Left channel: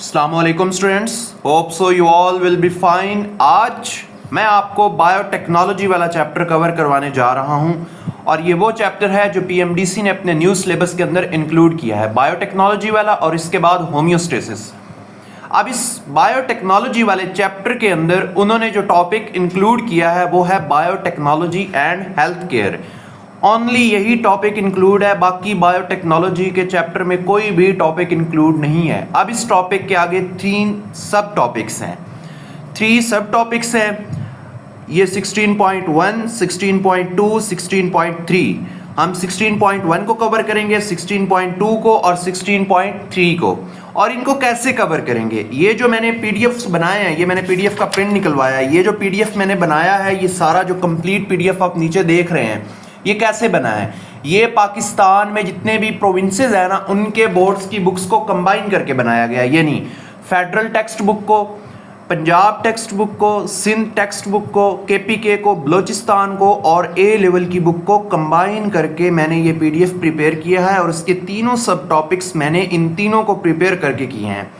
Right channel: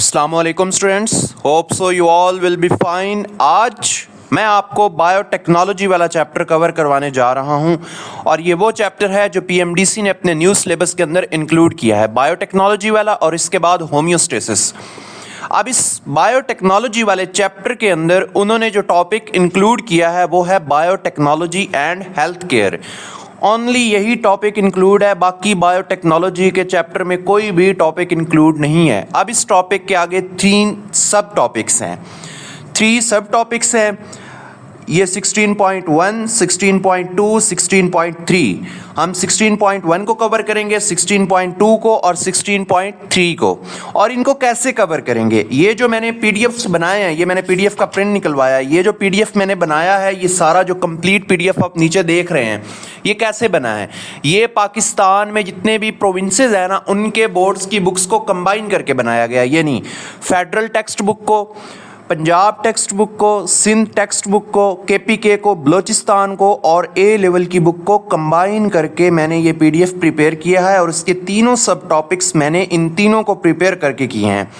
अस्सलामुअलैकुम students, hope so you all will be fine. आज मैं आपको बायोटेक्नोलॉजी वाला चैप्टर कवर करवाने जा रहा हूं और ये वो चैप्टर है जो पीएमडीसी ने अपने न्यू सिलेबस के अंदर इंक्लूड किया है, बायोटेक्नोलॉजी वाला, और इसके बाद होम्योस्टेसिस। अब इस बायोटेक्नोलॉजी वाले चैप्टर के अंदर उन्होंने जो टॉपिक इंक्लूड किया है वो है biotechnology and health care. Only यही टॉपिक इंक्लूड है, बाकी बायोटेक्नोलॉजी के चैप्टर में कोई भी टॉपिक इंक्लूड नहीं है। अब इस टॉपिक के आगे 3 सब टॉपिक्स हैं, 3 सब टॉपिक्स हैं। ये 16.1, 16.2, 16.3। हम 16.1 को कवर करेंगे, 16.2 को और 16.3 को। और इनको कैसे कवर करेंगे, ये जो मैंने पीडीएफ्स बनाए हैं, ये मैंने पीडीएफ का प्रिंट निकलवाया है। ये जो पीडीएफ मैंने बनाया है, ये सारा जो कंप्लीट पीडीएफ आप नीचे देख रहे हैं, ये कैसे बना है। ये पाकिस्तान में जितने भी प्रोविंसेस हैं ना, उनके बोर्ड्स की बुक्स को कंबाइन करके बनाया गया। यानी फेडरल टेक्स्ट बुक को, पंजाब टेक्स्ट बुक को, सिंध टेक्स्ट बुक को, केपीके को, बलोचिस्तान को और ए लेवल की बुक को कंबाइन करके मैंने ये पीडीएफ प्रिपेयर किया है। और इसके तीनों सब टॉपिक्स मैंने इन तीनों को प्रिपेयर करके किए हैं।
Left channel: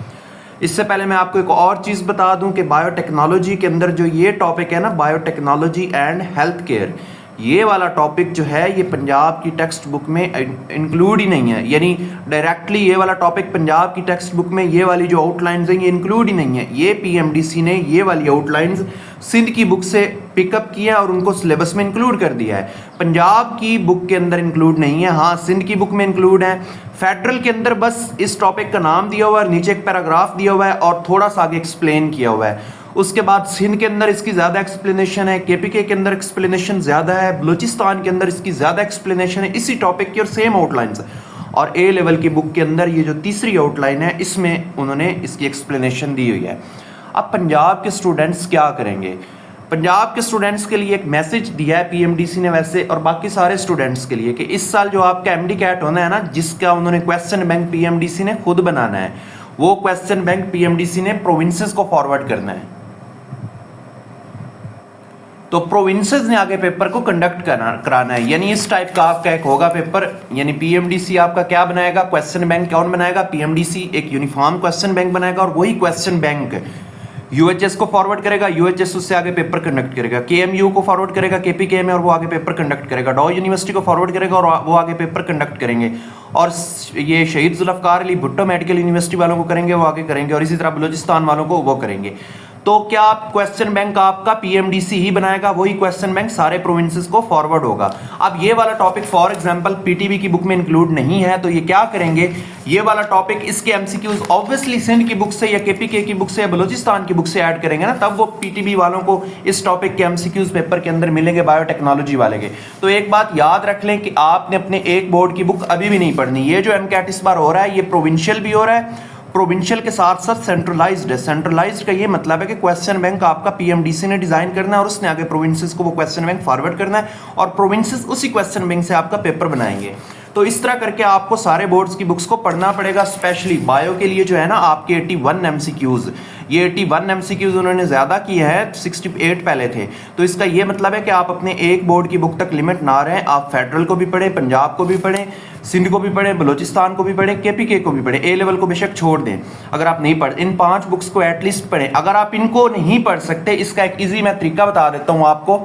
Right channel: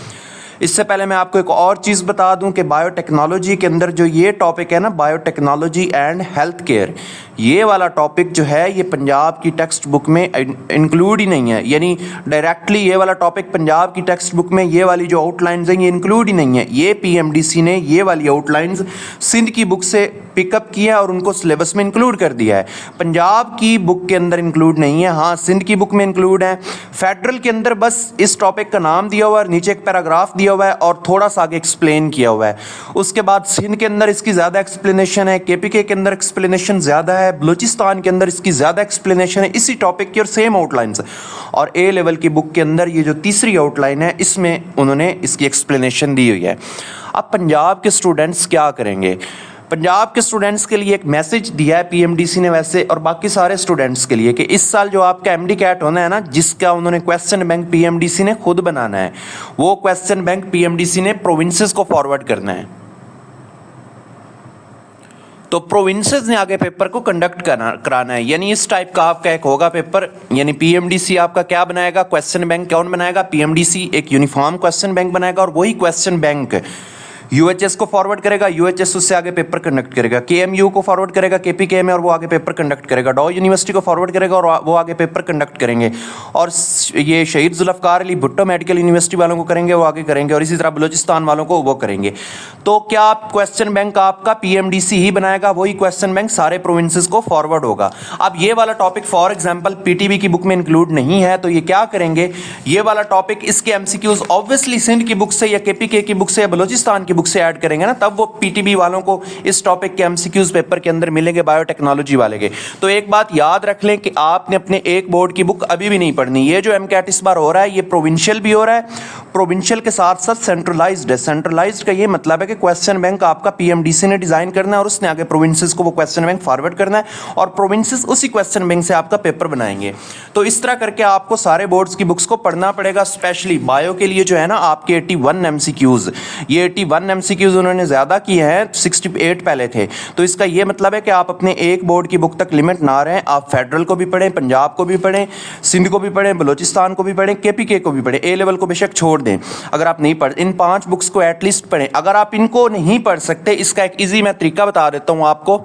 इससे पहले मैं आपको एक और चीज़ बता दूं कि बायोटेक्नोलॉजी के अंदर जो ये टॉपिक है ना, बायोटेक्नोलॉजी एंड हेल्थ केयर, ये वाला टॉपिक जो है ये पंजाब की टेक्स्ट बुक में इंक्लूड ही नहीं है। यानी डायरेक्टली ये वाला टॉपिक पंजाब की टेक्स्ट बुक में ये वाली जो आउटलाइंस हैं ये इंक्लूड ही नहीं है। ये पीएमडीसी ने ये वाली आउटलाइंस सिंध की बुक से पिकअप किया और उनको सिलेबस में इंक्लूड कर दिया है। पंजाब की बुक के अंदर इंक्लूड नहीं है, हाँ सिंध की बुक में इंक्लूड है। फेडरल के अंदर बस इस टॉपिक का नाम दिया हुआ है, नीचे एक पैराग्राफ दिया हुआ है और थोड़ा सा आगे एक्सप्लेन किया हुआ है। उसके बाद सिंध के अंदर इसकी ज़्यादा एक्सप्लेनेशन है, केपीके के अंदर एक्सप्लेनेशन ज़्यादा है, बलूचिस्तान के अंदर इसकी ज़्यादा एक्सप्लेनेशन है इसी टॉपिक की और सेम आउटलाइंस। और ए लेवल की बुक के अंदर ये जो तीसरी आउटलाइन है इसमें उन्होंने इसकी एक्सप्लेनेशन दी हुई है। अब पंजाब के स्टूडेंट्स क्या करेंगे, पंजाब के स्टूडेंट्स के लिए एक मैसेज दिया है पीएमडीसी ने वैसे, और बाकी सारे स्टूडेंट्स के लिए, कि इस साल जो आपका एमडी कैट होना है ना, जिसका उन्होंने क्वेश्चन बैंक पीएमडीसी ने खुद बनाना है, वो क्वेश्चन बैंक पीएमडीसी ने प्रोविंसेस को फॉरवर्ड करना है। तो प्रोविंसेस ने आगे पेपर को कंडक्ट कराना है। यानी इस टाइप का आपका एक होगा पेपर। यानी पीएमडीसी आपका क्या बनाएगा, क्वेश्चन बैंक कौन बनाएगा, पीएमडीसी एक यूनिफॉर्म क्वेश्चन बैंक बनाएगा और वही क्वेश्चन बैंक यूएचएस को फॉरवर्ड करेगा, यूएचएस उससे आगे पेपर कंडक्ट करेगा, केएमयू को फॉरवर्ड करेगा केपीके में और वो आगे पेपर कंडक्ट करेगा, डॉ यूनिवर्सिटी को फॉरवर्ड करेगा और वो आगे पेपर कंडक्ट करेंगे, और ये शहीद जुल्फ़कार अली भुट्टो मेडिकल यूनिवर्सिटी वालों को करेंगे, वो आगे करेंगे, और इसी तरह बलूचिस्तान वालों को वो करेंगे। तो क्या क्वेश्चन बैंक आपका पीएमडीसी ही बनाएगा, वही क्वेश्चन बैंक सारे प्रोविंसेस को फॉरवर्ड होगा। अब ये वाला टॉपिक फॉर एग्जांपल पीटीबी की बुक में इंक्लूड नहीं है, तो ये क्या करेंगे, ये वाला टॉपिक इसके एमसीक्यूज ऑब्वियसली सिंध की बुक से या केपीके की बुक से या बलूचिस्तान की बुक से ऐड करेंगे ना, तब वो पीटीबी वालों को इस टॉपिक के एमसीक्यूज पेपर के अंदर मिलेंगे बायोटेक्नोलॉजी वाले के। तो एक बात याद रख लें कि आपने अपने एक बोर्ड की बुक अभी भी नहीं पढ़नी। ये जो एमकैट इस बार हो रहा है ये प्रोविंशियल भी हो रहा है, प्रोविंशियल के साथ साथ सेंट्रलाइज्ड है। सेंट्रलाइज्ड का ये मतलब है कि क्वेश्चन बैंक आपका पीएमडीसी ने डिजाइन करना है और उसने आगे प्रोविंसेस को वो क्वेश्चन बैंक फॉरवर्ड करना है और प्रोविंसेस उसी क्वेश्चन बैंक से आपका पेपर बनाएंगे। तो इस तरह करके आपको सारे बोर्ड्स की बुक्स को पढ़ना पड़ेगा। स्पेशली बायो के लिए जो है ना आपके 81 एमसीक्यूज, ये 81 एमसीक्यूज उन्होंने ज्यादा किए हैं, 68 पहले थे। तो इसका ये मतलब है कि आप अपने एक बोर्ड की बुक तक लिमिट ना रहें, आप फेडरल को भी पढ़ें, पंजाब को भी पढ़ें, सिंध को भी पढ़ें, बलूचिस्तान को भी पढ़ें, केपीके को भी पढ़ें, ए लेवल को बेशक छोड़ दें अगर आप नहीं पढ़, इन 5 बुक्स को एटलीस्ट पढ़ें। अगर आप इनको नहीं पढ़ सकते, इसका एक इजी मैं तरीका बता देता हूं आपको।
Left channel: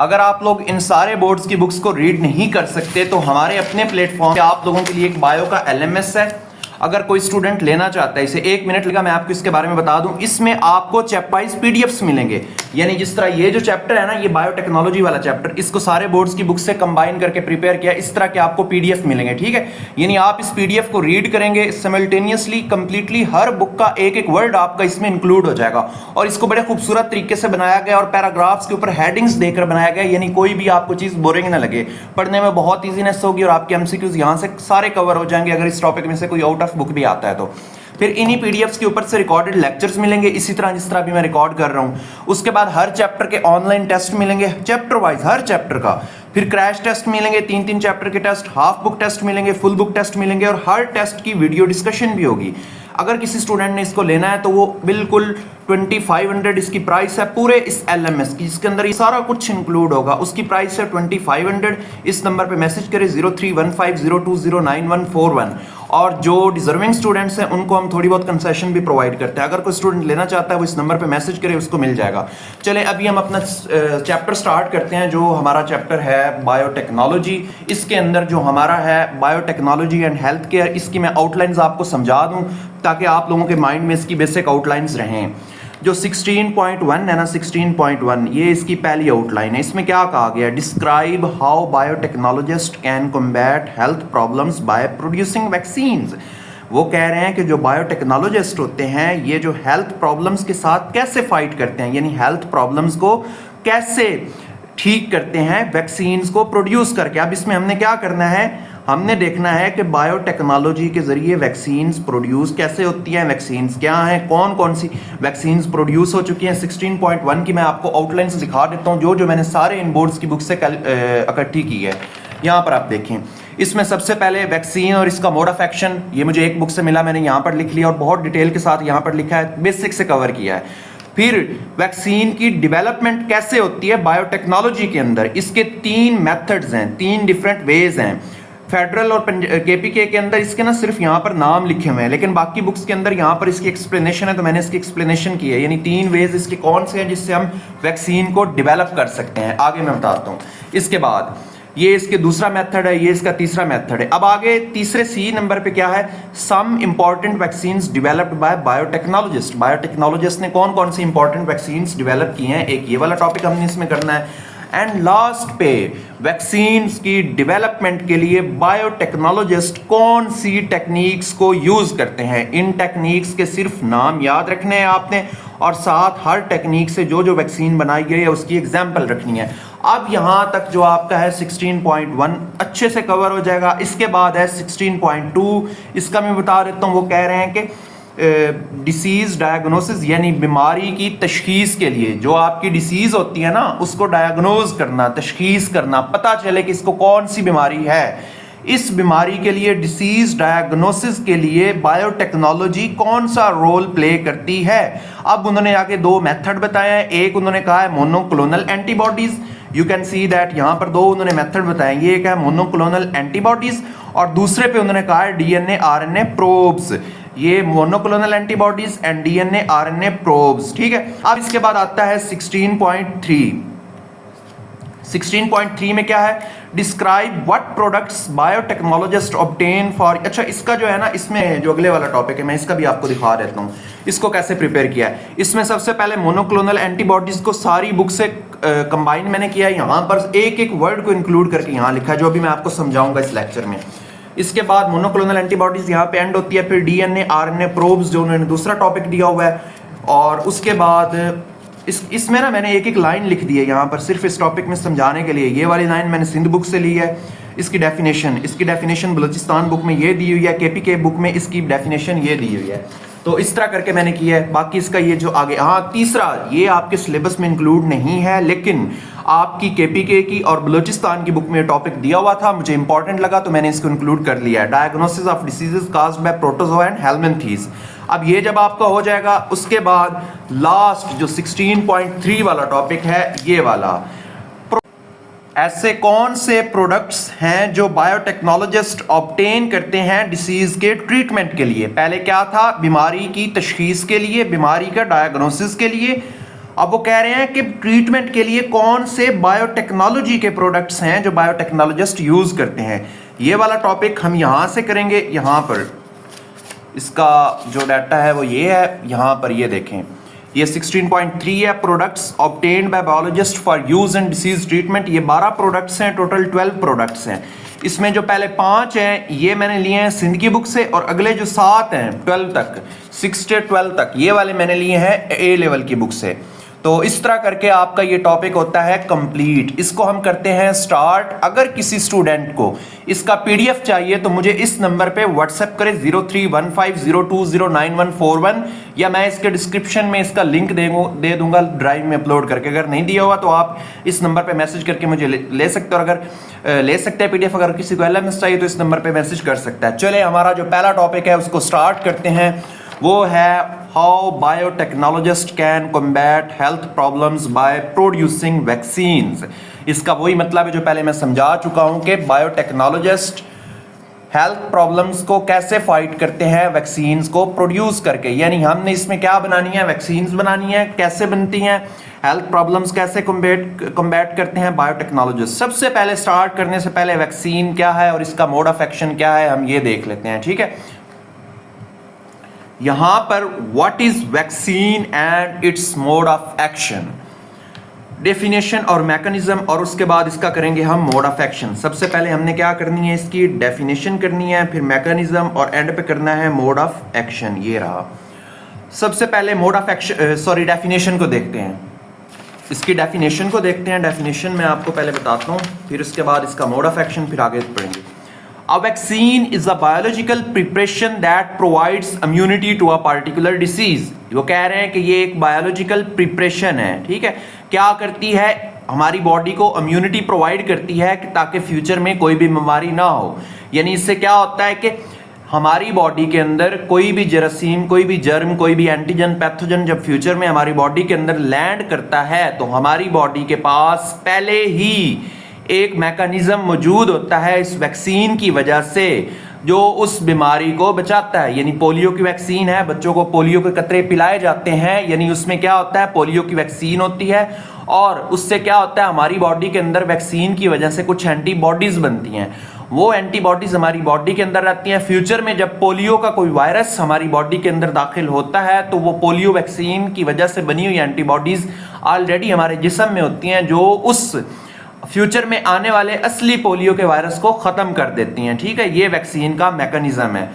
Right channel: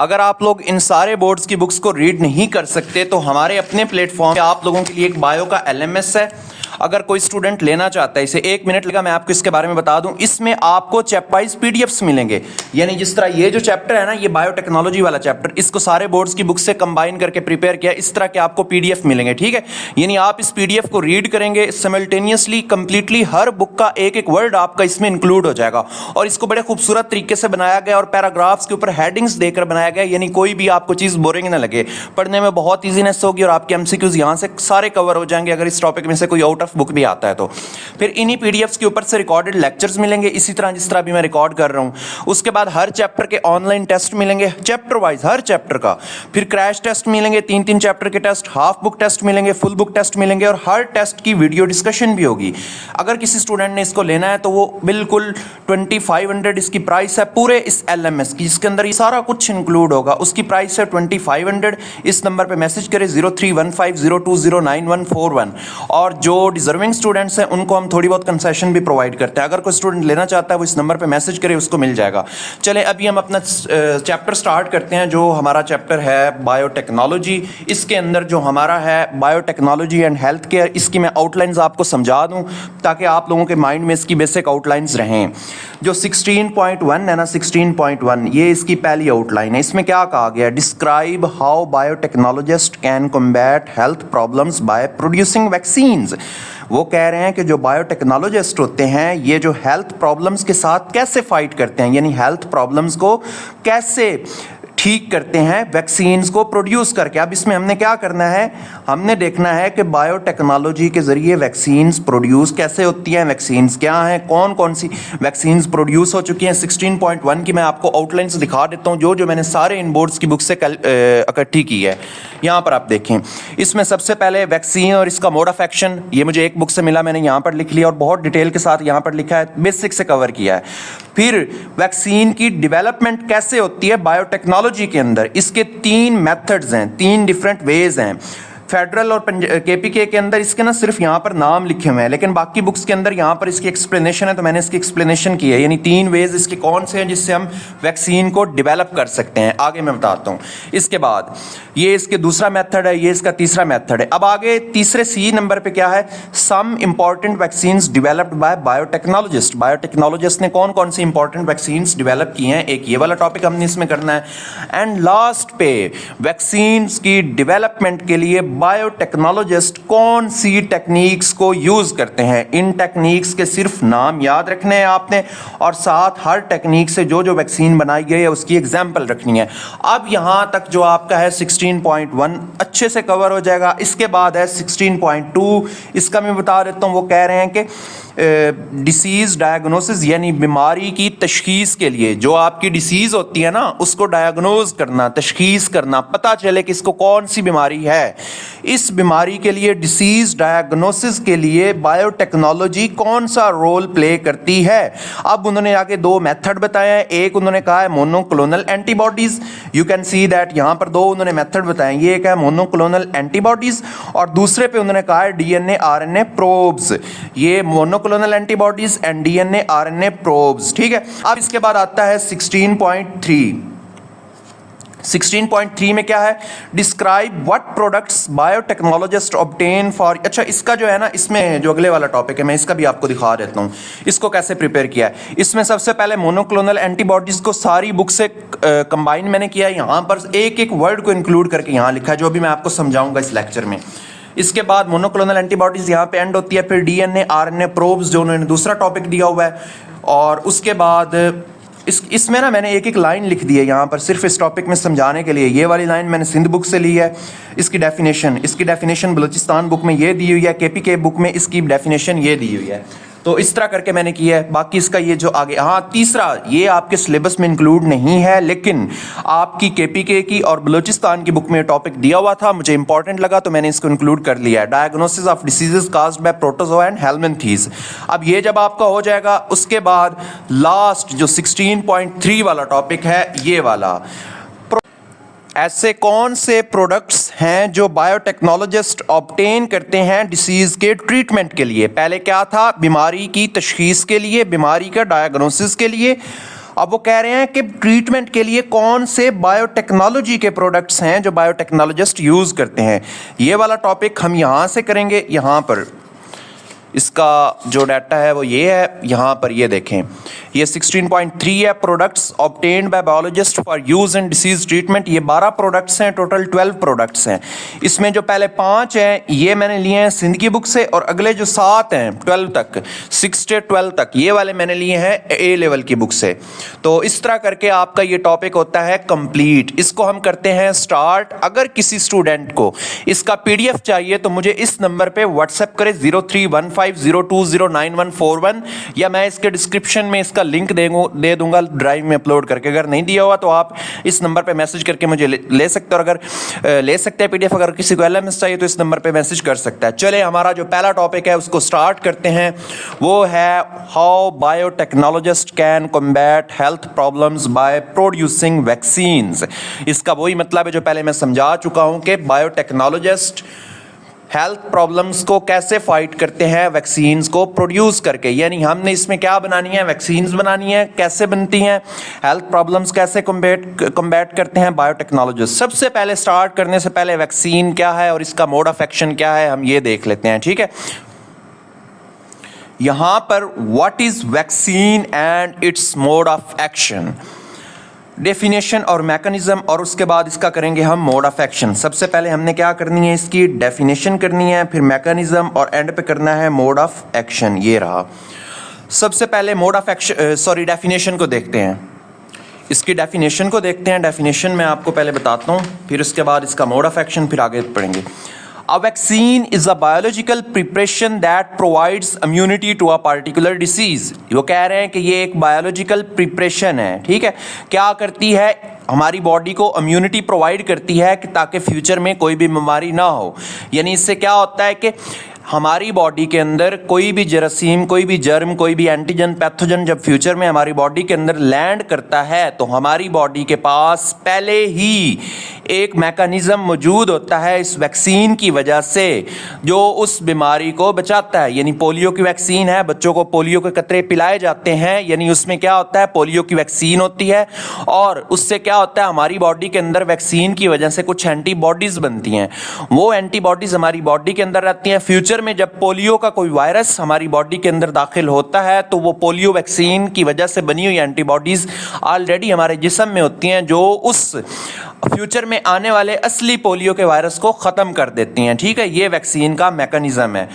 अगर आप लोग इन सारे बोर्ड्स की बुक्स को रीड नहीं कर सकते तो हमारे अपने प्लेटफॉर्म पे आप लोगों के लिए एक बायो का एलएमएस है। अगर कोई स्टूडेंट लेना चाहता है, इसे 1 मिनट लगा, मैं आपको इसके बारे में बता दूं। इसमें आपको चैप्टर वाइज पीडीएफ्स मिलेंगे। यानी जिस तरह ये जो चैप्टर है ना, ये बायोटेक्नोलॉजी वाला चैप्टर, इसको सारे बोर्ड्स की बुक से कंबाइन करके प्रिपेयर किया, इस तरह के आपको पीडीएफ मिलेंगे, ठीक है। यानी आप इस पीडीएफ को रीड करेंगे सिमिल्टेनियसली, कंप्लीटली हर बुक का एक एक वर्ड आपका इसमें इंक्लूड हो जाएगा और इसको बड़े खूबसूरत तरीके से बनाया गया और पैराग्राफ्स के ऊपर हेडिंग्स देकर बनाया गया। यानी कोई भी आपको चीज बोरिंग ना लगे, पढ़ने में बहुत ईजीनेस होगी और आपके एमसीक्यूज यहां से सारे कवर हो जाएंगे अगर इस टॉपिक में से कोई आउट ऑफ बुक भी आता है तो। फिर इन्हीं पीडीएफ्स के ऊपर से रिकॉर्डेड लेक्चर्स मिलेंगे, इसी तरह जिस तरह भी मैं रिकॉर्ड कर रहा हूं। उसके बाद हर चैप्टर के ऑनलाइन टेस्ट मिलेंगे, चैप्टर वाइज हर चैप्टर का। फिर क्रैश टेस्ट मिलेंगे, 3-3 चैप्टर के टेस्ट, हाफ बुक टेस्ट मिलेंगे, फुल बुक टेस्ट मिलेंगे और हर टेस्ट की वीडियो डिस्कशन भी होगी। अगर किसी स्टूडेंट ने इसको लेना है तो वो बिल्कुल 2500 इसकी प्राइस है पूरे इस एलएमएस की, जिसके अंदर ये सारा कुछ इंक्लूड होगा। उसकी प्राइस है 2500। इस नंबर पे मैसेज करें 0315020941 और जो डिजर्विंग स्टूडेंट्स हैं उनको हम थोड़ी बहुत कंसेशन भी प्रोवाइड करते हैं। अगर कोई स्टूडेंट लेना चाहता है वो इस नंबर पे मैसेज करे, उसको मिल जाएगा। चले अभी हम अपना चैप्टर स्टार्ट करते हैं। जो हमारा चैप्टर है बायोटेक्नोलॉजी, इसके अंदर जो हमारा है बायोटेक्नोलॉजी एंड हेल्थ केयर, इसकी मैं आउटलाइंस आपको समझा दूं ताकि आप लोगों के माइंड में इसकी बेसिक आउटलाइंस रहें। जो 16.1 है ना, 16.1 ये इसकी पहली आउटलाइन है। इसमें क्या कहा गया? Describe how biotechnologist can combat health problems by producing vaccines. वो कह रहे हैं कि जो बायोटेक्नोलॉजिस्ट होते हैं ये जो हेल्थ प्रॉब्लम्स के साथ कैसे फाइट करते हैं, यानी हेल्थ प्रॉब्लम्स को कैसे ठीक करते हैं वैक्सीन्स को प्रोड्यूस करके। अब इसमें हमने क्या करना है, हमने देखना है कि बायोटेक्नोलॉजी के ज़रिए वैक्सीन्स प्रोड्यूस कैसे होती हैं, वैक्सीन्स क्या हैं, कौन कौन सी वैक्सीन्स प्रोड्यूस हो चुकी हैं। 16.1 की मैं आपको आउटलाइंस दिखा देता हूँ जो मैंने सारे इन बोर्ड्स की बुक से इकट्ठी की है। यहाँ पर आप देखें, इसमें सबसे पहले वैक्सीन और इसका मोड ऑफ एक्शन, ये मुझे एक बुक से मिला, मैंने यहाँ पर लिख लिया और बहुत डिटेल के साथ यहाँ पर लिखा है, बेसिक से कवर किया है। फिर वैक्सीन की डेवलपमेंट कैसे होती है बायोटेक्नोलॉजी के अंदर, इसके 3 मेथड्स हैं, 3 डिफरेंट वेज हैं। फेडरल और केपीके के अंदर इसके ना सिर्फ यहाँ पर नाम लिखे हुए हैं, लेकिन बाकी बुक्स के अंदर यहाँ पर इसकी एक्सप्लेनेशन है, तो मैंने इसकी एक्सप्लेनेशन की है। यानी 3 वेज इसके कौन से हैं जिससे हम वैक्सीन को डेवलप कर सकते हैं, आगे मैं बताता हूँ। इसके बाद ये इसके दूसरा मेथड है, ये इसका तीसरा मेथड है। अब आगे तीसरे सी नंबर पे क्या है, some important vaccines developed by biotechnologist. Biotechnologist ने कौन कौन सी इंपॉर्टेंट वैक्सीन्स डेवलप की हैं, एक ये वाला टॉपिक हमने इसमें करना है। एंड लास्ट पे वैक्सीन्स की डेवलपमेंट के लिए बायोटेक्नोलॉजिस्ट कौन सी टेक्निक्स को यूज करते हैं। इन टेक्निक्स के सिर्फ नाम याद रखने हैं आपने, और साथ हर टेक्निक से जो जो वैक्सीन बनाई गई है उसकी एग्जाम्पल रखनी है। अब यहां तक जो आपका है 16.1 अच्छे से कवर हो जाएगा। इसके बाद है 16.2, इसका मैं बता देता हूं। वो कह रहे हैं कि डिसीज़ डायग्नोसिस, यानी बीमारी की तशखीस के लिए, जो आपकी डिसीज़ होती है ना उसको डायग्नोज करना, तशखीस करना, पता चले कि इसको कौन सी बीमारी है। इस बीमारी के लिए डिसीज़ डायग्नोसिस के लिए बायोटेक्नोलॉजी कौन सा रोल प्ले करती है। अब उन्होंने आगे 2 मेथड बताए हैं। एक उन्होंने कहा है monoclonal antibodies, you can see that यहाँ पर 2 उन्होंने मेथड बताए। ये एक है मोनोक्लोनल एंटीबॉडीज़ और दूसरे पे उन्होंने कहा है डीएनए आरएनए प्रोब्स। ये monoclonal antibodies and DNA RNA probes, ठीक है। अब इसके बाद आता है 16.3। 16.3 में क्या है, describe what products biotechnologist obtain for. अच्छा, इसका जो है ना, इसमें जो अगले वाला टॉपिक है मैं इसका भी आपको दिखा देता हूँ, इसको कैसे प्रिपेयर किया है। इसमें सबसे पहले मोनोक्लोनल एंटीबॉडीज को सारी बुक से कंबाइन मैंने किया है। यहाँ पर एक एक वर्ड को इंक्लूड करके यहाँ लिखा है, जो भी मैं आपको समझाऊंगा इस लेक्चर में। इसके बाद मोनोक्लोनल एंटीबॉडीज यहाँ पे एंड होती है, फिर डीएनए आरएनए प्रोब्स जो उन्होंने दूसरा टॉपिक दिया हुआ है, और उसके बाद इसमें ना मैंने एक एक लाइन लिख दी है यहाँ पर सिर्फ इस टॉपिक में समझाने के लिए। ये वाली लाइन मैंने सिंध बुक से ली है। इसकी डेफिनेशन बलूचिस्तान बुक में ये दी हुई है, केपीके बुक में इसकी डेफिनेशन ये दी हुई है। तो इस तरह करके मैंने किया है। बाकी इसका ये जो आगे, हाँ तीसरा, ये आपके सिलेबस में इंक्लूड नहीं है, लेकिन आपकी केपीके की और बलूचिस्तान की बुक में टॉपिक दिया हुआ था, मुझे इंपॉर्टेंट लगा तो मैंने इसको इंक्लूड कर लिया है। Diagnosis of diseases caused by protozoa and helminths. अब ये जब आपका हो जाएगा, उसके बाद लास्ट जो 16.3 वाला टॉपिक है, ये वाला, ऐसे कौन से प्रोडक्ट्स हैं जो बायोटेक्नोलॉजिस्ट ऑब्टेन करते हैं डिसीज के ट्रीटमेंट के लिए। पहले क्या था, बीमारी की तशखीस के लिए, बीमारी का डायग्नोसिस के लिए। अब वो कह रहे हैं कि ट्रीटमेंट के लिए कौन से बायोटेक्नोलॉजी के प्रोडक्ट्स हैं जो बायोटेक्नोलॉजिस्ट यूज करते हैं। ये वाला टॉपिक हम यहाँ से करेंगे। यहाँ पर इसका जो डाटा है वो ये है, यहाँ पर ये देखें, ये 16.3 है, products obtained by biologist for use in disease treatment. ये 12 प्रोडक्ट्स हैं, टोटल 12 प्रोडक्ट्स हैं। इसमें जो पहले 5 हैं ये मैंने लिए हैं सिंध की बुक से, और अगले जो 7 हैं 12 तक, 6 से 12 तक, ये वाले मैंने लिए हैं ए लेवल की बुक से। तो इस तरह करके आपका ये टॉपिक होता है कंप्लीट। इसको हम करते हैं स्टार्ट। अगर किसी स्टूडेंट को इसका पीडीएफ चाहिए तो मुझे इस नंबर पे व्हाट्सएप करें 0315020941, या मैं इसके डिस्क्रिप्शन में इसका लिंक दे दूंगा ड्राइव में अपलोड करके। अगर नहीं दिया हुआ तो आप इस नंबर पे मैसेज करके मुझे ले सकते हो। और अगर ले सकते हैं पीडीएफ, अगर किसी को एलएमएस चाहिए तो इस नंबर पे मैसेज कर सकता है। चले, हमारा जो पहला टॉपिक है उसको स्टार्ट करते हैं। वो है how biotechnologist can combat health problems by producing vaccines. इसका वही मतलब है जो पहले मैं समझा चुका हूं कि बायोटेक्नोलॉजिस्ट हेल्थ प्रॉब्लम्स को कैसे फाइट करते हैं वैक्सीन्स को प्रोड्यूस करके, यानी हमने इसमें क्या बनानी है, वैक्सीन्स बनानी है। कैसे बनती हैं, हेल्थ प्रॉब्लम्स कैसे कॉम्बैट करते हैं बायोटेक्नोलॉजिस्ट। सबसे पहले स्टार्ट करने से पहले वैक्सीन क्या है और इसका मोड ऑफ एक्शन क्या है, हम ये देख लेते हैं, ठीक है। यहां पर what is vaccine and it's mode of action, definition और मैकेनिज्म, और उसके बाद इसका करेंगे हम मोड ऑफ एक्शन। सबसे पहले हमने क्या करनी है, इसकी डेफिनेशन करनी है, फिर मैकेनिज्म और एंड पे करना है मोड ऑफ एक्शन। ये रहा। सबसे पहले मोड ऑफ एक्शन डेफिनेशन को देखते हैं। इसकी डेफिनेशन को देखते हैं। डेफिनेशन मैं आपको पहले बताता हूँ, फिर उसके बाद इसका मोड ऑफ एक्शन, फिर आगे पढ़ेंगे। A vaccine is a biological preparation that provides immunity to a particular disease। वो कह रहे हैं कि ये एक बायोलॉजिकल प्रिपरेशन है, ठीक है। क्या करती है, हमारी बॉडी को इम्यूनिटी प्रोवाइड करती है कि ताकि फ्यूचर में कोई भी बीमारी ना हो। यानी इससे क्या होता है कि हमारी बॉडी के अंदर कोई भी जरासीम, कोई भी जर्म, कोई भी एंटीजन, पैथोजन जब फ्यूचर में हमारी बॉडी के अंदर लैंड करता है तो हमारी बॉडी के पास पहले ही एक मैकेनिज्म मौजूद होता है इस वैक्सीन की वजह से, जो उस बीमारी को बचाता है। यानी पोलियो की वैक्सीन है, बच्चों को पोलियो के कतरे पिलाए जाते हैं, यानी उसमें क्या होता है, पोलियो की वैक्सीन होती है, और उससे क्या होता है, हमारी बॉडी के अंदर वैक्सीन की वजह से कुछ एंटीबॉडीज बनती हैं। वो एंटीबॉडीज हमारी बॉडी के अंदर रहती हैं। फ्यूचर में जब पोलियो का कोई वायरस हमारी बॉडी के अंदर दाखिल होता है तो वो पोलियो वैक्सीन की वजह से बनी हुई एंटीबॉडीज ऑलरेडी हमारे जिस्म में होती हैं, जो उस फ्यूचर में आने वाले असली पोलियो के वायरस को खत्म कर देती हैं, ठीक है। ये वैक्सीन का मैकेनिज्म है,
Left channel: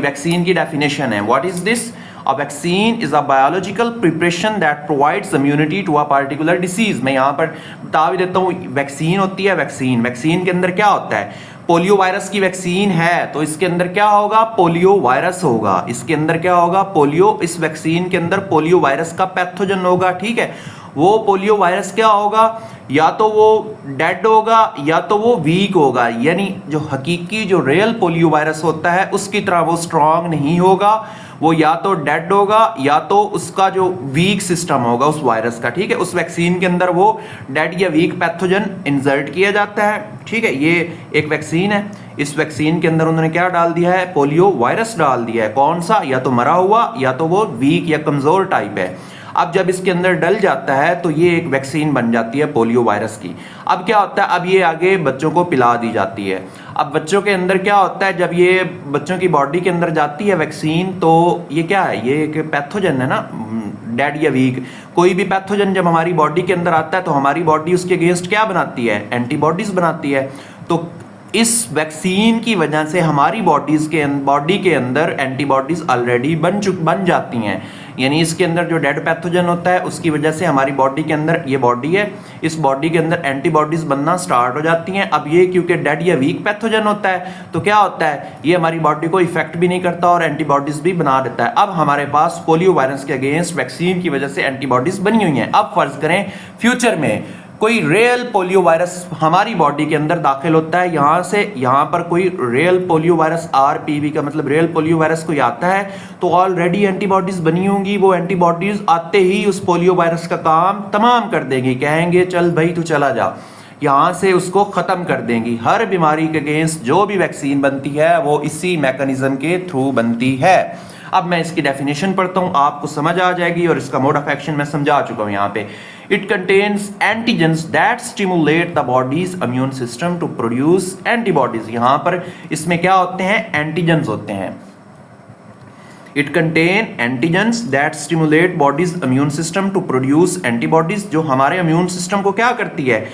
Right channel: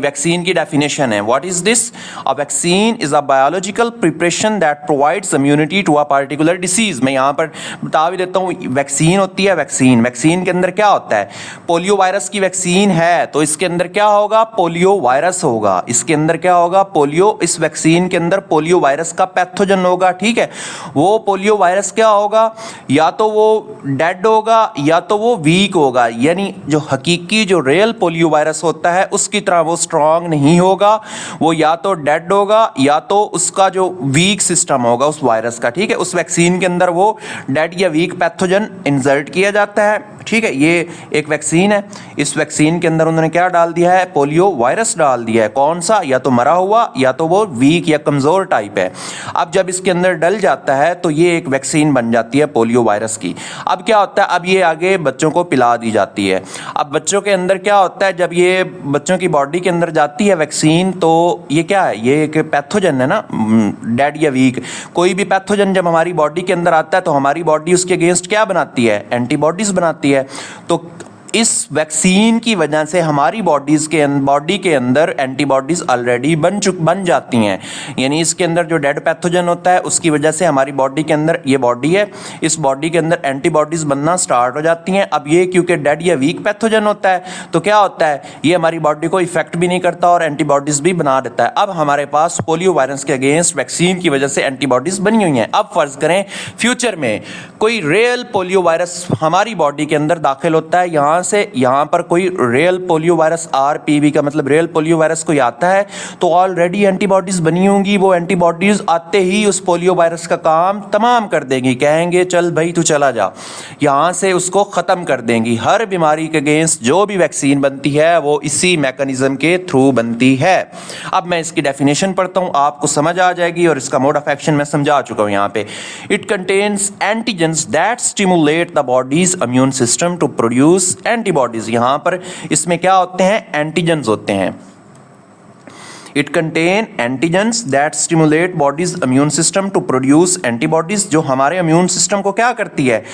वैक्सीन की डेफिनेशन है। What is this, a vaccine is a biological preparation that provides immunity to a particular disease. मैं यहाँ पर बता भी देता हूँ, वैक्सीन होती है, वैक्सीन के अंदर क्या होता है, पोलियो वायरस की वैक्सीन है तो इसके अंदर क्या होगा, पोलियो वायरस होगा। इसके अंदर क्या होगा, पोलियो, इस वैक्सीन के अंदर पोलियो वायरस का पैथोजन होगा, ठीक है। वो पोलियो वायरस क्या होगा, या तो वो डेड होगा या तो वो वीक होगा। यानी जो हकीकी, जो रियल पोलियो वायरस होता है उसकी तरह वो स्ट्रांग नहीं होगा, वो या तो डेड होगा या तो उसका जो वीक सिस्टम होगा उस वायरस का, ठीक है। उस वैक्सीन के अंदर वो डेड या वीक पैथोजन इंसर्ट किया जाता है, ठीक है। ये एक वैक्सीन है। इस वैक्सीन के अंदर उन्होंने क्या डाल दिया है, पोलियो वायरस डाल दिया है। कौन सा, या तो मरा हुआ या तो वो वीक या कमजोर टाइप है। अब जब इसके अंदर डल जाता है तो ये एक वैक्सीन बन जाती है पोलियो वायरस की। अब क्या होता है, अब ये आगे बच्चों को पिला दी जाती है। अब बच्चों के अंदर क्या होता है, जब ये बच्चों की बॉडी के अंदर जाती है वैक्सीन, तो ये क्या है, ये एक पैथोजन है ना, डेड या वीक। कोई भी पैथोजन जब हमारी बॉडी के अंदर आता है तो हमारी बॉडी उसके अगेंस्ट क्या बनाती है, एंटीबॉडीज बनाती है। तो इस वैक्सीन की वजह से हमारी बॉडी के अंदर एंटीबॉडीज ऑलरेडी बन जाती हैं। यानी इसके अंदर जो डेड पैथोजन होता है उसकी वजह से हमारी बॉडी के अंदर, ये बॉडी है, इस बॉडी के अंदर एंटीबॉडीज बनना स्टार्ट हो जाती हैं। अब ये क्योंकि डेड या वीक पैथोजन होता है तो क्या होता है, ये हमारी बॉडी को इफेक्ट भी नहीं करता और एंटीबॉडीज भी बना देता है। अब हमारे पास पोलियो वायरस के अगेंस्ट वैक्सीन की वजह से एंटीबॉडीज बनी हुई हैं। अब फर्ज करें फ्यूचर में कोई रियल पोलियो वायरस हमारी बॉडी के अंदर दाखिल होता है, यहाँ पर कोई रियल पोलियो वायरस, आरपीवी का मतलब रियल पोलियो वायरस कोई आता है, तो ऑलरेडी एंटीबॉडीज बनी होंगी। वो एंटीबॉडीज आते ही उस पोलियो वायरस का काम तमाम कर देंगी, कहेंगे चल भाई तू चला जा, यहाँ से उसको ख़त्म कर देंगी। हर बीमारी के अगेंस्ट जो भी वैक्सीन बनती है वो इसी मैकेनिज्म के थ्रू बनती है। अब मैं इसकी डेफिनेशन पढ़ता हूँ, आपको समझ आ जाएगी, और इसका मोड ऑफ एक्शन मैं समझा चुका हूँ यहाँ पे। It contains antigens that stimulate the body's immune system to produce antibodies. यहाँ पर इसमें क्या होते हैं, एंटीजेंस होते हैं। It contain antigens that stimulate body's immune system to produce antibodies, जो हमारे इम्यून सिस्टम को क्या करती है,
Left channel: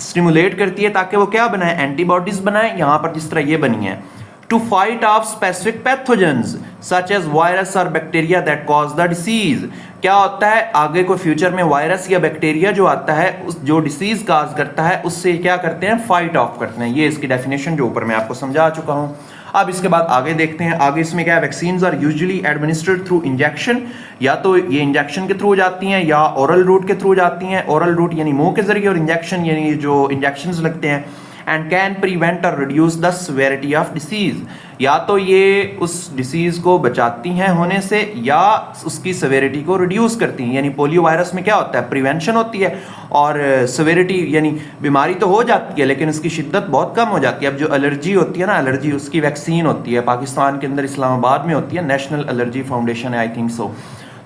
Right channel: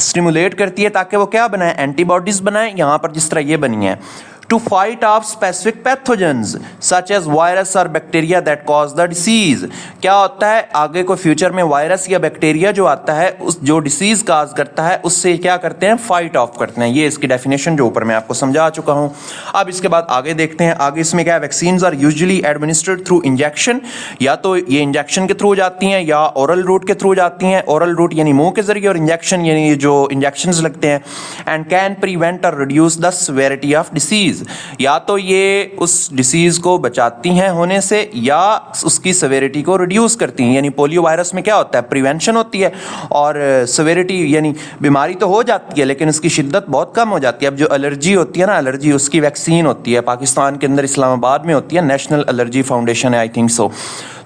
स्टिमुलेट करती है ताकि वो क्या बनाए, एंटीबॉडीज बनाए। यहाँ पर जिस तरह ये बनी है, to fight off specific pathogens such as virus or bacteria that cause the disease। क्या होता है, आगे को फ्यूचर में वायरस या बैक्टीरिया जो आता है, उस जो डिसीज काज करता है, उससे क्या करते हैं, फाइट ऑफ करते हैं। ये इसकी डेफिनेशन जो ऊपर मैं आपको समझा चुका हूँ। अब इसके बाद आगे देखते हैं, आगे इसमें क्या है, vaccines are usually administered through injection, या तो ये इंजेक्शन के थ्रू जाती हैं या ओरल रूट के थ्रू जाती हैं। ओरल रूट यानी मुंह के जरिए, और इंजेक्शन यानी जो इंजेक्शन लगते हैं। एंड कैन प्रिवेंट और reduce the severity of disease. Disease, या तो ये उस डिसीज को बचाती हैं होने से या उसकी सेवेरिटी को रिड्यूस करती हैं। यानी पोलियो वायरस में क्या होता है, प्रिवेंशन होती है और सेवेरिटी यानी बीमारी तो हो जाती है लेकिन उसकी शिद्दत बहुत कम हो जाती है। अब जो एलर्जी होती है ना, एलर्जी उसकी वैक्सीन होती है, पाकिस्तान के अंदर इस्लामाबाद में होती है, नेशनल एलर्जी फाउंडेशन है आई थिंक सो,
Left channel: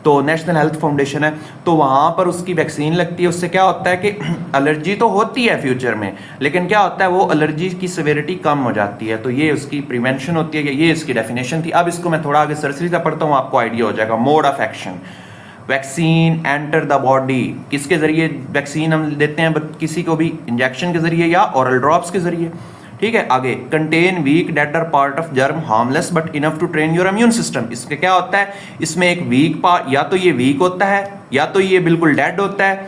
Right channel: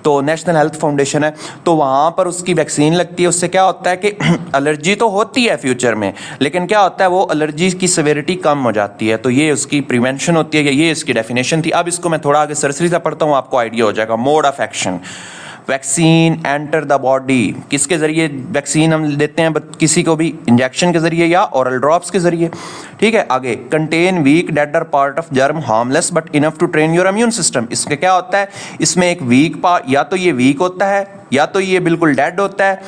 तो नेशनल हेल्थ फाउंडेशन है, तो वहाँ पर उसकी वैक्सीन लगती है। उससे क्या होता है कि एलर्जी तो होती है फ्यूचर में, लेकिन क्या होता है वो एलर्जी की सेवेरिटी कम हो जाती है, तो ये उसकी प्रिवेंशन होती है। ये इसकी डेफिनेशन थी। अब इसको मैं थोड़ा आगे सरसरी से पढ़ता हूँ, आपको आइडिया हो जाएगा। Mode of action, vaccine enter the body, किसके ज़रिए वैक्सीन हम देते हैं, किसी को भी इंजेक्शन के ज़रिए या ओरल ड्रॉप्स के ज़रिए, ठीक है। आगे, contain weak dead or part of germ harmless but enough to train your immune system. इसमें क्या होता है, इसमें एक वीक पार्ट, या तो ये वीक होता है या तो ये बिल्कुल डेड होता है,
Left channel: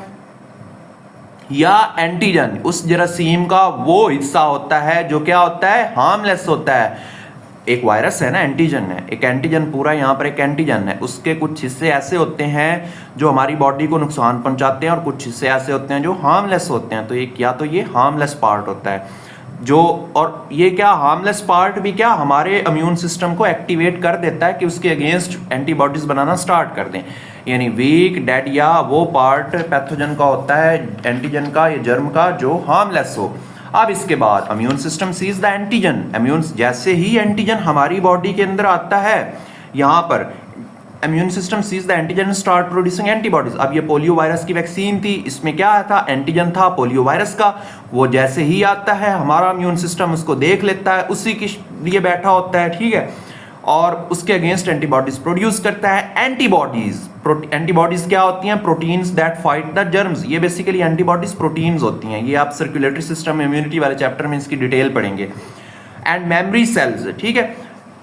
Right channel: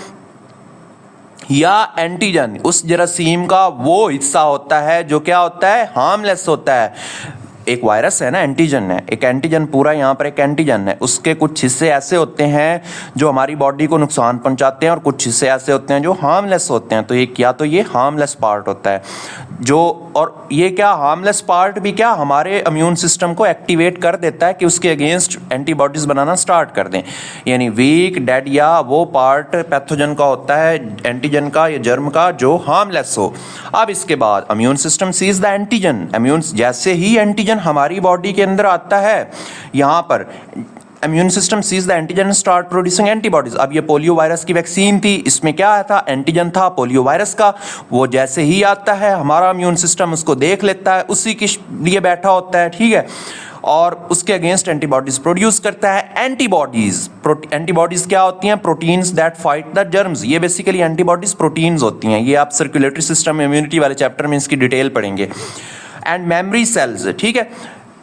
या एंटीजन उस जरासीम का वो हिस्सा होता है जो क्या होता है, हार्मलेस होता है। एक वायरस है ना, एंटीजन है, एक एंटीजन पूरा यहाँ पर एक एंटीजन है, उसके कुछ हिस्से ऐसे होते हैं जो हमारी बॉडी को नुकसान पहुँचाते हैं और कुछ हिस्से ऐसे होते हैं जो हार्मलेस होते हैं। तो एक या तो ये हार्मलेस पार्ट होता है जो, और ये क्या हार्मलेस पार्ट भी क्या हमारे इम्यून सिस्टम को एक्टिवेट कर देता है कि उसके अगेंस्ट एंटीबॉडीज बनाना स्टार्ट कर दें। यानी वीक डेड या वो पार्ट पैथोजन का होता है, एंटीजन का या जर्म का, जो हार्मलेस हो। अब इसके बाद immune system sees the antigen, immune जैसे ही एंटीजन हमारी बॉडी के अंदर आता है, यहाँ पर immune system sees the antigen start producing antibodies. अब ये पोलियो वायरस की वैक्सीन थी, इसमें क्या आया था, एंटीजन था पोलियो वायरस का। वो जैसे ही आता है हमारा इम्यून सिस्टम उसको देख लेता है, उसी के लिए बैठा होता है, ठीक है, और उसके अगेंस्ट एंटीबॉडीज प्रोड्यूस करता है। एंटीबॉडीज क्या होती हैं, proteins that fight the germs. ये बेसिकली एंटीबॉडीज प्रोटीन्स होती हैं, ये आप सर्कुलेटरी सिस्टम इम्यूनिटी वाले चैप्टर में इसकी डिटेल पढ़ेंगे। एंड मेमोरी सेल्स, ठीक है,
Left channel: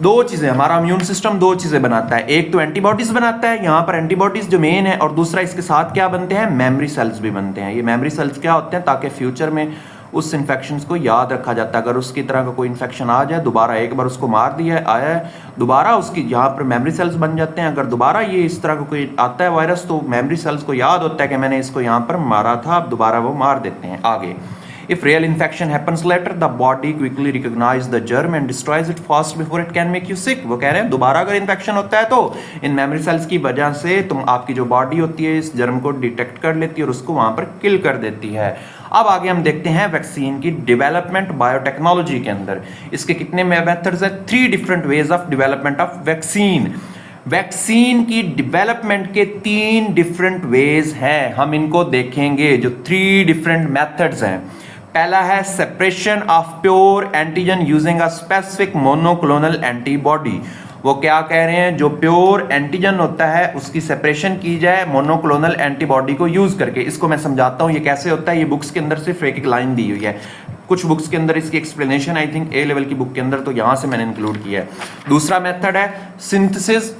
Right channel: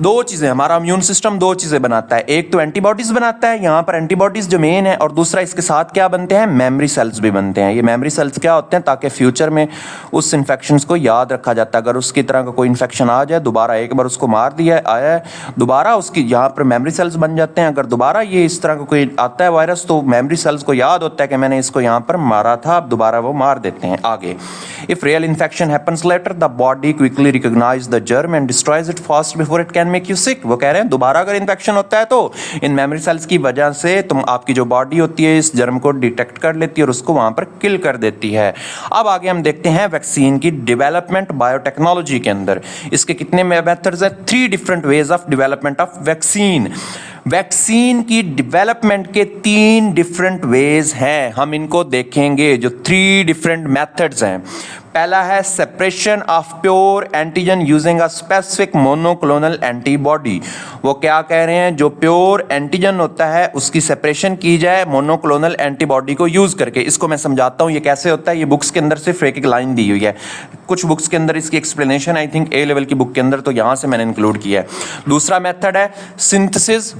दो चीज़ें, हमारा इम्यून सिस्टम दो चीज़ें बनाता है, एक तो एंटीबॉडीज़ बनाता है, यहाँ पर एंटीबॉडीज़ जो मेन है, और दूसरा इसके साथ क्या बनते हैं, मेमोरी सेल्स भी बनते हैं। ये मेमोरी सेल्स क्या होते हैं, ताकि फ्यूचर में उस इन्फेक्शंस को याद रखा जाता है। अगर उसकी तरह का कोई इन्फेक्शन आ जाए, दोबारा एक बार उसको मार दिया आया है, दोबारा उसकी यहाँ पर मेमोरी सेल्स बन जाते हैं। अगर दोबारा ये इस तरह का कोई आता है वायरस, तो मेमोरी सेल्स को याद होता है कि मैंने इसको यहाँ पर मारा था, अब दोबारा वो मार देते हैं। आगे, if real infection happens later, the body quickly recognizes the germ and destroys it fast before it can make you sick। वो कह रहे हैं दोबारा अगर इन्फेक्शन होता है तो इन मेमोरी सेल्स की वजह से तुम, आपकी जो बॉडी होती है इस जर्म को डिटेक्ट कर लेती है और उसको वहां पर किल कर देती है। अब आगे हम देखते हैं वैक्सीन की डेवलपमेंट बायोटेक्नोलॉजी के अंदर। इसके कितने मेथड्स हैं, 3 different ways of development of vaccine. Vaccine की डेवलपमेंट के 3 डिफरेंट वेज हैं, हम इनको देखेंगे, जो 3 डिफरेंट मेथड्स हैं। पहला है separation of pure antigen using a specific monoclonal antibody. वो क्या कह रहे हैं, जो प्योर एंटीजन होता है उसकी सेपरेशन की जाए मोनोक्लोनल एंटीबॉडी को यूज करके। इसको मैं समझाता हूँ ये कैसे होता है। ये बुक्स के अंदर सिर्फ एक लाइन दी हुई है, कुछ बुक्स के अंदर इसकी explanation I think A level की बुक के अंदर, तो यहाँ से मैंने इंक्लूड किया है। दूसरा मेथड है सिंथेसिस,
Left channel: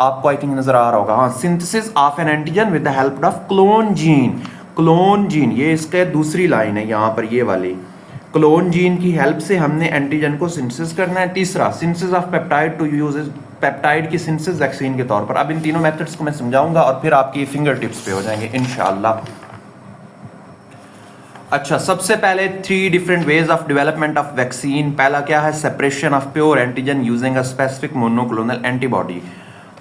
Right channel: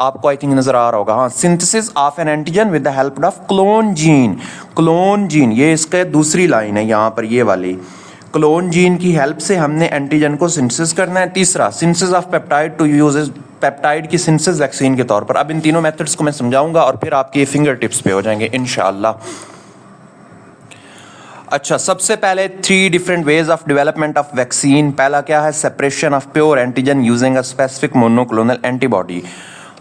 आपको आई थिंक नजर आ रहा होगा, हाँ, synthesis of N antigen with the help of clone gene. Clone gene, ये इसके दूसरी लाइन है यहाँ पर, ये वाली क्लोन जीन की हेल्प से हमने एंटीजन को सिंथेसिस करना है। तीसरा, synthesis of peptide to use peptide की सिंथेसिस वैक्सीन के तौर पर। अब इन तीनों मेथड्स को मैं समझाऊंगा और फिर आपके फिंगर टिप्स पे हो जाएंगे इंशाअल्लाह। अच्छा, सबसे पहले 3 different ways of development of vaccine. पहला क्या है, separation of pure antigen using a specific monoclonal antibody.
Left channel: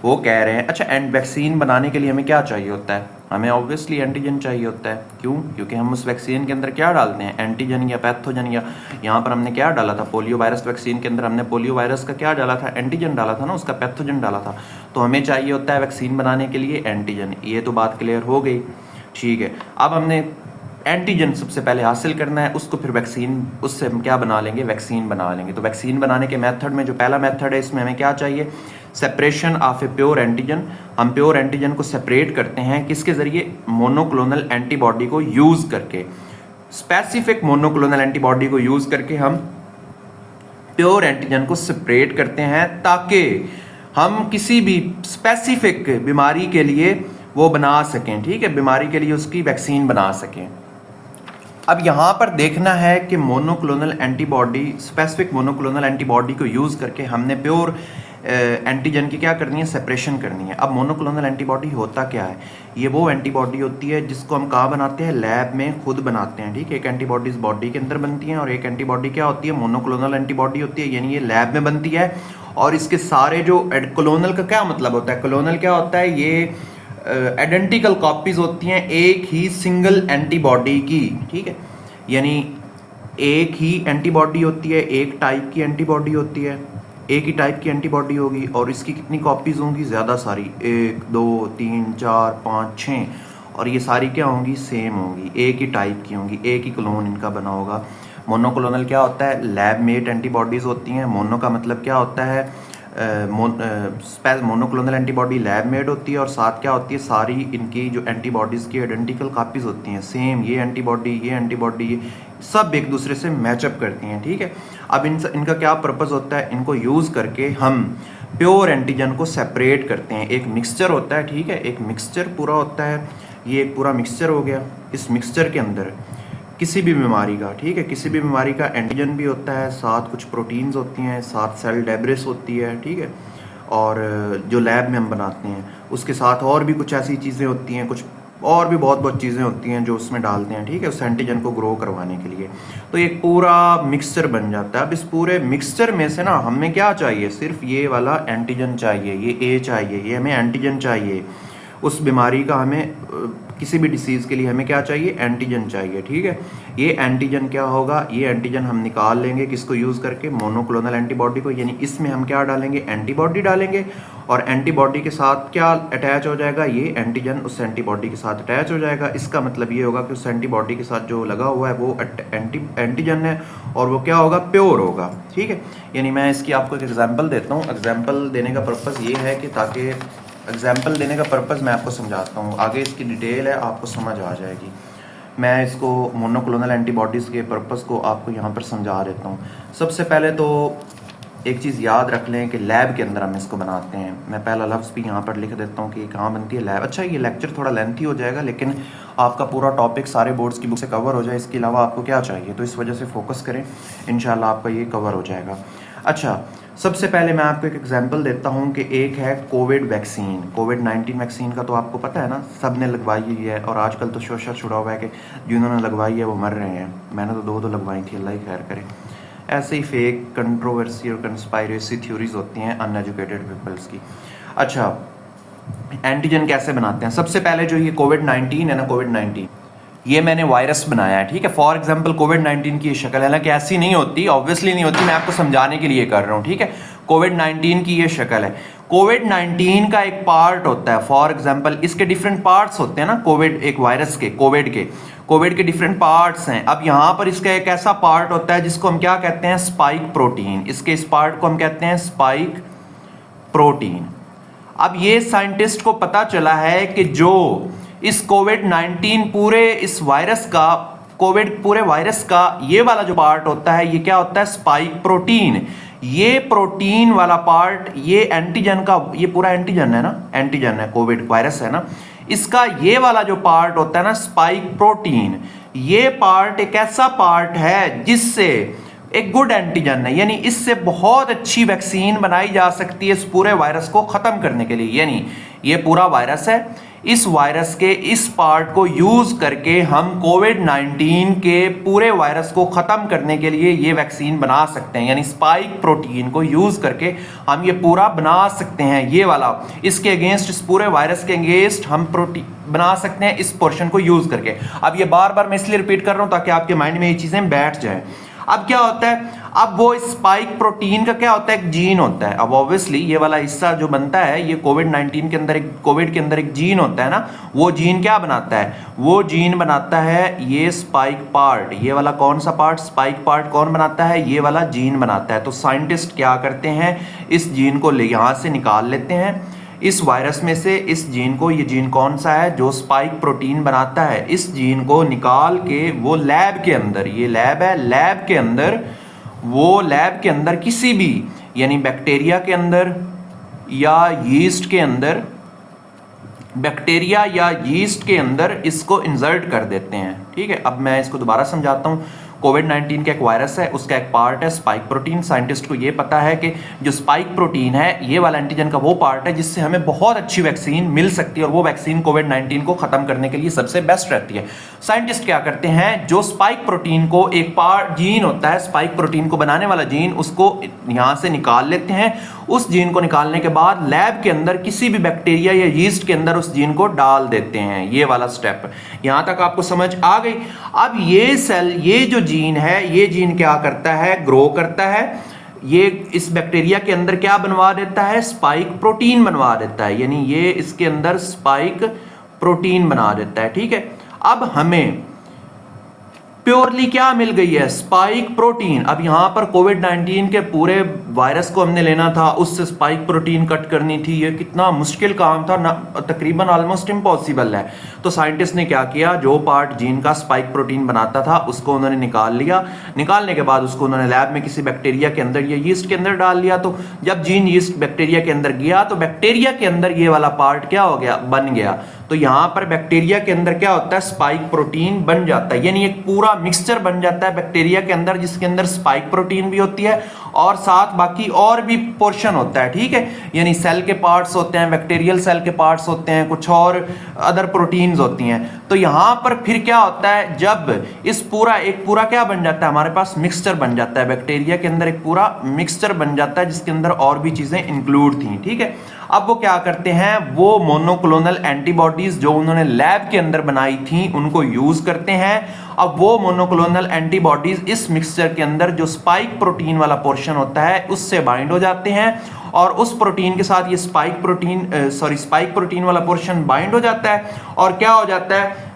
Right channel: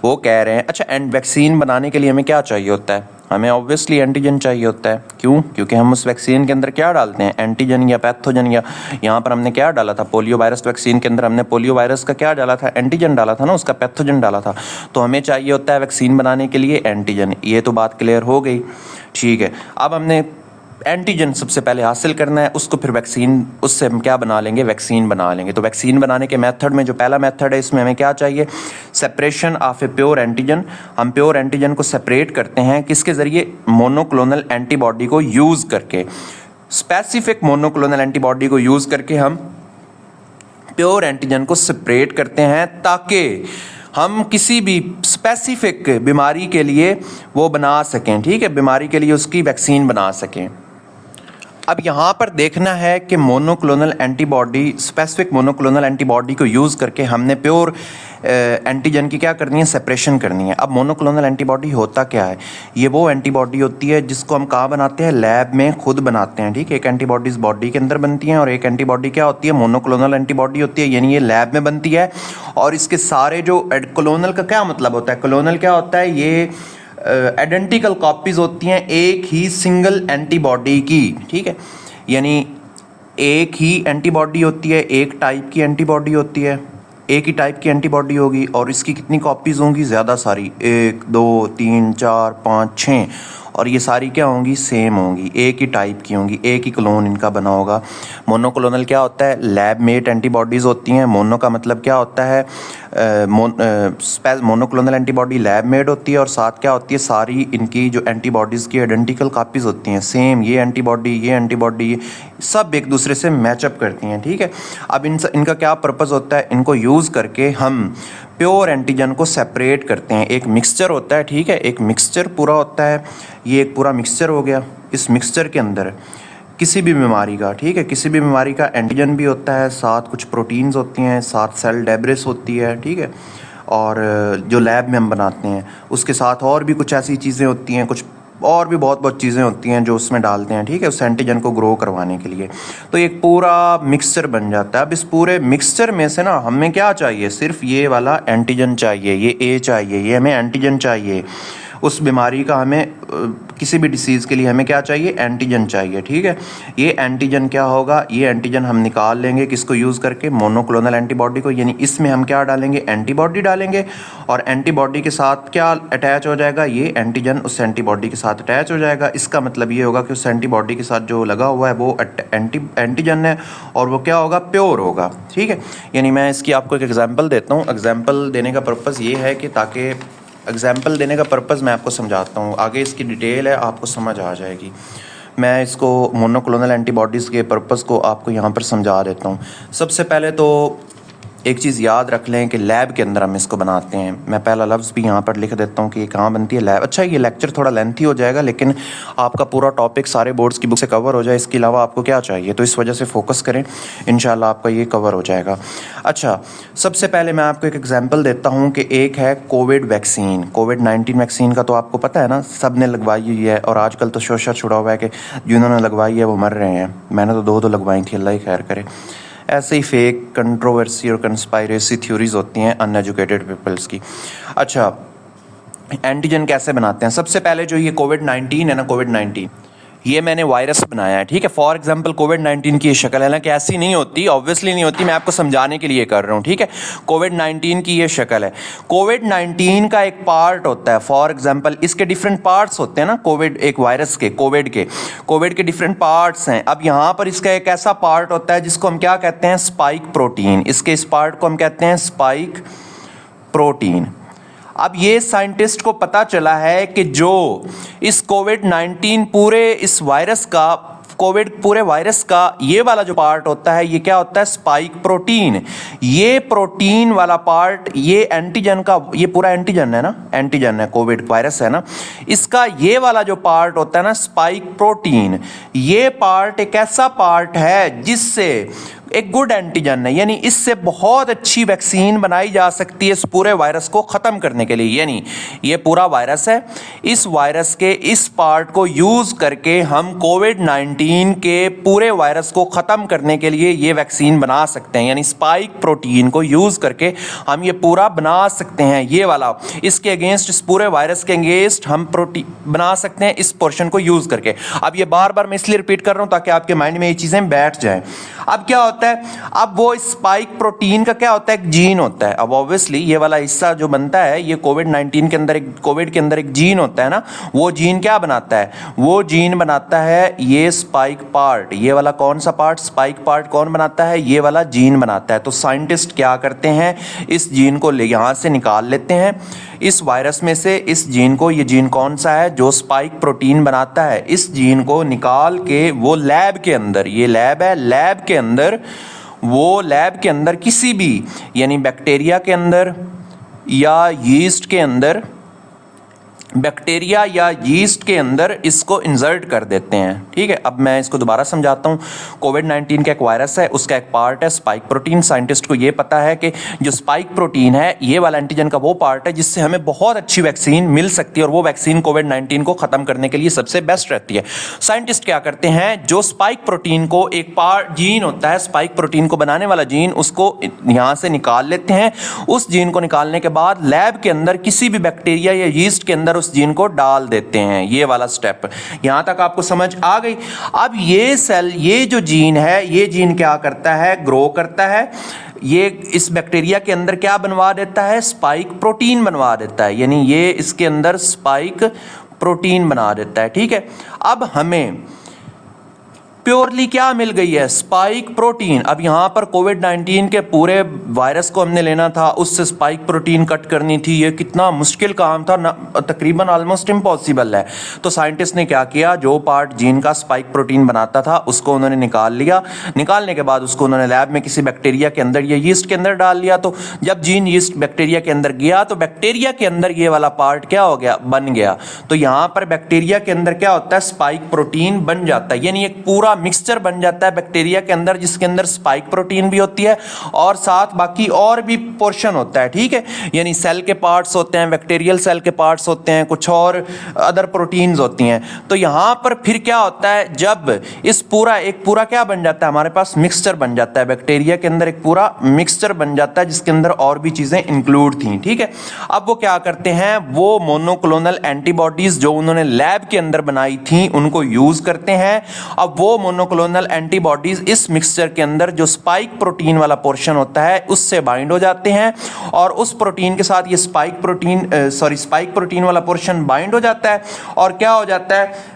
वो कह रहे हैं, अच्छा, एंड वैक्सीन बनाने के लिए हमें क्या चाहिए होता है, हमें ऑब्वियसली एंटीजन चाहिए होता है। क्यों, क्योंकि हम उस वैक्सीन के अंदर क्या डालते हैं, एंटीजन या पैथोजन, या यहाँ पर हमने क्या डाला था, पोलियो वायरस वैक्सीन के अंदर हमने पोलियो वायरस का क्या डाला था, एंटीजन डाला था ना, उसका पैथोजन डाला था। तो हमें चाहिए होता है वैक्सीन बनाने के लिए एंटीजन। ये तो बात क्लियर हो गई, ठीक है। अब हमने एंटीजन सबसे पहले हासिल करना है, उसको फिर वैक्सीन, उससे हम क्या बना लेंगे, वैक्सीन बना लेंगे। तो वैक्सीन बनाने के मेथड में जो पहला मेथड है, इसमें हमें क्या चाहिए, separation of a pure antigen. हम प्योर एंटीजन को सेपरेट करते हैं किसके ज़रिए, मोनोक्लोनल एंटीबॉडी को यूज़ करके। स्पेसिफिक मोनोक्लोनल एंटीबॉडी को यूज़ करके हम प्योर एंटीजन को सेपरेट करते हैं, ताकि हम किसी भी स्पेसिफिक बीमारी के लिए वो बना सकें, ठीक है, बीमारी के लिए उसकी वैक्सीन बना सकें। अब यहाँ पर देखना है कि monoclonal antibody, specific monoclonal antibody को यूज़ करके हमने प्योर एंटीजन की क्या करनी है, सेपरेशन करनी है। अब मोनोक्लोनल एंटीबॉडी होता क्या है, ये वो एंटीबॉडी होती है जिसको हम कहाँ बनाते हैं, लैब में खुद बनाते हैं, ठीक है। एक एंटीबॉडीज़ बॉडी के अंदर बनती हैं और एक एंटीबॉडी क्या होती है, मोनोक्लोनल एंटीबॉडी होती है, यानी ये लैब में बनती है। और इसके सारे जो क्लोनल का क्या मतलब होता है, क्लोनल क्या होता है, ये आइडेंटिकल कॉपीज होती हैं एक ही सिंगल एंटीबॉडी की, ठीक है। यानी एक ही एंटीबॉडी होती है, एक टाइप की एंटीबॉडी होती है, एक ही टाइप की एंटीबॉडी होगी और इसकी कितनी कॉपीज़ होंगी, ज़्यादा सारी, 1 2 3 4 5 6, और ये सारी क्या होंगी, सेम होंगी, एक ही टाइप की होंगी, एक ही क्लोन इनका बना होगा। मोनोक्लोनल क्या होता है, लैब मेड एंटीबॉडीज़ होती हैं। मोनो का मतलब क्या होता है, मोनोक्लोनल एंटीबॉडी लैब मेड होती है और साथ क्या होती है, सारी इनकी जो एंटीबॉडीज़ की आइडेंटिकल कापीज़ होती हैं, सेम, ये एंटीबॉडी सब एक दूसरे से मैचअप करती हैं, ठीक है। अब इनका क्या पर्पज़ होता है, इनको यूज़ करके हम प्योर एंटीजन को सेपरेट करते हैं। एक मिक्सचर होता है, ठीक है, एक मिक्सचर पूरा होता है, ये एक पूरा मिक्सचर हो गया। इस मिक्सचर के अंदर किसी भी बीमारी का, ठीक है, किसी भी बीमारी का एंटीजन भी होता है, साथ कुछ प्रोटीन्स होती हैं, साथ सेल डेब्रिस होती है, ठीक है, और जो लैब में हम बनाते हैं उसके साथ और भी कुछ ऐसी चीज़ें होती हैं, कुछ और भी बहुत चीज़ें होती हैं जो उसमें डालते हैं, ठीक है, उस एंटीजन को ग्रो करवाने के लिए। तो एक पूरा मिक्सचर बन जाता है। अब इस पूरे मिक्सचर में से ना हमें क्या चाहिए, सिर्फ ये वाला एंटीजन चाहिए, ये ए चाहिए, ये हमें एंटीजन चाहिए। उस बीमारी का हमें किसी भी डिसीज़ के लिए हमें क्या चाहिए, एंटीजन चाहिए, ठीक है। ये एंटीजन क्या होगा, ये एंटीजन हम निकाल लेंगे किसको यूज़ करके, मोनोक्लोनल एंटीबॉडी को, यानी इसमें हम क्या डालेंगे, एंटीबॉडी डालेंगे और एंटीबॉडी के साथ क्या अटैच हो जाएगा, ये एंटीजन उस एंटीबॉडी के साथ अटैच हो जाएगा। इसका मतलब ये होगा कि उस एंटीबॉडी के साथ जो लगा हुआ है वो एंटीजन है और वो क्या होगा, प्योर होगा, ठीक है। यानी मैं इसकी आपको एक एग्जाम्पल देता हूँ। एग्जाम्पल देने का पर्पज़ ये है कि ताकि एग्जाम्पल देने का पर्पज़ मैं आपको समझाता हूँ, आगे इसकी डिटेल है आपको समझ आ जाएगी। मैं इसको मोनोक्लोनल एंटीबॉडीज़ के पर्पज़ को आपको यहाँ पर समझा देता हूँ। सबसे पहले तो एक चीज़ याद रख लें कि लैब के अंदर हम इसको बनाते हैं। मैं पहला लफ्ज़ भी यहाँ पर लिख देता हूँ कि ये कहाँ बनती है, लैब। अच्छा, ये लेक्चर थोड़ा लेंथी हो जाएगा लेकिन आपका पूरा टॉपिक सारे बोर्ड्स की बुक से कवर हो जाए, इसके अलावा आपको क्या चाहिए, तो इस वजह से फोकस करें, इंशाल्लाह आपका ये कवर हो जाएगा। अच्छा, सबसे पहले मैं आपको एक एग्जाम्पल देता हूँ कि एक है कोविड वैक्सीन। कोविड-19 वैक्सीन का तो आपको पता है ना, सब ने लगवाई हुई है और आजकल तो शोशा छुड़ा हुआ है कि जिन्होंने लगवाई है वो मर रहे हैं। मैंने तो दो लगवाई थी, अल्लाह ही खैर करे। ऐसे ही फेक कंट्रोवर्सी और कंस्पायरेसी थ्योरीज होती हैं अनएजुकेटेड पीपल्स की। अच्छा, एंटीजन कैसे बनाते हैं, सबसे पहले जो ये कोविड-19 है ना, कोविड-19 ये मैंने वायरस बनाया है, ठीक है। फॉर एग्जांपल कोविड-19 की ये शक्ल है ना, कि ऐसी नहीं होती, ऑब्वियसली नहीं होती, मैं आपको समझाने के लिए कर रहा हूँ, ठीक है। कोविड-19 की ये शक्ल है। कोविड-19 का एक पार्ट होता है, फॉर एग्जांपल इसके डिफरेंट पार्ट्स होते हैं ना, कोविड एक वायरस के, कोविड के डिफरेंट पार्ट्स हैं। अब यहाँ पर इसका एक ऐसा पार्ट होता है जिसको हम क्या कहते हैं, स्पाइक प्रोटीन। इसके इस पार्ट को हम कहते हैं स्पाइक प्रोटीन। अब ये साइंटिस्ट को पता चला है कि जो इस कोविड-19 पूरे इस वायरस का, कोविड पूरे वायरस का ये वाला जो पार्ट होता है, ये क्या होता है, स्पाइक प्रोटीन। ये प्रोटीन वाला पार्ट, ये एंटीजन का, ये पूरा एंटीजन है ना, एंटीजन है, कोविड वायरस है ना, इसका ये वाला जो पार्ट होता है ना, स्पाइक प्रोटीन, ये पार्ट एक ऐसा पार्ट है जिससे एक गुड एंटीजन है, यानी इससे बहुत अच्छी वैक्सीन बनाई जा सकती है इस पूरे वायरस को ख़त्म करने के लिए। यानी ये पूरा वायरस है, इस वायरस के इस पार्ट को यूज़ करके हम कोविड-19 के पूरे वायरस को ख़त्म करने के लिए ये वैक्सीन बना सकते हैं। यानी स्पाइक प्रोटीन को यूज़ करके हम ये पूरा बना सकते हैं, ये वाला, इसके अगेंस्ट, इस पूरे वायरस के अगेंस्ट हम प्रोटीन बना सकते हैं इस पोर्शन को यूज़ करके। अब ये बार बार मैं इसलिए रिपीट कर रहा हूँ ताकि आपके माइंड में ये चीज़ें बैठ जाएं। अब क्या होता है, अब वो स्पाइक प्रोटीन का क्या होता है, एक जीन होता है। अब ऑब्वियसली ये वाला हिस्सा जो बनता है, ये कोविड-19 के अंदर, कोविड के अंदर एक जीन होता है ना, वो जीन क्या बनाता है, वो जीन बनाता है ये स्पाइक पार्ट। ये वाला कौन सा पार्ट, स्पाइक पार्ट कौन बनाता है, ये वाला जीन बनाता है। तो साइंटिस्ट क्या करते हैं, इस जीन को यहाँ से निकाल लेते हैं इस वायरस में से, इस जीन को, ये जीन कौन सा है जो स्पाइक प्रोटीन बनाता है, इस जीन को निकाल के वो लैब के अंदर, ये लैब है, लैब के अंदर, वो लैब के अंदर किसी भी, यानी बैक्टीरिया के अंदर या यीस्ट के अंदर बैक्टीरिया या यीस्ट के अंदर इसको इंसर्ट कर देते हैं। ठीक है, अब मैं इसको दोबारा समझाता हूँ। कोविड-19 का एक वायरस है, उसका एक पार्ट है स्पाइक प्रोटीन। साइंटिस्ट को ये पता है कि जो स्पाइक प्रोटीन है ये वाला एंटीजन का वो पार्ट है जिससे हमें बहुत अच्छी वैक्सीन मिल सकती है, और वो वैक्सीन कोविड-19 को ख़त्म करने के लिए सबसे बेस्ट रहती है। साइंटिस्ट क्या करते हैं, जो स्पाइक प्रोटीन को एक पार्ट जीन होता है, स्पाइक प्रोटीन को बनाने वाला जीन, उसको यहाँ से निकाल लेते हैं। उस जीन को निकालने के बाद लैब के अंदर किसी भी बैक्टीरिया या यीस्ट के अंदर जीन को डाल देते हैं। ये वाला स्टेप यहां तक आपको समझ आ गई। अब ये सेल, ये जो जीन है, ये जीन क्या करता है, ग्रो करता है। ये इस बैक्टीरिया के अंदर क्या बनवा देता है, स्पाइक प्रोटीन बनवा देता है, यानी ये इसके अंदर स्पाइक प्रोटीन बना देता है। ठीक है, अब हमें प्योरली क्या मिल गई है, स्पाइक प्रोटीन। अब यहाँ पर कोविड-19 के पूरे वायरस को हमने लेना था, उससे स्पाइक प्रोटीन कट करनी थी। ये कितना मुश्किल काम था ना, तकरीबन ऑलमोस्ट इम्पॉसिबल है। तो साइंटिस्ट ने क्या किया, जो पार्ट जीन का स्पाइक प्रोटीन बनाता था उसको उन्होंने निकाल लिया। निकालने के बाद उसको उन्होंने लैब में किसी बैक्टीरिया के अंदर या यीस्ट के अंदर डाल लिया। तो जब जीन यीस्ट बैक्टीरिया के अंदर गया तो बैक्टीरिया के अंदर ये वाला पार्ट क्या हो गया, बन गया। तो यहाँ पर बैक्टीरिया के अंदर क्या होता है, स्पाइक प्रोटीन बन जाता है, यानी एक पूरा मिक्सचर बन जाता है बैक्टीरिया के अंदर, जिसके अंदर स्पाइक प्रोटीन भी होती है और साथ बाकी और भी पोर्शन होता है। ठीक है, यानी सेल के पार्ट्स होते हैं, बैक्टीरियल सेल के पार्ट्स होते हैं, कुछ और अदर प्रोटीन्स होती हैं। तो यहां पर फिर क्या होता है, जब इस एक पूरा क्या बन जाता है, हमारे पास मिक्सचर बन जाता है, बैक्टीरिया के अंदर एक पूरा मिक्सचर बन जाता है जिसके अंदर और भी चीजें इंक्लूड थी। ठीक है, अब वो क्या करते हैं, वो मोनोक्लोनल एंटीबॉडीज जो उन्होंने लैब के अंदर बनाई थी उनको यूज करते हैं। अब वो मोनोक्लोनल एंटीबॉडीज इस मिक्सचर के अंदर जो स्पाइक प्रोटीन वाला पोर्शन होता है उससे बाइंड हो जाते हैं, और उस प्रोटीन के साथ ये स्पाइक प्रोटीन वाला पोर्शन बाइंड हो जाता है, और क्या हो जाता है,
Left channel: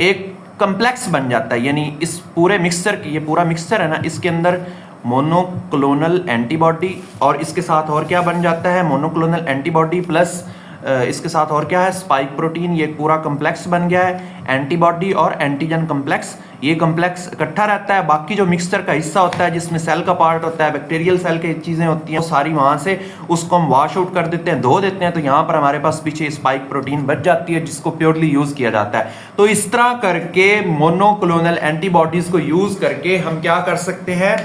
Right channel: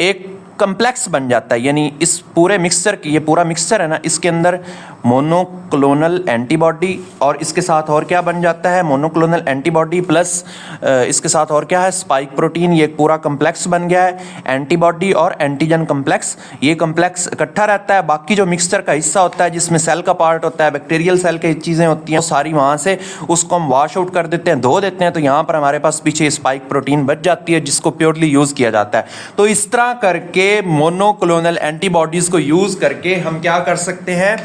एक कम्प्लेक्स बन जाता है। यानी इस पूरे मिक्सचर की, ये पूरा मिक्सचर है ना, इसके अंदर मोनोक्लोनल एंटीबॉडी और इसके साथ और क्या बन जाता है, मोनोक्लोनल एंटीबॉडी प्लस इसके साथ और क्या है, स्पाइक प्रोटीन। ये पूरा कम्प्लेक्स बन गया है, एंटीबॉडी और एंटीजन कम्प्लेक्स। ये कम्प्लेक्स इकट्ठा रहता है, बाकी जो मिक्सचर का हिस्सा होता है जिसमें सेल का पार्ट होता है, बैक्टीरियल सेल की चीज़ें होती हैं, सारी वहाँ से उसको हम वॉश आउट कर देते हैं, धो देते हैं। तो यहाँ पर हमारे पास पीछे स्पाइक प्रोटीन बच जाती है जिसको प्योरली यूज़ किया जाता है। तो इस तरह करके मोनोक्लोनल एंटीबॉडीज़ को यूज़ करके हम क्या कर सकते हैं,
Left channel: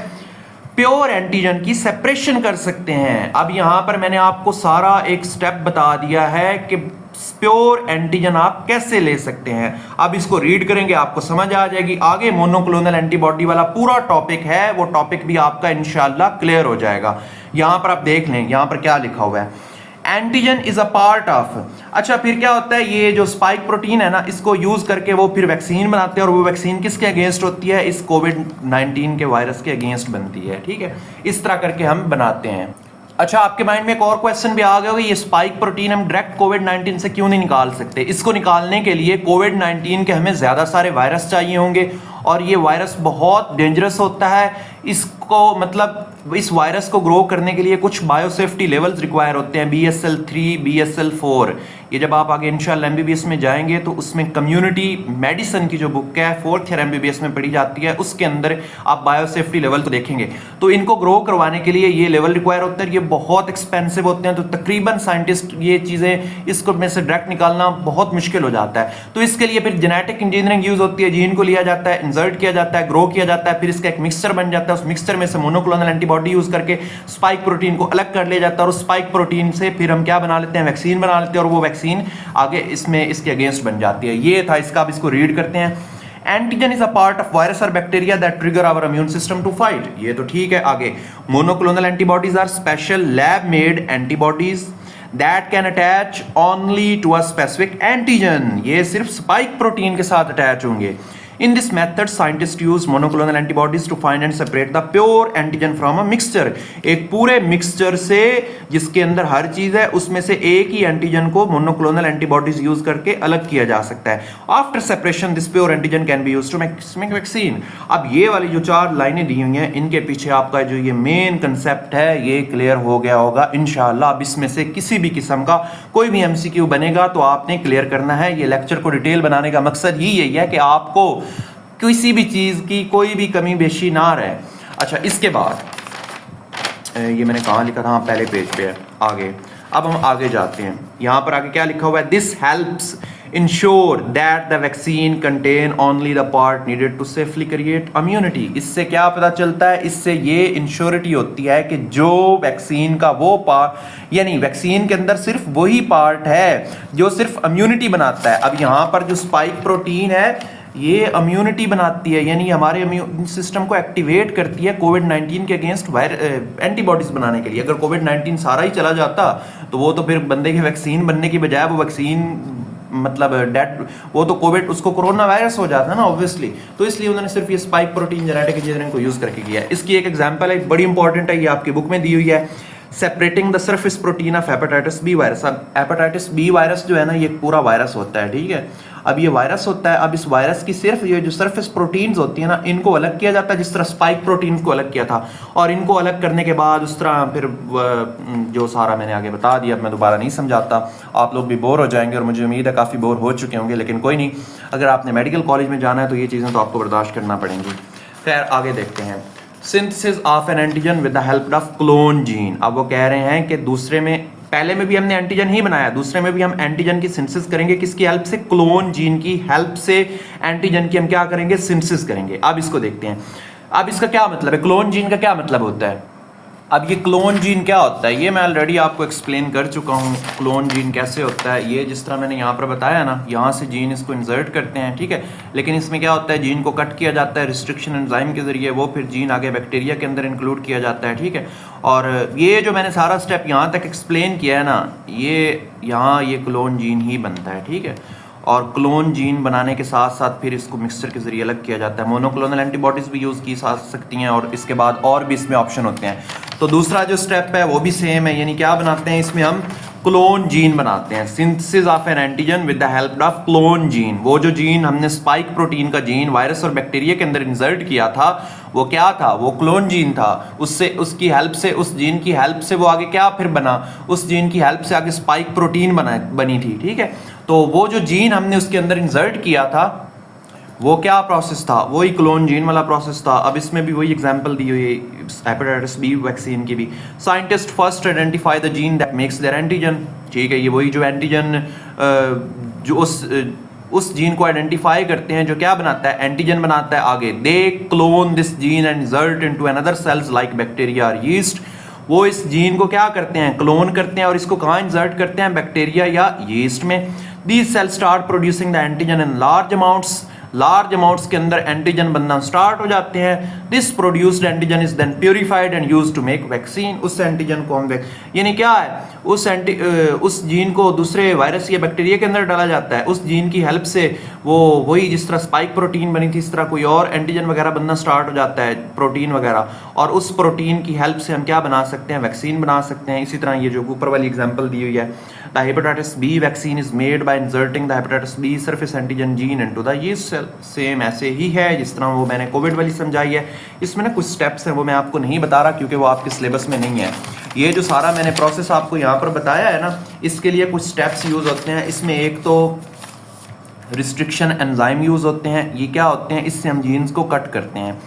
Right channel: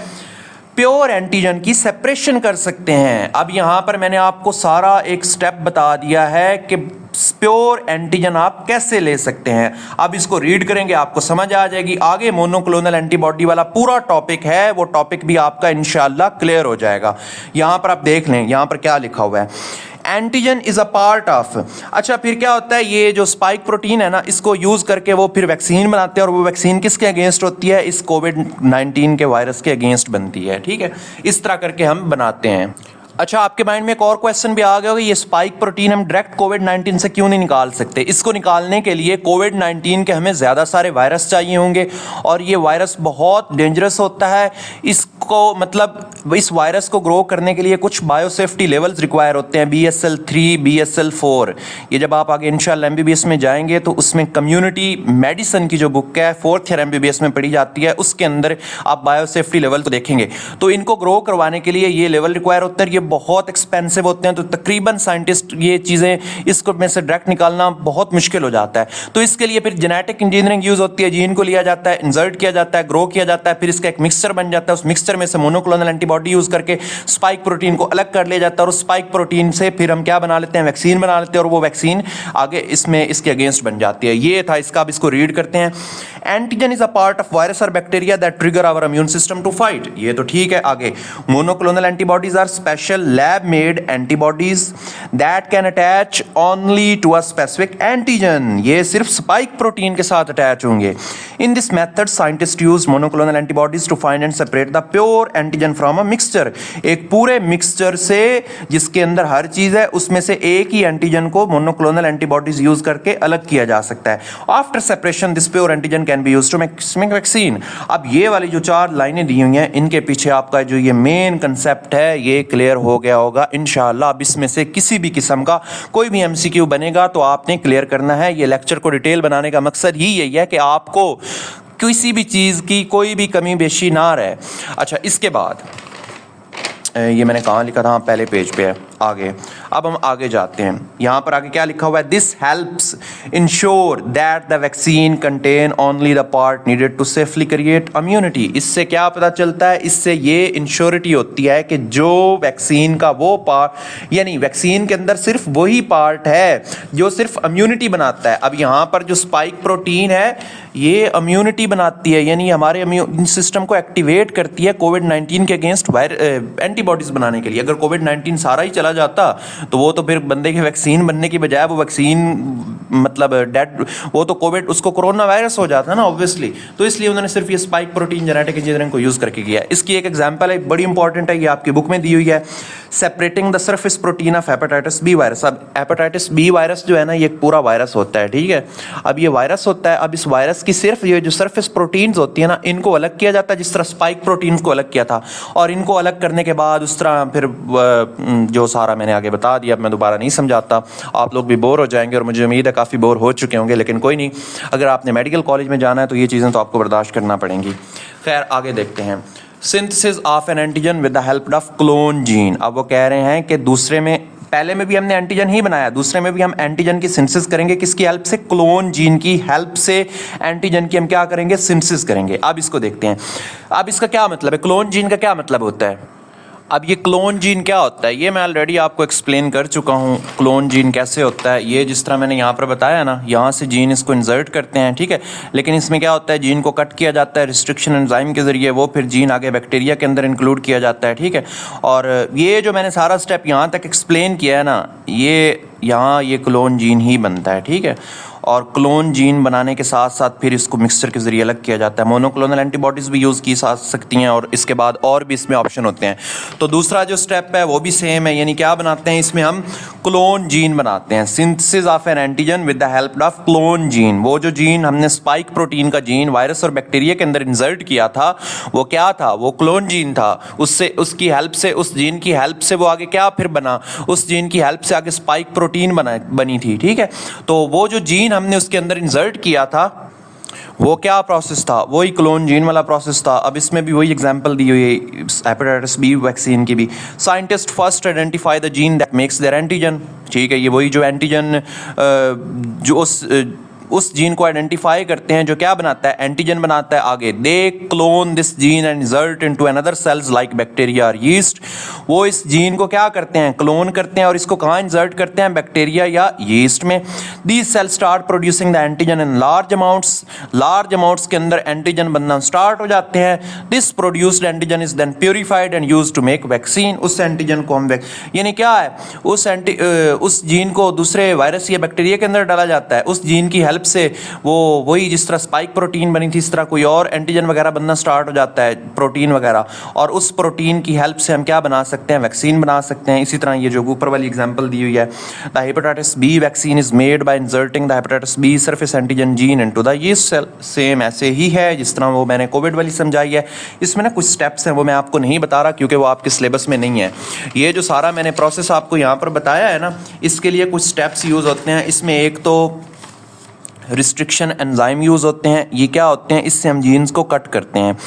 प्योर एंटीजन की सेपरेशन कर सकते हैं। अब यहां पर मैंने आपको सारा एक स्टेप बता दिया है कि प्योर एंटीजन आप कैसे ले सकते हैं। अब इसको रीड करेंगे आपको समझ आ जाएगी। आगे मोनोक्लोनल एंटीबॉडी वाला पूरा टॉपिक है, वो टॉपिक भी आपका इंशाल्लाह क्लियर हो जाएगा। यहां पर आप देख लें, यहां पर क्या लिखा हुआ है, antigen is a part of. अच्छा, फिर क्या होता है, ये जो स्पाइक प्रोटीन है ना, इसको यूज करके वो फिर वैक्सीन बनाते हैं, और वो वैक्सीन किसके अगेंस्ट होती है, इस कोविड-19 के वायरस के अगेंस्ट बनती है। ठीक है, इस तरह करके हम बनाते हैं। अच्छा, आपके माइंड में एक और क्वेश्चन भी आ गया होगा, ये स्पाइक प्रोटीन हम डायरेक्ट कोविड-19 से क्यों नहीं निकाल सकते। इसको निकालने के लिए कोविड-19 के हमें ज़्यादा सारे वायरस चाहिए होंगे, और ये वायरस बहुत डेंजरस होता है। इसको मतलब इस वायरस को ग्रो करने के लिए कुछ बायोसेफ्टी लेवल्स रिक्वायर होते हैं, BSL-3, BSL-4। ये जब आप आगे इंशाल्लाह MBBS में जाएंगे तो उसमें कम्युनिटी मेडिसिन की जो बुक है 4th ईयर MBBS में पढ़ी जाती है, उसके अंदर आप बायोसेफ्टी लेवल तो देखेंगे। तो इनको ग्रो करवाने के लिए ये लेवल रिक्वायर होता है, ये बहुत एक्सपेंसिव होते हैं। तो तकरीबन साइंटिस्ट ये चीज़ें इसको में से डायरेक्ट निकालना बहुत मुश्किल हो जाता है। तो इसके लिए फिर जेनेटिक इंजीनियरिंग यूज़ होती है, जीन को लिया जाता है, इंसर्ट किया जाता है, ग्रो किया जाता है, फिर इसका एक मिक्सचर बन जाता है। उस मिक्सचर में से मोनोक्लोनल एंटीबॉडी यूज़ करके स्पाइक प्रोटीन को अलग कर लिया जाता है, और उस स्पाइक प्रोटीन से फिर हम क्या बना लेते हैं, वैक्सीन बना लेते हैं, और वो वैक्सीन आगे इसमें इसके अगेंस्ट बन जाती है। ये था इसका। अब इसको रीड करते हैं। Antigen is a part of virus और bacteria that trigger our immune system to fight. ये तो ठीक है। आगे, monoclonal antibodies are special lab made antibodies that can attach only to a specific antigen. ये सिर्फ स्पाइक प्रोटीन के साथ अटैच होंगे। In this method scientist use monoclonal antibodies to find and separate the pure antigen from a mixture. एक पूरे mixture से जिसके अंदर हर चीज है उसमें से एक ही एंटीजन को मोनोक्लोनल एंटीबॉडीज यूज करके अलग किया जा सकता है। After separation this pure antigen can be used to make vaccine. अब ये वाली जो 4 लाइनें दी हुई हैं, इनके पीछे आपका जो ये मेन कंसेप्ट है ये क्लियर हो गया होगा इंशाल्लाह। अब इसमें से किसी भी किस्म का कोई भी MCQ बनेगा तो आपने क्लियर करना है। ये लेक्चर को डिटेल बनाने का मकसद ही यही है कि आपको किसी भी चीज़ की कोई भी कमी बेशी ना रहे। अच्छा, इसके बाद ये मैंने कहाँ लिखा था, पहले पेज पे है। आगे अब हम आगे जाते हैं, यहाँ पर आगे क्या लिखा हुआ है, this helps ensure that the vaccine contain only the part needed to safely create immunity. इससे क्या पता चलता है, इससे ये इंश्योरिटी होती है कि जो वैक्सीन का वो पार्ट, यानी वैक्सीन के अंदर सिर्फ वही पार्ट है जो सिर्फ इम्यूनिटी बनाता है। अब यहाँ पर जो स्पाइक प्रोटीन है ये इम्यूनिटी बनाती है, यानी हमारे इम्यून सिस्टम को एक्टिवेट करती है कोविड-19 के अगेंस्ट एंटीबॉडीज बनाने के लिए। अगर कोविड-19 सारा ही चला जाता तो वो तो फिर बंदे की वैक्सीन बनने की बजाय वो वैक्सीन मतलब डेड, वो तो कोविड, उसको कोरोना वायरस हो जाता है ना ऑब्वियसली। तो इसलिए उन्होंने सिर्फ ये स्पाइक प्रोटीन जेनेटिक इंजीनियरिंग को यूज़ करके किया है। इसकी एक एग्जांपल है, बड़ी इंपॉर्टेंट है, ये आपकी बुक में दी हुई है, separating the surface protein of hepatitis B virus. अब हेपेटाइटिस बी वायरस जो है ना, ये एक पूरा वायरस होता है, ठीक है। अब ये वायरस होता है, अब इस वायरस की सिर्फ ये जो सरफेस प्रोटीन्स होती है ना, इनको अलग किया जाता है, जिस तरह स्पाइक प्रोटीन्स को अलग किया था। और इनको अलग करने के बाद उस तरह फिर जो सारा मैंने आगे बता दिया, अब मैं दोबारा नहीं समझाता, आप लोग भी बोर हो जाएंगे और मुझे उम्मीद है काफ़ी बोर हो चुके होंगे, लेकिन कोई नहीं, अगर आपने मेडिकल कॉलेज में जाना है तो ये चीज़ें तो आपको बर्दाश्त करना पड़ेंगी। खैर आगे देखते हैं, synthesis of N antigen with the help of clone gene. अब वो कह रहे हैं कि दूसरे में, पहले में भी हमने एंटीजन ही बनाया, दूसरे में भी हम एंटीजन की सिंथेसिस करेंगे, किसकी हेल्प से, क्लोन जीन की हेल्प से एंटीजन की हम क्या करेंगे, सिंथेसिस करेंगे। अब इसको देखते हैं, अब इसका क्या मतलब है, क्लोन जीन का क्या मतलब होता है। अब ये क्लोन जीन क्या होता है, ये मैं ऑलरेडी आपको एक्सप्लेन कर चुका हूँ। क्लोन जीन कैसे होता है, ये जिस तरह मैंने यहाँ पर बताया ना, यहाँ से जीन इसको इंसर्ट करते हैं, ठीक है, लेकिन इसमें क्या होता है, जीन को कट किया जाता है रिस्ट्रिक्शन एंजाइम के ज़रिए, वो फिर जीन आगे बैक्टीरिया के अंदर इंक्लूड किया जाता है, ठीक है। और ये जो मैंने सारा स्टेप यहाँ तक एक्सप्लेन किया है ना, ये यहाँ ये क्लोन जीन ही बनता है, ठीक है। और क्लोन जीन बनाने के साथ साथ फिर इसको मिक्सचर के ज़रिए अलग किया जाता है। मोनोक्लोनल एंटीबॉडीज़ भी यूज़ की जा सकती हैं और इसके बाद और भी इसमें ऑप्शन होते हैं। तो दूसरा जो स्टेप है वो भी सेम है, यानी क्या बनाते हैं, इसमें हम क्लोन जीन बनाते हैं, synthesis of N antigen with the help of clone gene. वो जो जीन हमने स्पाइक प्रोटीन का जीन वायरस और बैक्टीरिया के अंदर इंसर्ट किया था, वो क्या था, वो क्लोन जीन था। उससे, उसकी हेल्प से, उस जीन की हेल्प से वो आगे क्या फिर बना, उस जीन की हेल्प से आगे स्पाइक प्रोटीन बनी थी, ठीक है। तो वो जो जीन हमने उसके अंदर इंसर्ट किया था, वो क्या प्रोसेस था, वही क्लोन जीन वाला प्रोसेस था। अब इसमें भी वही एग्जांपल दी हुई है हेपेटाइटिस बी वैक्सीन की भी। Scientist first identify the gene that makes there antigen, ठीक है, ये वही जो एंटीजन जो उस जीन को आइडेंटिफाई करते हैं जो क्या बनाता है, एंटीजन बनाता है। आगे they clone this gene and insert into another cells like bacteria और यीस्ट। वो इस जीन को क्या करते हैं, क्लोन करते हैं और इसको कहाँ इंसर्ट करते हैं, बैक्टीरिया या यीस्ट में। These cells start producing the antigen in large amounts के अंदर एंटीजन बनना स्टार्ट हो जाते हैं। This produced antigen is then purified and used to make vaccine. उस एंटीजन को हम यानी क्या है, उस जीन को दूसरे वायरस या बैक्टीरिया के अंदर डाला जाता है। उस जीन की हेल्प से वो वही जिस तरह स्पाइक प्रोटीन बनी थी, इस तरह कोई और एंटीजन वगैरह बनना स्टार्ट हो जाता है, प्रोटीन वगैरह, और उस प्रोटीन की हेल्प से हम क्या बना सकते हैं, वैक्सीन बना सकते हैं। इसी तरह ये जो ऊपर वाली एग्जांपल दी हुई है, the hepatitis B vaccine is made by inserting the hepatitis B surface antigen gene into the yeast cell. Same ऐसे ही है जिस तरह वो मैंने कोविड वाली समझाई है। इसमें ना कुछ स्टेप्स हैं वो मैं आपको नहीं बता रहा क्योंकि वो आपके सिलेबस में नहीं है। ये जो सारा मैंने प्रोसेस आपको यहाँ पर बताया है ना, इसके लिए कुछ स्टेप्स यूज़ होते हैं। इसमें एक तो रिस्ट्रिक्शन एंजाइम यूज़ होते हैं। ये क्या होते हैं, इससे हम जीन्स को कट करते हैं।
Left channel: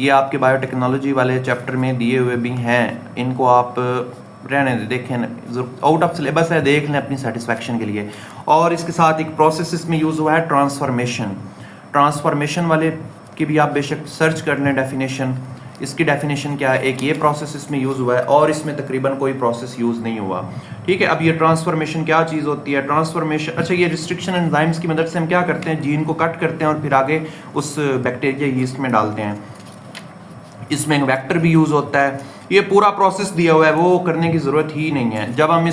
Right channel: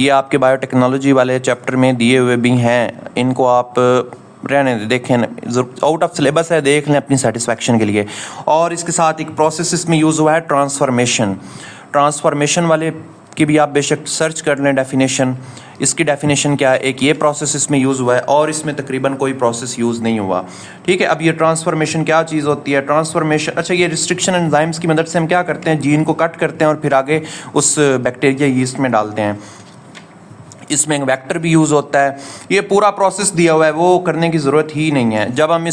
ये आपके बायोटेक्नोलॉजी वाले चैप्टर में दिए हुए भी हैं, इनको आप रहने देखें, आउट ऑफ सिलेबस है, देख लें अपनी सेटिस्फैक्शन के लिए। और इसके साथ एक प्रोसेस इसमें यूज़ हुआ है ट्रांसफॉर्मेशन वाले की भी आप बेशक सर्च कर लें डेफिनेशन। इसकी डेफिनेशन क्या है, एक ये प्रोसेस इसमें यूज़ हुआ है और इसमें तकरीबन कोई प्रोसेस यूज़ नहीं हुआ, ठीक है। अब ये ट्रांसफॉर्मेशन क्या चीज़ होती है, ट्रांसफॉर्मेशन, अच्छा, ये रिस्ट्रिक्शन एंजाइम्स की मदद से हम क्या करते हैं, जीन को कट करते हैं और फिर आगे उस बैक्टीरिया यीस्ट में डालते हैं। इसमें एक वेक्टर भी यूज़ होता है। ये पूरा प्रोसेस दिया हुआ है, वो करने की ज़रूरत ही नहीं है। जब हम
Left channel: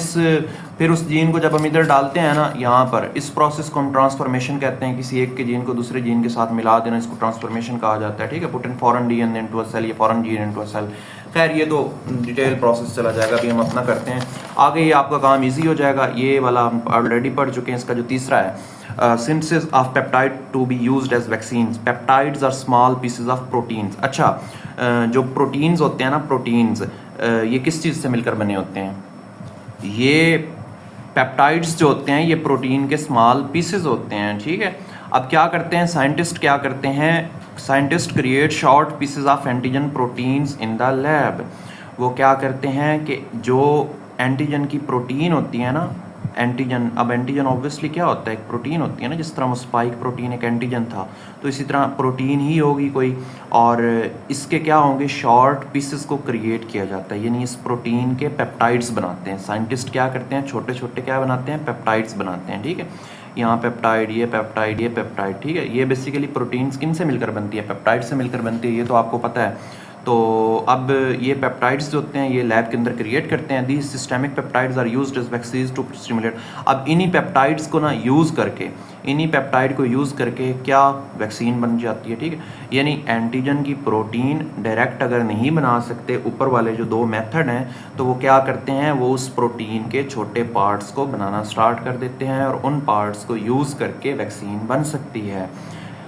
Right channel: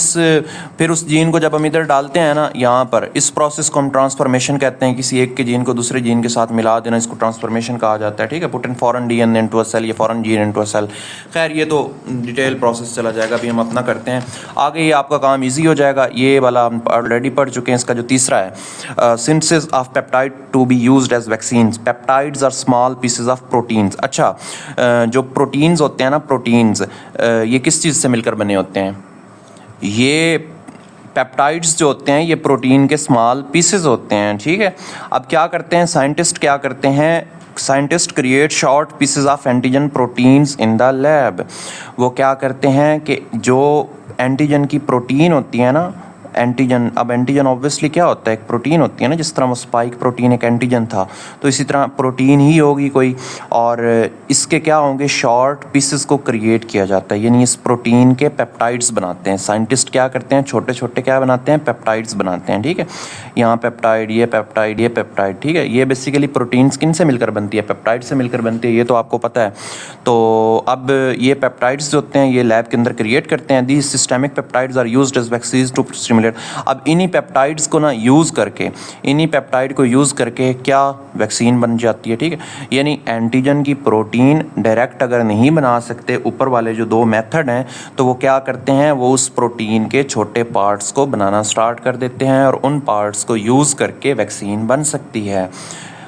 फिर उस जीन को जब हम इधर डालते हैं ना, यहाँ पर इस प्रोसेस को हम ट्रांसफॉर्मेशन कहते हैं। किसी एक के जीन को दूसरे जीन के साथ मिला देना, इसको ट्रांसफॉर्मेशन कहा जाता है, ठीक है। Put in foreign DNA into a cell, ये foreign gene into a cell. खैर ये तो डिटेल प्रोसेस चला जाएगा, अभी हम अपना करते हैं आगे। ये आपका काम ईजी हो जाएगा। ये वाला हम ऑलरेडी पढ़ चुके हैं। इसका जो तीसरा है, synthesis of peptide to be used as vaccines. Peptides are small pieces of proteins. अच्छा, जो प्रोटीन्स होते हैं ना, प्रोटीन्स ये किस चीज़ से मिलकर बने होते हैं, ये पेप्टाइड्स जो होते हैं ये प्रोटीन के स्मॉल पीसेस होते हैं, ठीक है। अब क्या करते हैं साइंटिस्ट, क्या करते हैं scientist, create short pieces of antigen proteins in the lab. वो क्या करते हैं कि जो एंटीजन की प्रोटीन होती है ना, एंटीजन, अब एंटीजन ऑब्वियसली क्या होता है, एक प्रोटीन होती है ना, जिस तरह वो स्पाइक प्रोटीन एक एंटीजन था, तो इसी तरह प्रोटीन ही होगी कोई, और इसके क्या होंगे, शॉर्ट पीसेस को क्रिएट किया जाता है, यानी इस प्रोटीन के पेप्टाइड्स बनाते हैं साइंटिस्ट। क्या करते हैं, छोटे छोटे क्या बनाते हैं, पेप्टाइड्स बनाते हैं, ठीक है। यहाँ पेप्टाइड, ये पेप्टाइड, ये पेप्टाइड, ठीक है। ये बेसिकली प्रोटीन किन से मिलकर बनती है, पेप्टाइड से मिलकर बनती है, ये तो आपको पता है। तो अब ये पेप्टाइड्स जो होते हैं ये लैब के अंदर क्रिएट करते हैं। These systemic peptides are used as vaccines to stimulate. अब इन्हीं पेप्टाइड्स को ना यूज़ करके, इन्हीं पेप्टाइड को यूज़ करके क्या वैक्सीन बन जाती है, ठीक है। यानी एंटीजन की प्रोटीन डायरेक्ट अगर नहीं बना सकते ऊपर वाले जो दो मेथड हैं, तो वो क्या करते हैं, वो उस प्रोटीन के छोटे पार्ट्स को बनाना स्टार्ट कर देते हैं और उन पार्ट्स को यूज़ करके वैक्सीन बन सकती है।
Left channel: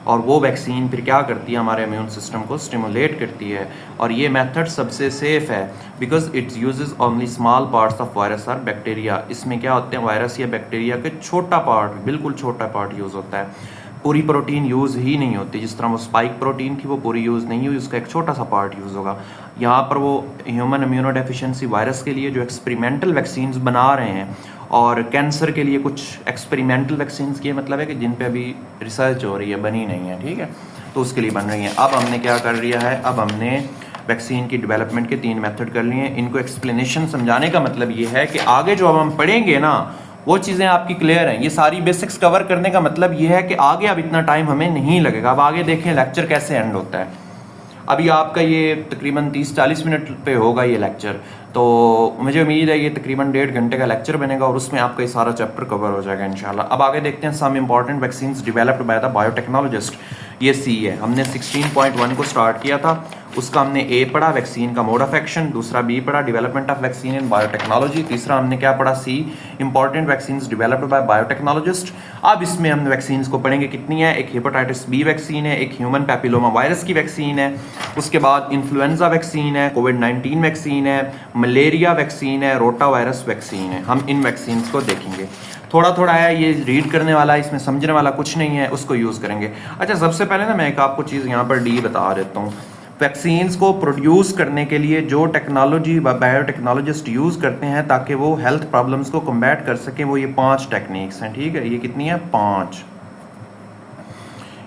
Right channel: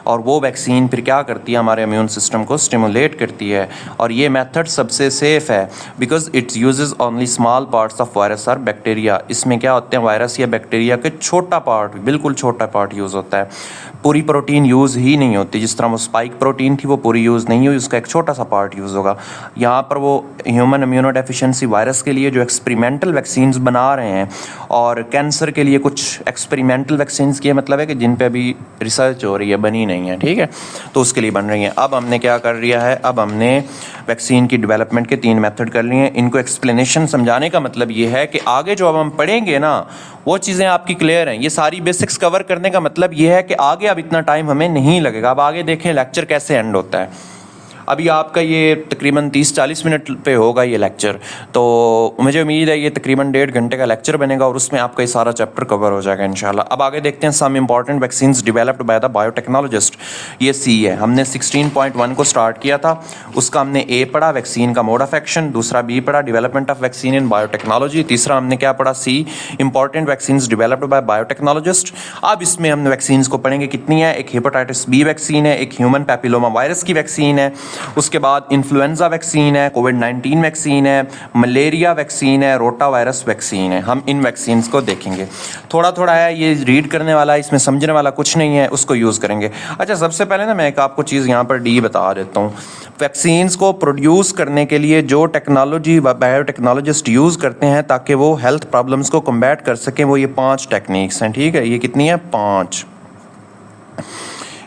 और वो वैक्सीन फिर क्या करती है, हमारे इम्यून सिस्टम को स्टिमुलेट करती है। और ये मेथड सबसे सेफ़ है because it's uses only small parts of virus और बैक्टीरिया। इसमें क्या होते हैं, वायरस या बैक्टीरिया के छोटा पार्ट, बिल्कुल छोटा पार्ट यूज़ होता है। पूरी प्रोटीन यूज़ ही नहीं होती। जिस तरह वो स्पाइक प्रोटीन थी वो पूरी यूज़ नहीं हुई, उसका एक छोटा सा पार्ट यूज़ होगा। यहाँ पर वो ह्यूमन इम्यूनो डेफिशिएंसी वायरस के लिए जो एक्सपेरिमेंटल वैक्सीन्स बना रहे हैं, और कैंसर के लिए कुछ एक्सपेरिमेंटल वैक्सीन्स की मतलब है कि जिन पे अभी रिसर्च हो रही है, बनी नहीं है, ठीक है, तो उसके लिए बन रही है। अब हमने क्या कर लिया है, अब हमने वैक्सीन की डेवलपमेंट के 3 मेथड कर लिए हैं। इनको एक्सप्लेनेशन समझाने का मतलब ये है कि आगे जो अब हम पढ़ेंगे ना, वो चीज़ें आपकी क्लियर हैं। ये सारी बेसिक्स कवर करने का मतलब ये है कि आगे अब इतना टाइम हमें नहीं लगेगा। अब आगे देखें लेक्चर कैसे एंड होता है। अभी आपका ये तकरीबन 30-40 मिनट पे होगा ये लेक्चर, तो मुझे उम्मीद है ये तकरीबन 1.5 घंटे का लेक्चर बनेगा और उसमें आपका ये सारा चैप्टर कवर हो जाएगा इंशाल्लाह। अब आगे देखते हैं some important vaccines developed by the biotechnologist. ये सी है, हमने 16.1 को स्टार्ट किया था, उसका हमने ए पढ़ा, वैक्सीन का मोड ऑफ एक्शन, दूसरा बी पढ़ा, development of vaccine in biotechnology, तीसरा हमने क्या पढ़ा, C, important vaccines developed by biotechnologist. अब इसमें हम वैक्सीन्स को पढ़ेंगे कितनी है, एक हेपेटाइटिस बी वैक्सीन है, एक ह्यूमन पैपिलोमा वायरस की वैक्सीन है, उसके बाद इन्फ्लुएंजा वैक्सीन है, कोविड-19 वैक्सीन है, मलेरिया वैक्सीन है, रोटा वायरस वैक्सीन है। हम इन वैक्सीन्स को देखेंगे। थोड़ा थोड़ा है, ये रीड करने वाला, इसमें समझने वाला कुछ नहीं है, उसको यूज़ करेंगे। अच्छा, सबसे पहले ना मैं एक आपको चीज़ यहाँ पर डी बता देता हूँ। वैक्सीन्स को प्रोड्यूस करने के लिए जो टेक्नोलॉजी बायोटेक्नोलॉजिस्ट यूज़ करते हैं ताकि वो हेल्थ प्रॉब्लम्स को कम्बैट कर सकें, वो ये 5 टेक्निक्स हैं, ठीक है। ये कितनी है, 5।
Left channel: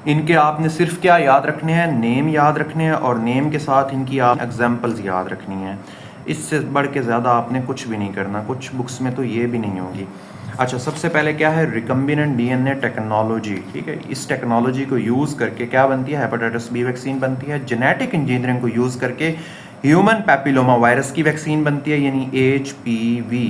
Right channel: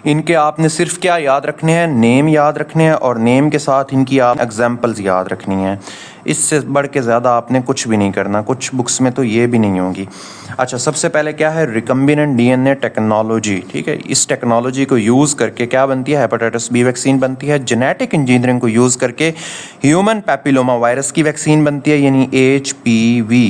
इनके आपने सिर्फ क्या याद रखने हैं, नेम याद रखने हैं, और नेम के साथ इनकी आप एग्जांपल्स याद रखनी हैं। इससे बढ़ के ज़्यादा आपने कुछ भी नहीं करना, कुछ बुक्स में तो ये भी नहीं होगी। अच्छा, सबसे पहले क्या है, रिकम्बिनेंट डीएनए टेक्नोलॉजी, ठीक है। इस टेक्नोलॉजी को यूज़ करके क्या बनती है, हेपेटाइटिस बी वैक्सीन बनती है। जेनेटिक इंजीनियरिंग को यूज़ करके ह्यूमन पैपिलोमा वायरस की वैक्सीन बनती है, यानी HPV,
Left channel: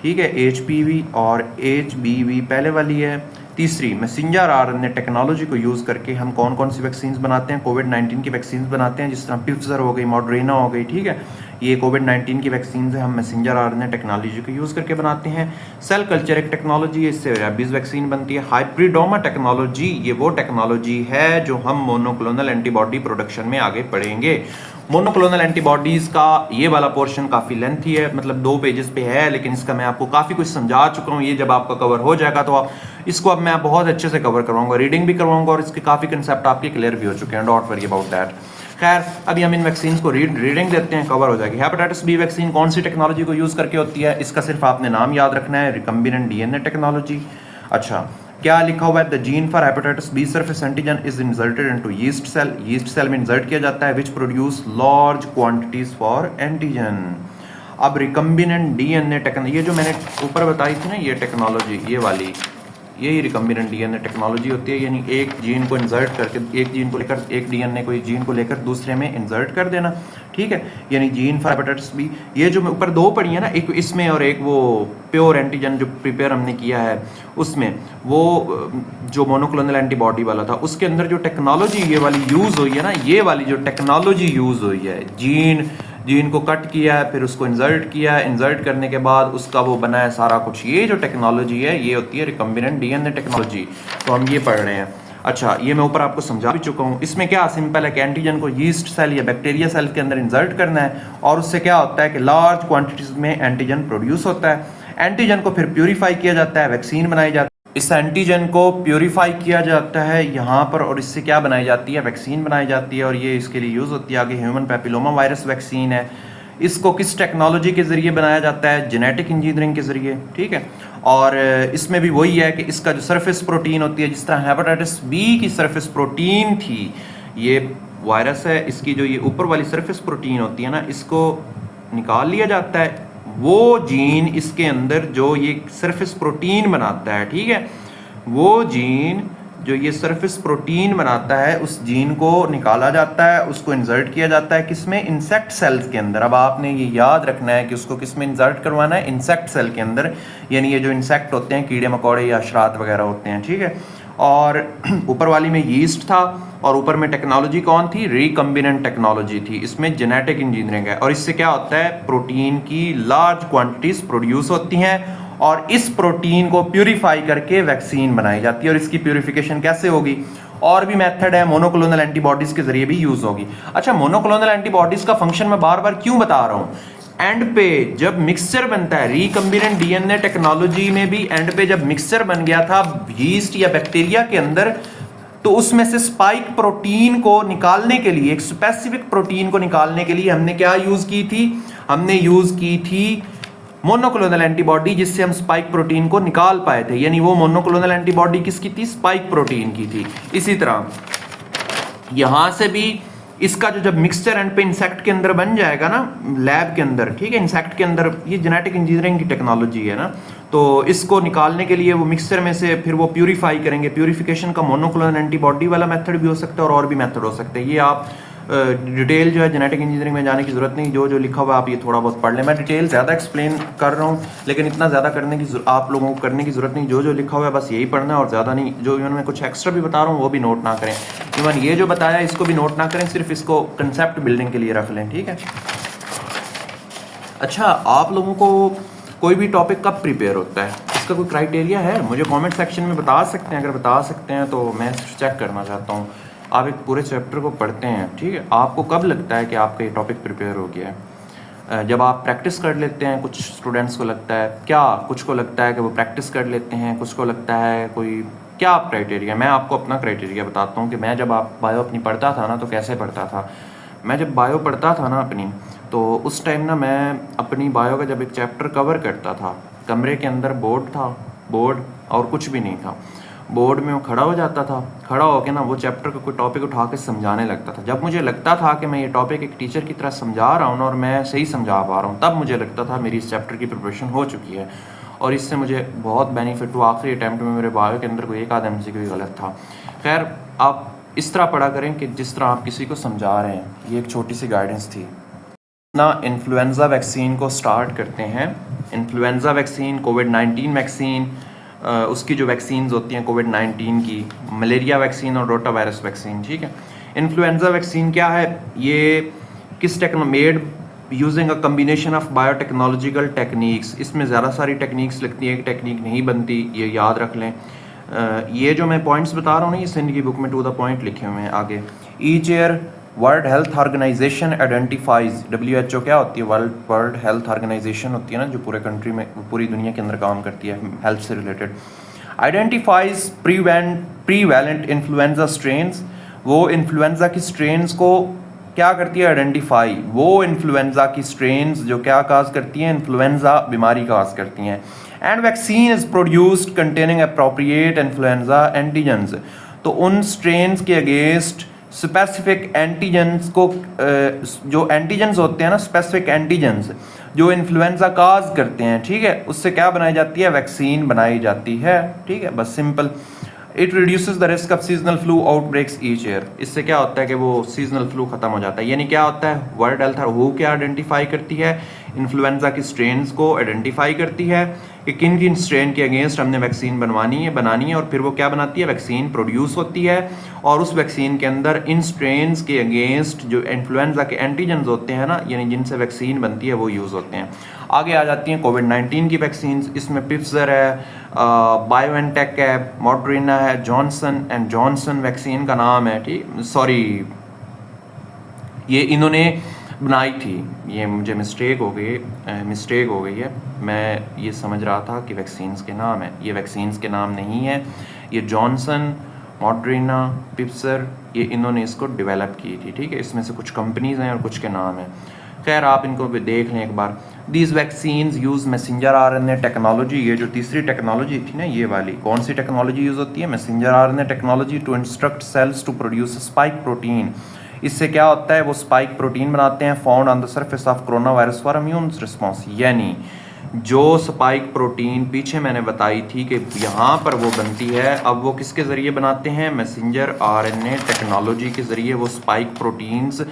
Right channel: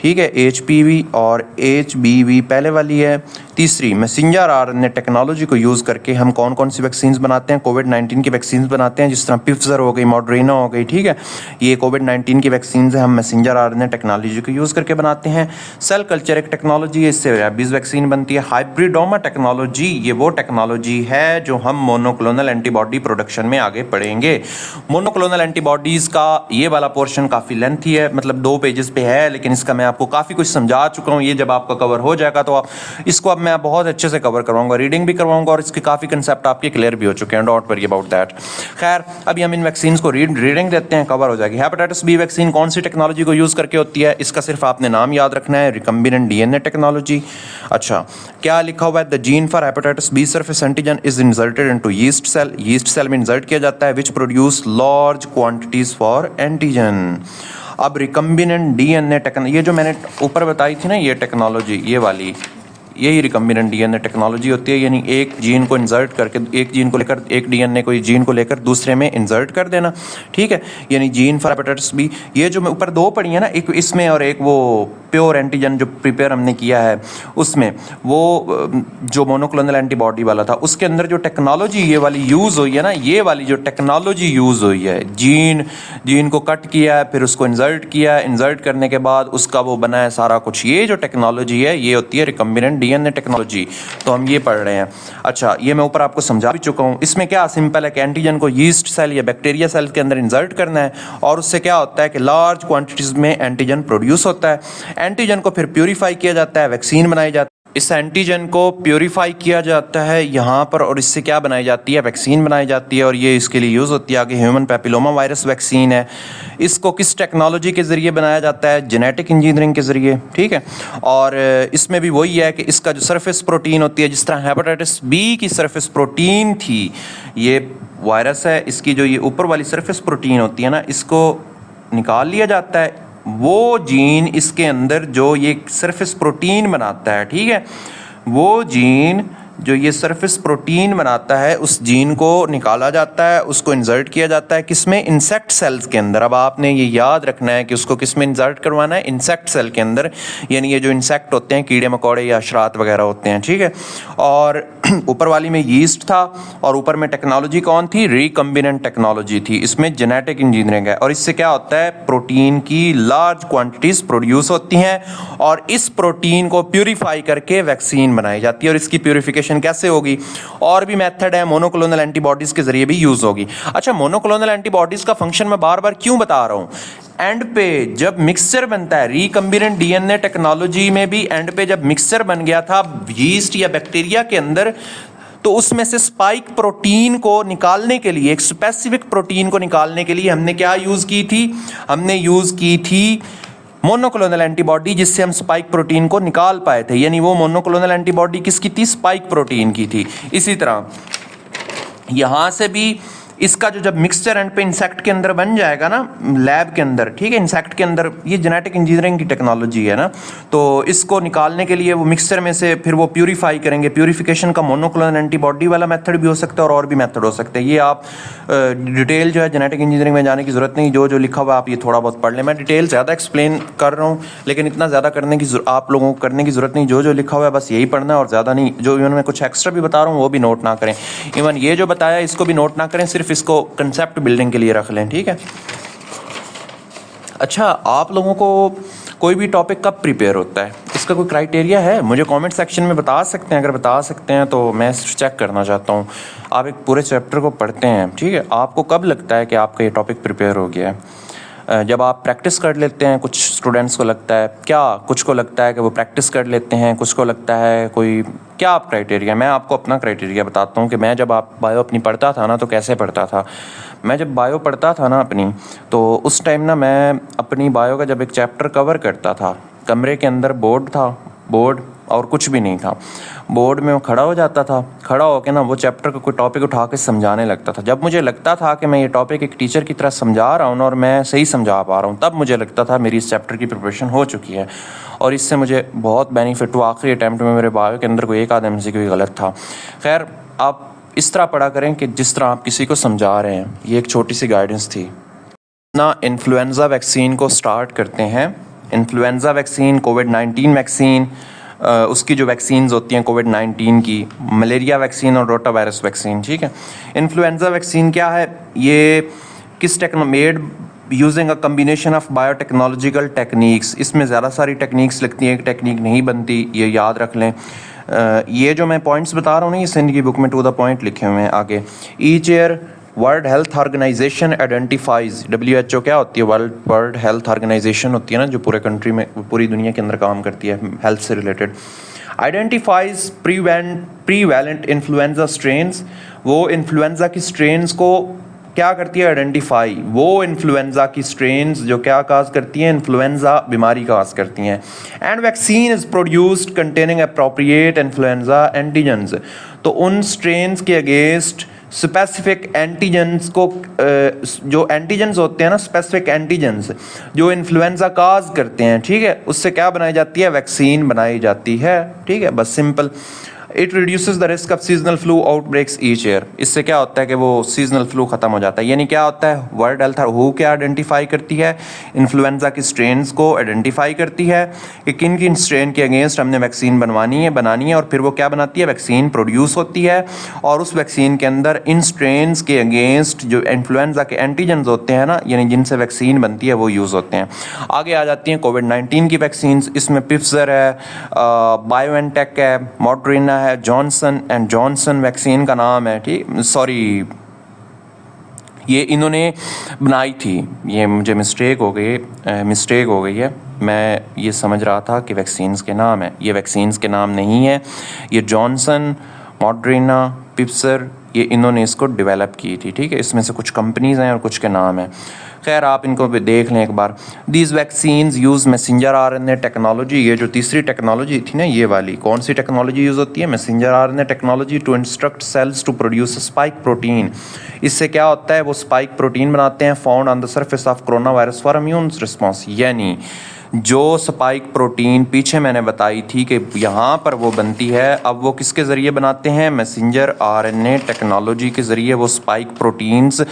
ठीक है। HPV और HBV पहले वाली है। तीसरी, मैसेंजर आरएनए टेक्नोलॉजी को यूज़ करके हम कौन कौन सी वैक्सीन्स बनाते हैं, कोविड-19 की वैक्सीन्स बनाते हैं, जिस तरह पिफजर हो गई, मॉडरेना हो गई, ठीक है। ये कोविड-19 की वैक्सीन्स है, हम मैसेंजर आरएनए टेक्नोलॉजी को यूज़ करके बनाते हैं। सेल कल्चर एक टेक्नोलॉजी है, इससे रेबीज वैक्सीन बनती है। हाइब्रिडोमा टेक्नोलॉजी, ये वो टेक्नोलॉजी है जो हम मोनोक्लोनल एंटीबॉडी प्रोडक्शन में आगे पढ़ेंगे। मोनोक्लोनल एंटीबॉडीज़ का ये वाला पोर्शन काफ़ी लेंथी है, मतलब 2 पेजेस पे है, लेकिन इसका मैं आपको काफ़ी कुछ समझा चुका हूँ। ये जब आपका कवर हो जाएगा तो इसको अब मैं बहुत अच्छे से कवर करवाऊंगा, रीडिंग भी करवाऊंगा, और इसके काफ़ी कंसेप्ट आपके क्लियर भी हो चुके हैं, डोंट वरी अबाउट दैट। खैर, अभी हम इन वैक्सीन्स को रीडिंग देते हैं, कवर हो जाएगी। हेपेटाइटिस बी वैक्सीन कौन सी टेक्नोलॉजी को यूज़ करके होती है, इसका सिर्फ आपने नाम याद रखना है, रिकम्बिनेंट डीएनए टेक्नोलॉजी। अच्छा, क्या लिखा हुआ है, the gene for hepatitis B surface antigen is inserted into yeast cell. Yeast cell में इंसर्ट किया जाता है, which produce large quantities for antigen. अब रिकम्बिनेंट डीएनए टेक्नोलॉजी, ये जो मैंने ऊपर बताई थी ना, ये टेक्नोलॉजी, ये वाली, यही रिकम्बिनेंट डीएनए टेक्नोलॉजी होती है। यानी एक जीन को इंसर्ट करके, एक जीन को लेकर, एक डीएनए को जीन को लेकर दूसरे में इंसर्ट कर देना, ठीक है। यानी जीन फॉर हेपेटाइटिस बी, ये जो मैं ऊपर 2 पढ़ी है ना, एक इसमें और एक वो प्योर एंटीजन जो प्रिपेयर हमने किया है उसमें, वो जो मोनोक्लोनल एंटीबॉडी वाला था, उसके अंदर जो टेक्नोलॉजी ये वाली यूज़ हुई है ना, ये वाली जो टेक्नोलॉजी यूज़ हुई है, जीन को कट किया, फिर उसको इंसर्ट किया, इंसर्ट करने के बाद उसका वो बना है सारा कुछ, ये जो टेक्नोलॉजी है ये होती है रिकम्बिनेंट डीएनए टेक्नोलॉजी। तो हम ये पढ़ रहे हैं। अच्छा, ये मैं ऊपर आपको समझा भी चुका हूँ। इसमें क्या सिंपल है कि एंटीजन को यीस्ट सेल या बैक्टीरिया सेल के अंदर इंसर्ट करना है, और उससे क्या होता है कि लार्ज क्वांटिटीज में एंटीजन प्रोड्यूस होता है। एंटीजन को फिर प्यूरिफाई किया जाता है, वैक्सीन बनाई जाती है। इस एंटीजन को प्योरीफाई किया जाता है यहाँ पर, और इससे क्या बनाई जाती है, वैक्सीन बनाई जाती है, और ये इसके लिए यूज़ होती है। आगे ह्यूमन पैपिलोमा वायरस वैक्सीन है, इसको किस टेक्नोलॉजी के ज़रिए बनाया जाता है, जेनेटिक इंजीनियरिंग के ज़रिए, ठीक है। और इसमें भी वही है कि इसका जो सरफेस प्रोटीन होती है, जिस तरह हेपेटाइटिस बी की सरफेस प्रोटीन थी, ये वायरस है, इसकी जो ये ऊपर वाली सरफेस प्रोटीन होती है ना, इसको निकाल लिया जाता है। वो जीन इसके अंदर जो ये सरफेस प्रोटीन बनाता है, ठीक है, वो जीन जो ये सरफेस प्रोटीन बनाता है, उस जीन को निकाला जाता है, उसको इंसर्ट किया जाता है किसमें, इंसेक्ट सेल्स के अंदर। अब आपने ये याद रखना है कि उसको किसमें इंसर्ट करवाना है, इंसेक्ट सेल के अंदर, यानी ये जो इंसेक्ट होते हैं, कीड़े मकोड़े या अशरात वगैरह होते हैं, ठीक है। और ऊपर वाली में यीस्ट था, और ऊपर में टेक्नोलॉजी कौन थी, रिकम्बिनेंट टेक्नोलॉजी थी, इसमें जेनेटिक इंजीनियरिंग है। और इससे क्या होता है, प्रोटीन की लार्ज क्वांटिटीज प्रोड्यूस होती हैं, और इस प्रोटीन को प्यूरीफाई करके वैक्सीन बनाई जाती है। और इसकी प्यूरिफिकेशन कैसे होगी, और भी मेथड है, मोनोक्लोनल एंटीबॉडीज के जरिए भी यूज होगी। अच्छा, मोनोक्लोनल एंटीबॉडीज का फंक्शन मैं बार बार क्यों बता रहा हूं, एंड पे जब मिक्सचर बनता है, रिकम्बिनेंट डीएनए टेक्नोलॉजी में भी एंड पे जब मिक्सचर बन गया था यीस्ट या बैक्टीरिया के अंदर, तो उसमें से स्पाइक प्रोटीन को निकालने के लिए, एक स्पेसिफिक प्रोटीन को निकालने के लिए हमने क्या यूज की थी, हमने यूज की थी मोनोक्लोनल एंटीबॉडी, जिससे हम स्पाइक प्रोटीन को निकाल पाए थे। यानी वो मोनोक्लोनल एंटीबॉडी किसकी थी, स्पाइक प्रोटीन की थी। इसी तरह यहां से भी इसका जो जब मिक्सचर एंड पे इंसेक्ट के अंदर बन जाएगा ना, लैब के अंदर, ठीक है, इंसेक्ट के अंदर, ये जेनेटिक इंजीनियरिंग की टेक्नोलॉजी है ना, तो इसको निकालने के लिए वो मिक्सचर में से फिर वो प्यूरीफाई करेंगे। प्यूरीफिकेशन का मोनोक्लोनल एंटीबॉडी वाला मेथड भी हो सकता है, और भी मेथड हो सकते हैं। ये आप डिटेल जो है जेनेटिक इंजीनियरिंग में जाने की ज़रूरत नहीं, जो जो लिखा हुआ आप ये थोड़ा बहुत पढ़ लें। मैं डिटेल ज़्यादा एक्सप्लेन कर रहा हूँ, लेकिन इतना ज़्यादा करने की आप लोगों को करने की ज़रूरत नहीं, जो जो लिखा हुआ है बस यही पढ़ना है, और ज़्यादा नहीं। जो इवन मैं कुछ एक्स्ट्रा भी बता रहा हूँ वो भी नोट ना करें, इवन ये जो बताया इसको भी नोट ना करें, सिर्फ इसको कंसेप्ट बिल्डिंग के लिए रख लें, ठीक है। अच्छा, आप लोगों को कोई भी टॉपिक कब प्रिपेयर होता है, इसका कोई क्राइटेरिया है, मुझे कमेंट सेक्शन में बता सकते हैं। अगर बता सकते हैं तो मैं चेक करना चाहता हूँ। आप एक पूरे चैप्टर को पढ़ते हैं, ठीक है, आपको कब लगता है कि आपका ये टॉपिक प्रिपेयर हो गया है? जब आप प्रैक्टिस कर लेते हैं, कुछ स्टूडेंट्स को लगता है क्या, कुछ को लगता है कि वो प्रैक्टिस कर लेते हैं, कुछ को लगता है कोई, क्या आप क्राइटेरिया, मैं आपको अपना क्राइटेरिया बताता हूँ कि मैं जब आप बायो अपनी पढ़ता था ना, तो कैसे पढ़ता था। मैं जब बायो पढ़ता था ना अपनी, तो उस टाइम ना मैं अपनी बायो का जब एक चैप्टर कवर करता था, कमरे के अंदर बोर्ड था, बोर्ड और कुछ भी नहीं था, बोर्ड में वो खड़ा हो जाता था, खड़ा होकर ना वो चैप्टर का कोई टॉपिक उठा के समझाने लगता था। जब मुझे लगता था कि मैं ये टॉपिक एक टीचर की तरह समझा रहा हूँ और मैं सही समझा पा रहा हूँ, तब मुझे लगता था मेरी इस चैप्टर की प्रिपरेशन हो चुकी है, और इससे मुझे बहुत बेनिफिट हुआ। आखिरी अटैम्प्ट में मेरे बायो के अंदर कोई एक आध MCQ कोई गलत था। खैर, आप इस तरह पढ़ा करें कि जिस तरह आप किसी को समझा रहे हैं। ये एक छोटी सी गाइडेंस थी ना। इन्फ्लुएंज़ा वैक्सीन को स्टार्ट करते हैं। इन्फ्लुएंज़ा वैक्सीन, कोविड-19 वैक्सीन, उसकी जो वैक्सीन्स होती हैं कोविड-19 की, मलेरिया वैक्सीन और रोटा वायरस वैक्सीन, ठीक है। इन्फ्लुएंज़ा वैक्सीन क्या है, ये किस made using a combination of biotechnological techniques. इसमें ज़्यादा सारी टेक्निक्स लगती हैं, एक टेक्निक नहीं बनती, ये याद रख लें। ये जो मैं पॉइंट्स बता रहा हूँ ना, ये सिंध की बुक में टू द पॉइंट लिखे हुए हैं आगे। Each year World Health Organization identifies, WHO क्या होती है, वर्ल्ड हेल्थ ऑर्गेनाइजेशन होती है ना, जो पूरे कंट्री में, पूरी दुनिया के अंदर काम करती है हेल्थ से रिलेटेड। आइडेंटिफाइज प्रीवैलेंट इन्फ्लुएंजा स्ट्रेन्स, वो इन्फ्लुएंजा की स्ट्रेन्स को क्या करती है, आइडेंटिफाई। वो इन्फ्लुएंजा की स्ट्रेन्स जो क्या काज करती हैं, इन्फ्लुएंजा बीमारी काज करती हैं। And vaccine is produced containing appropriate influenza antigens, तो उन स्ट्रेन्स के अगेंस्ट स्पेसिफिक एंटीजेंस को, जो एंटीजेंस होते हैं ना, स्पेसिफिक एंटीजेंस जो इन्फ्लुएंजा काज करते हैं, ठीक है, उससे क्या बनाई जाती है, वैक्सीन बनाई जाती है, ठीक है, बस simple. It reduces the risk of seasonal flu outbreaks each year, इससे क्या होता है कि वो सीजनल फ्लू खत्म हो जाता है। यानी क्या होता है, वर्ल्ड हेल्थ हु क्या आइडेंटिफाई करती है, इन्फ्लुएंजा की स्ट्रेन्स को आइडेंटिफाई करती है कि किन किन स्ट्रेन के अगेंस्ट हमने वैक्सीन बनानी है, और फिर वो क्या बनाती है, वैक्सीन प्रोड्यूस होती है, और उस वैक्सीन के अंदर इन स्ट्रेन्स के अगेंस्ट जो इन्फ्लुएंजा के एंटीजेंस होते हैं ना, यानी जिनसे वैक्सीन बनती है, वो यूज़ होते हैं। आगे आ जाती हैं कोविड-19 की वैक्सीन, इसमें पिफजर है, बायोएनटेक है, मॉडर्ना है, जॉनसन एंड जॉनसन वैक्सीन का नाम है, ठीक, सॉरी ये इन्होंने बनाई थी, ये मुझे मिस्टेक हो गई है। मैं ये समझ रहा था कि वैक्सीन्स के नाम है, ये वैक्सीन्स के नाम नहीं है। ये जॉनसन, मॉडर्ना, पिप्सर, ये इन्होंने इसको डेवलप की थी, ठीक है। इसमें से कुछ कंपनीज़ हैं और कुछ के नाम हैं। खैर आप इनको भी देख लें एक बार। These vaccines use messenger RNA technology. ये जो तीसरी टेक्नोलॉजी थी ना, ये वाली कौन सी टेक्नोलॉजी यूज़ होती है? Messenger RNA technology to instruct cells to produce spike protein. इससे क्या होता है? वो स्पाइक प्रोटीन बनाते हैं found on the surface of corona virus for immune response. यानी जो स्पाइक प्रोटीन पीछे मैंने बताई थी कि यहाँ पर वो बनती है, अब वो किसके ज़रिए बनाते हैं? मैसेंजर आरएनए टेक्नोलॉजी के ज़रिए वो स्पाइक प्रोटीन्स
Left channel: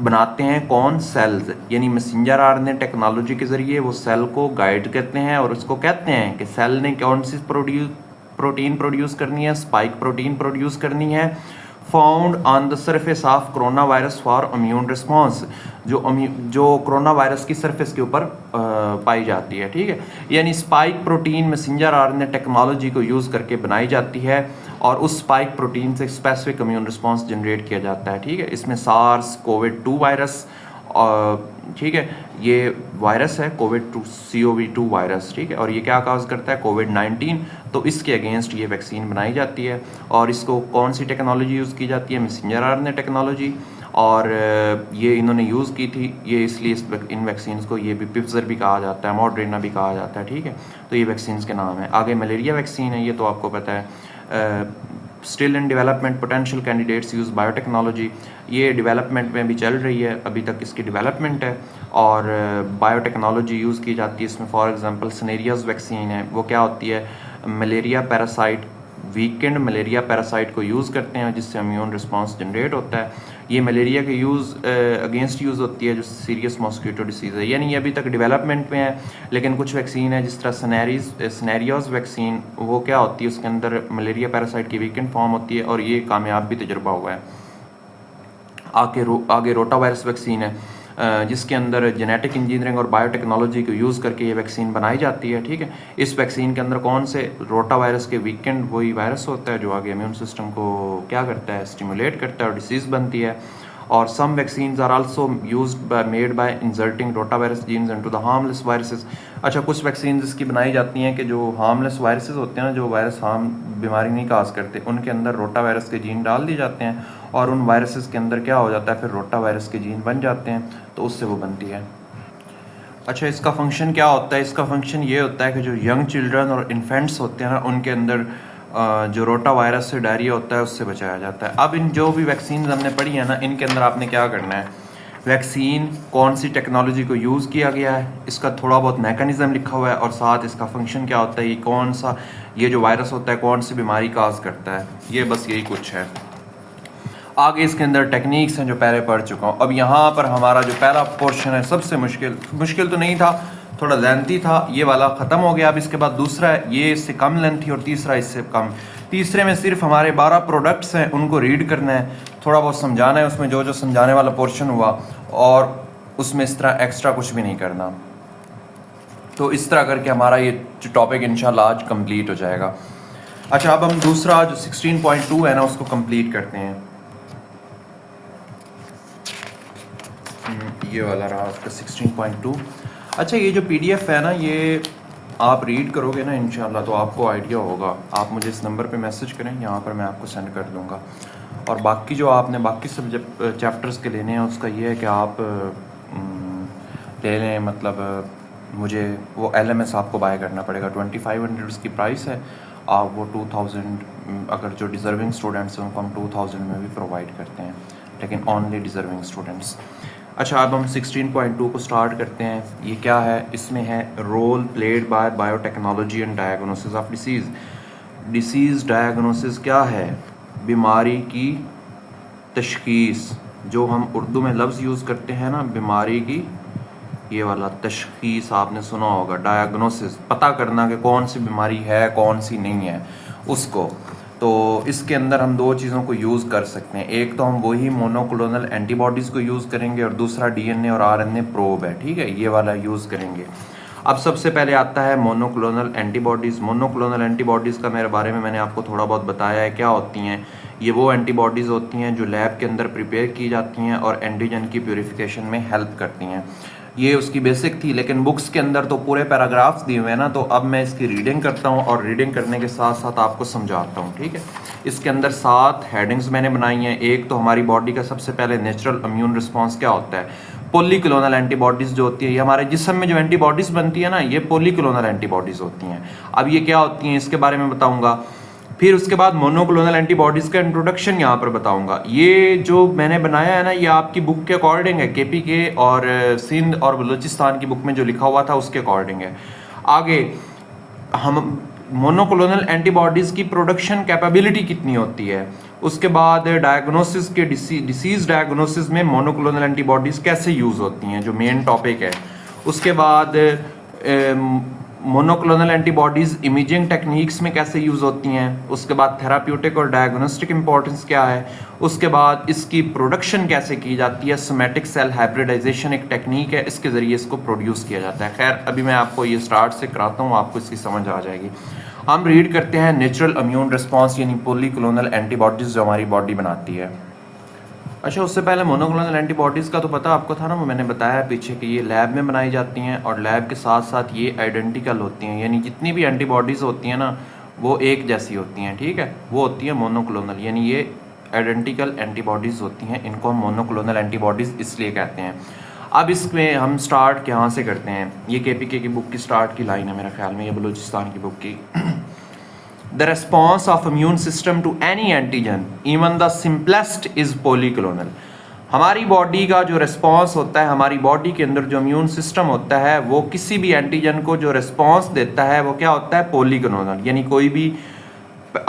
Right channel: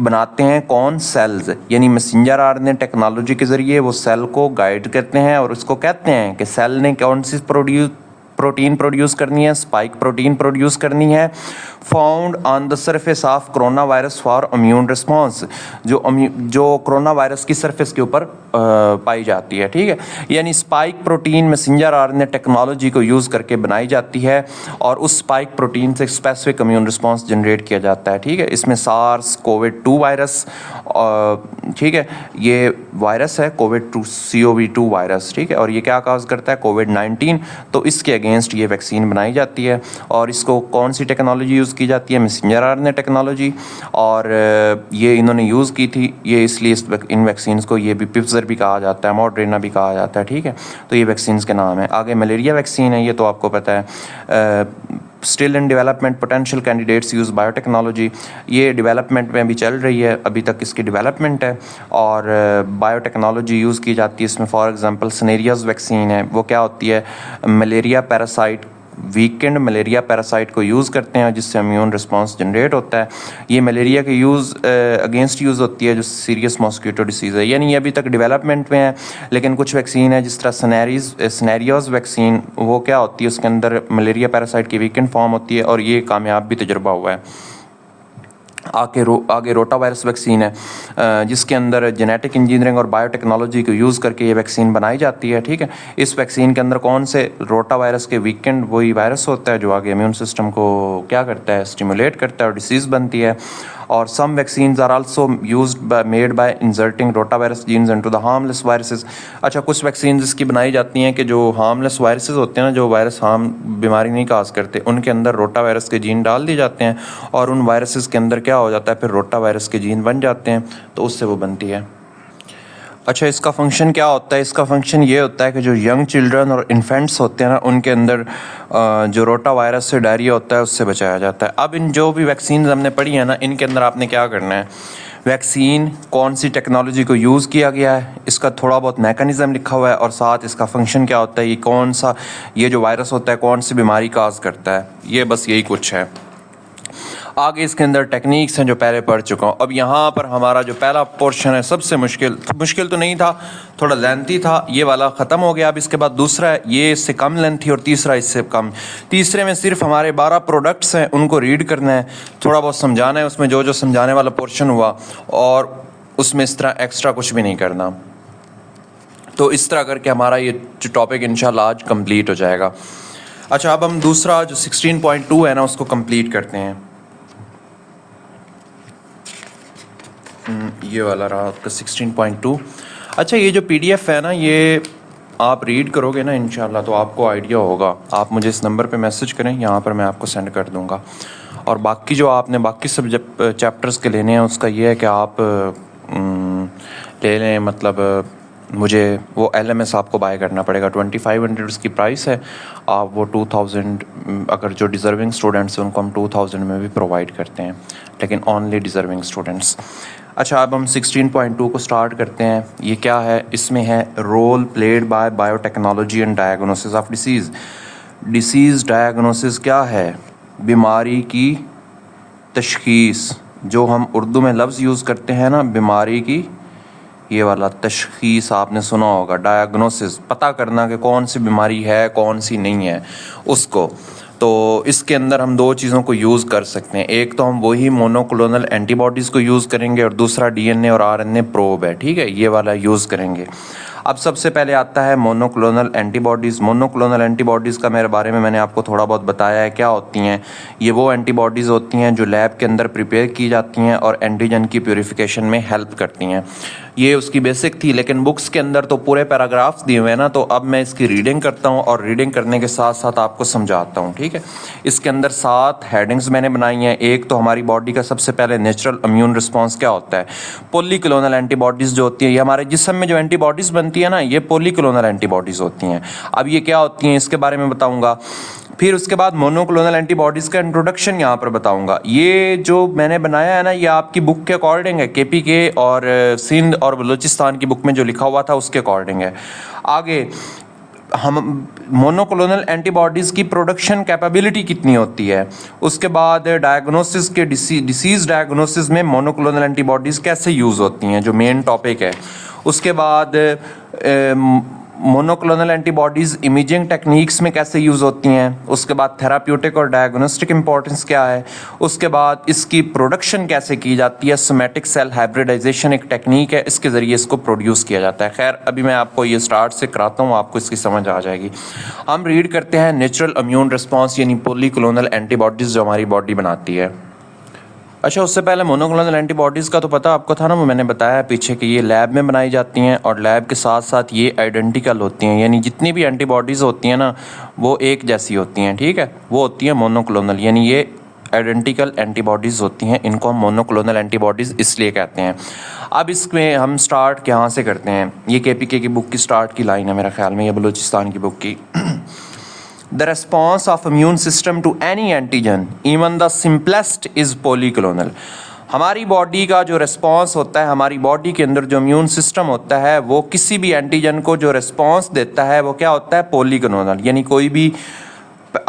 बनाते हैं। कौन? सेल्स। यानी मैसेंजर आरएनए टेक्नोलॉजी के ज़रिए वो सेल को गाइड करते हैं और उसको कहते हैं कि सेल ने कौन सी प्रोटीन प्रोड्यूस करनी है? स्पाइक प्रोटीन प्रोड्यूस करनी है found on the surface of corona virus for immune response, जो कोरोना वायरस की सरफेस के ऊपर पाई जाती है, ठीक है। यानी spike protein messenger RNA technology को यूज़ करके बनाई जाती है और उस स्पाइक प्रोटीन से स्पेसिफिक इम्यून रिस्पॉन्स जनरेट किया जाता है, ठीक है। इसमें सार्स कोविड-2 वायरस, ठीक है, ये वायरस है कोविड-2 COV-2 वायरस, ठीक है। और ये क्या काज करता है? कोविड-19। तो इसके अगेंस्ट ये वैक्सीन बनाई जाती है और इसको कौन सी टेक्नोलॉजी यूज़ की जाती है? Messenger RNA technology. और ये इन्होंने यूज़ की थी, ये इसलिए इन वैक्सीन्स को ये भी पिप्सर भी कहा जाता है, मॉडर्ना भी कहा जाता है, ठीक है। तो ये वैक्सीन्स के नाम है। आगे मलेरिया वैक्सीन है, ये तो आपको पता है। Still in development potential candidates use biotechnology. ये डेवलपमेंट में भी चल रही है, अभी तक इसकी डेवलपमेंट है और बायोटेक्नोलॉजी यूज़ की जाती है इसमें। फॉर एग्जांपल सनेरियाज वैक्सीन है, वो क्या होती है? Malaria parasite, weekend malaria parasite को यूज़ करते हैं जिससे इम्यून रिस्पांस जनरेट होता है। ये मलेरिया के अगेंस्ट यूज़ होती है जो सीरियस मॉस्किटो डिसीज़ है। यानी ये अभी तक डेवलपमेंट में है, लेकिन कुछ वैक्सीन है जिस तरह सनेरियोज वैक्सीन, वो क्या होती है? उसके अंदर मलेरिया पैरासाइट की वीकेंड फॉर्म होती है और ये कामयाब भी तजुर्बा हुआ है। आगे रोटा वायरस वैक्सीन है जिसके अंदर जेनेटिक इंजीनियरिंग और बायोटेक्नोलॉजी को यूज़ करके ये वैक्सीन बनाई जाती है, ठीक है। इस वैक्सीन के अंदर कौन से? रोटा वायरस के वीकेंड वही वायरस होता है जो आगे इम्यून सिस्टम को क्या करता है? स्टिमुलेट करता है और डिसीज़ बनती है। और some vaccines are also used made by inserting rota virus genes into the harmless viruses. अच्छा, कुछ वैक्सीन्स इसकी बनाई जाती हैं कि जो हार्मलेस वायरसेस होते हैं ना, जो वायरस हार्म बीमारी नहीं काज करते, उनके अंदर रोटा वायरस के जीन डाल दिए जाते हैं और उन वायरसेस के अंदर क्या हो जाता है? फिर रोटा वायरस के जीन बन जाते हैं, तो उससे वो बनती है। अच्छा, इसका फंक्शन क्या होता है? इसका फंक्शन ये होता है कि जो यंग चिल्ड्रन और इन्फेंट्स होते हैं ना, उनके अंदर जो रोटा वायरस से डायरिया होता है उससे बचाया जाता है। अब इन जो भी वैक्सीन हमने पढ़ी है ना, इनके अंदर आपने क्या करना है? वैक्सीन कौन सी टेक्नोलॉजी को यूज़ किया गया है, इसका थोड़ा बहुत मैकेनिज़्म लिखा हुआ है और साथ इसका फंक्शन क्या होता है, ये कौन सा ये जो वायरस होता है कौन सी बीमारी काज करता है, ये बस यही कुछ है। आगे इसके अंदर टेक्निक्स हैं जो पहले पढ़ चुका हूँ। अब यहाँ पर हमारा जो पहला पोर्शन है सबसे मुश्किल तो नहीं था, थोड़ा लेंथी था, ये वाला ख़त्म हो गया। अब इसके बाद दूसरा है, ये इससे कम लेंथी और तीसरा इससे कम। तीसरे में सिर्फ हमारे 12 प्रोडक्ट्स हैं, उनको रीड करना है, थोड़ा बहुत समझाना है उसमें जो जो समझाने वाला पोर्शन हुआ, और उसमें इस तरह एक्स्ट्रा कुछ भी नहीं करना। तो इस तरह करके हमारा ये जो टॉपिक इंशाल्लाह आज कंप्लीट हो जाएगा। अच्छा, अब हम दूसरा जो 16.2 है ना उसको कंप्लीट करते हैं। ये वाला रहा आपका 16.2। अच्छा, ये जो PDF है ना, ये आप रीड करोगे ना इंशाल्लाह तो आपको आइडिया होगा। आप मुझे इस नंबर पे मैसेज करें, यहाँ पर मैं आपको सेंड कर दूँगा। और बाकी जो आपने बाकी सब्जेक्ट चैप्टर्स के लेने हैं उसका ये है कि आप ले लें, मतलब मुझे वो LMS आपको बाय करना पड़ेगा। 2500 उसकी प्राइस है। आप वो 2000, अगर जो डिज़र्विंग स्टूडेंट्स हैं उनको हम 2000 में भी प्रोवाइड करते हैं, लेकिन ओनली डिज़र्विंग स्टूडेंट्स। अच्छा, अब हम 16.2 को स्टार्ट करते हैं। ये क्या है? इसमें है role played by biotechnology and diagnosis of disease. Disease diagnosis क्या है? बीमारी की तशख़ीस। जो हम उर्दू में लफ्ज़ यूज़ करते हैं ना, बीमारी की, ये वाला तशख़ीस आपने सुना होगा। डायग्नोसिस, पता करना कि कौन सी बीमारी है कौन सी नहीं है उसको। तो इसके अंदर हम दो चीज़ों को यूज़ कर सकते हैं। एक तो हम वही मोनोक्लोनल एंटीबॉडीज़ को यूज़ करेंगे और दूसरा DNA और RNA प्रोब है, ठीक है, ये वाला यूज़ करेंगे। अब सबसे पहले आता है मोनोक्लोनल एंटीबॉडीज़। मोनोक्लोनल एंटीबॉडीज़ का मेरे बारे में मैंने आपको थोड़ा बहुत बताया है क्या होती हैं। ये वो एंटीबॉडीज़ होती हैं जो लैब के अंदर प्रिपेयर की जाती हैं और एंटीजन की प्यूरिफिकेशन में हेल्प करती हैं। ये उसकी बेसिक थी, लेकिन बुक्स के अंदर तो पूरे पैराग्राफ्स दिए हुए हैं ना, तो अब मैं इसकी रीडिंग करता हूँ और रीडिंग करने के साथ साथ आपको समझाता हूँ, ठीक है। इसके अंदर 7 हेडिंग्स मैंने बनाई हैं। एक तो हमारी बॉडी का सबसे पहले नेचुरल इम्यून रिस्पॉन्स क्या होता है। पॉलीक्लोनल एंटीबॉडीज़ जो होती है, ये हमारे जिस्म में जो एंटीबॉडीज़ बनती है ना, ये पॉलीक्लोनल एंटीबॉडीज़ होती हैं। अब ये क्या होती हैं इसके बारे में बताऊँगा। फिर उसके बाद मोनोक्लोनल एंटीबॉडीज़ का इंट्रोडक्शन यहाँ पर बताऊंगा। ये जो मैंने बनाया है ना, ये आपकी बुक के अकॉर्डिंग है, केपीके और सिंध और बलूचिस्तान की बुक में जो लिखा हुआ था उसके अकॉर्डिंग है। आगे हम मोनोक्लोनल एंटीबॉडीज़ की प्रोडक्शन कैपेबिलिटी कितनी होती है। उसके बाद डायग्नोसिस के डिसीज़ डायग्नोसिस में मोनोक्लोनल एंटीबॉडीज़ कैसे यूज़ होती हैं, जो मेन टॉपिक है। उसके बाद मोनोक्लोनल एंटीबॉडीज़ इमेजिंग टेक्निक्स में कैसे यूज़ होती हैं। उसके बाद थेराप्यूटिक और डायग्नोस्टिक इंपॉर्टेंस क्या है। उसके बाद इसकी प्रोडक्शन कैसे की जाती है। सोमैटिक सेल हाइब्रिडाइजेशन एक टेक्निक है, इसके ज़रिए इसको प्रोड्यूस किया जाता है। खैर अभी मैं आपको ये स्टार्ट से कराता हूँ, आपको इसकी समझ आ जाएगी। हम रीड करते हैं नेचुरल इम्यून रिस्पॉन्स यानी पॉलीक्लोनल एंटीबॉडीज़ जो हमारी बॉडी बनाती है। अच्छा, उससे पहले मोनोक्लोनल एंटीबॉडीज़ का तो पता आपको था ना, वो मैंने बताया पीछे कि ये लैब में बनाई जाती हैं और लैब के साथ साथ ये आइडेंटिकल होती हैं, यानी जितनी भी एंटीबॉडीज़ होती हैं ना वो एक जैसी होती हैं, ठीक है। वो होती हैं मोनोक्लोनल, यानी ये आइडेंटिकल एंटीबॉडीज़ होती हैं। इनको हम मोनोक्लोनल एंटीबॉडीज़ इसलिए कहते हैं। अब इसमें हम स्टार्ट कहाँ से करते हैं। ये केपीके की बुक की स्टार्ट की लाइन है मेरा ख्याल में, ये बलूचिस्तान की बुक की। The response of immune system to any antigen, even the simplest, is polyclonal. हमारी बॉडी का जो रिस्पॉन्स होता है, हमारी बॉडी के अंदर जो इम्यून सिस्टम होता है, वो किसी भी एंटीजन को जो रिस्पॉन्स देता है वो क्या होता है, पॉलीक्लोनल। यानी कोई भी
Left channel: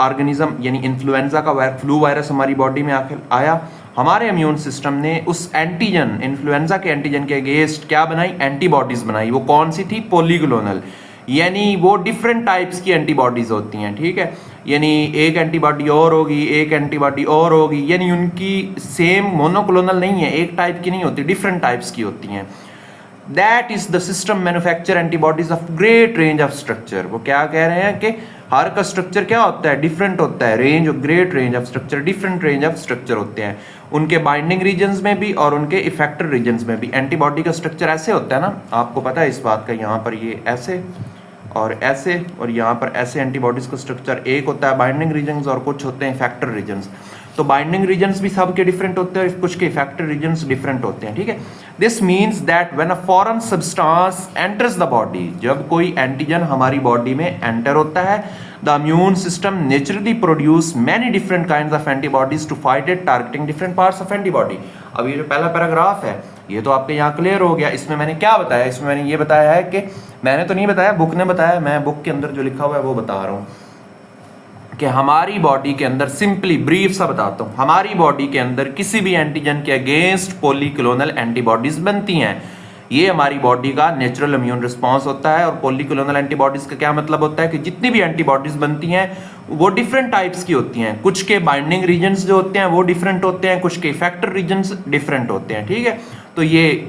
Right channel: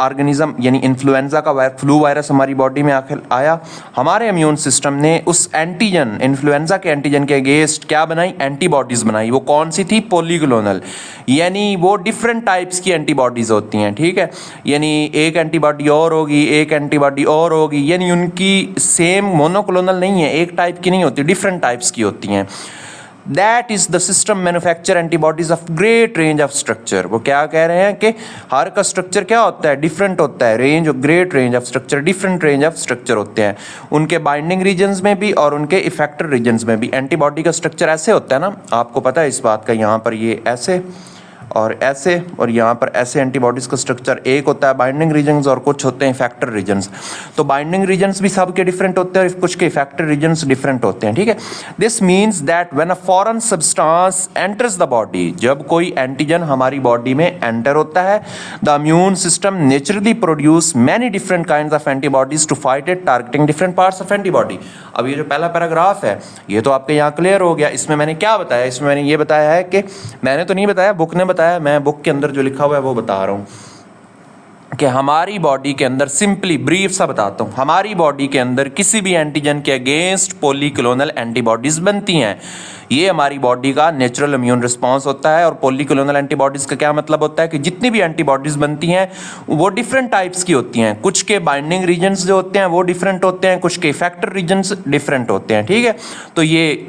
ऑर्गेनिज्म, यानी इन्फ्लुएंजा का फ्लू वायरस हमारी बॉडी में आखिर आया, हमारे इम्यून सिस्टम ने उस एंटीजन, इन्फ्लुएंजा के एंटीजन के अगेंस्ट क्या बनाई, एंटीबॉडीज़ बनाई। वो कौन सी थी, पॉलीक्लोनल, यानी वो डिफरेंट टाइप्स की एंटीबॉडीज़ होती हैं, ठीक है। यानी एक एंटीबॉडी और होगी, एक एंटीबॉडी और होगी, यानी उनकी सेम मोनोक्लोनल नहीं है, एक टाइप की नहीं होती, डिफरेंट टाइप्स की होती हैं। That is the system manufacture antibodies of great range of structure. वो क्या कह रहे हैं कि हर का स्ट्रक्चर क्या होता है, डिफरेंट होता है। Range of great range of structure, different range of structure होते हैं उनके बाइंडिंग रीजन्स में भी और उनके इफेक्टर रीजन्स में भी। एंटीबॉडी का स्ट्रक्चर ऐसे होता है ना, आपको पता है इस बात का, यहाँ पर ये ऐसे और ऐसे, और यहाँ पर ऐसे एंटीबॉडीज़ का स्ट्रक्चर एक होता है बाइंडिंग रीजन्स और कुछ होते हैं इफेक्टर रीजन्स। तो बाइंडिंग रीजन्स भी सबके डिफरेंट होते हैं और कुछ के इफेक्टर रीजन्स डिफरेंट होते हैं, ठीक है। This means that when a foreign substance enters the body, जब कोई एंटीजन हमारी बॉडी में एंटर होता है, the immune system naturally produce many different kinds of antibodies to fight it, targeting different parts of antibody. अब ये जो पहला पैराग्राफ है ये तो आपके यहाँ क्लियर हो गया। इसमें मैंने क्या बताया, इसमें मैंने ये बताया है कि, मैंने तो नहीं बताया, बुक ने बताया, मैं बुक के अंदर जो लिखा हुआ है वो बता रहा हूं कि हमारी बॉडी के अंदर, सिंपली ब्रीफ सा बताता हूं, हमारी बॉडी के अंदर किसी भी एंटीजन के अगेंस्ट पॉलीक्लोनल एंटीबॉडीज बनती हैं। ये हमारी बॉडी का नेचुरल इम्यून रिस्पांस होता है। और पॉलीक्लोनल एंटीबॉडीज का क्या मतलब होता है कि जितनी भी एंटीबॉडीज बनती हैं वो डिफरेंट टाइप्स की होती हैं। कुछ के बाइंडिंग रीजन्स जो होते हैं वो डिफरेंट होते हैं, कुछ के इफेक्टर रीजन्स डिफरेंट होते हैं, ठीक है। तो ये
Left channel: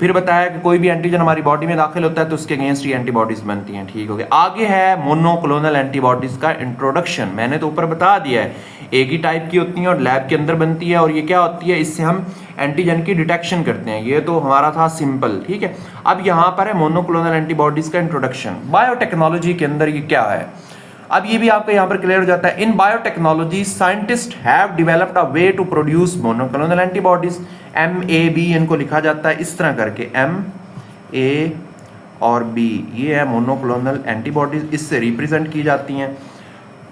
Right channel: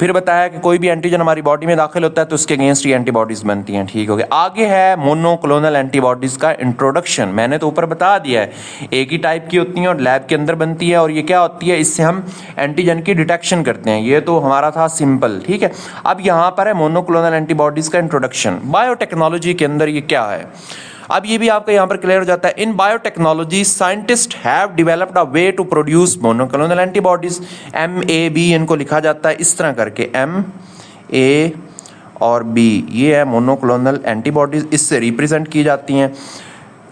फिर बताया कि कोई भी एंटीजन हमारी बॉडी में दाखिल होता है तो उसके अगेंस्ट ये एंटीबॉडीज बनती हैं, ठीक हो गया। आगे है मोनोक्लोनल एंटीबॉडीज का इंट्रोडक्शन। मैंने तो ऊपर बता दिया है, एक ही टाइप की होती हैं और लैब के अंदर बनती है, और ये क्या होती है, इससे हम एंटीजन की डिटेक्शन करते हैं। ये तो हमारा था सिंपल, ठीक है। अब यहाँ पर है मोनोक्लोनल एंटीबॉडीज का इंट्रोडक्शन। बायोटेक्नोलॉजी के अंदर ये क्या है, अब ये भी आपको यहाँ पर क्लियर हो जाता है। In biotechnology scientist have developed a way to produce monoclonal antibodies. MAB इनको लिखा जाता है इस तरह करके, MA और B, ये है मोनोक्लोनल एंटीबॉडीज, इससे रिप्रेजेंट की जाती हैं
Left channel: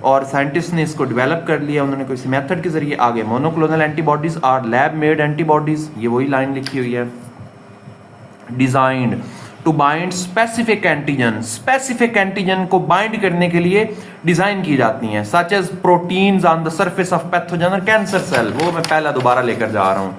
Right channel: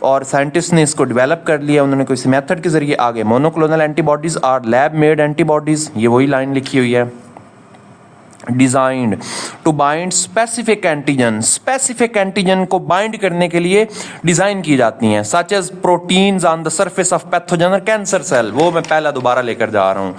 और साइंटिस्ट ने इसको डेवलप कर लिया उन्होंने किसी मेथड के जरिए। आगे monoclonal antibodies are lab made antibodies, ये वही लाइन लिखी हुई है, designed to bind specific antigen. Specific antigen को बाइंड करने के लिए डिजाइन की जाती हैं, such as proteins on the surface of pathogen cancer cell. वो मैं पहला दोबारा लेकर जा रहा हूं।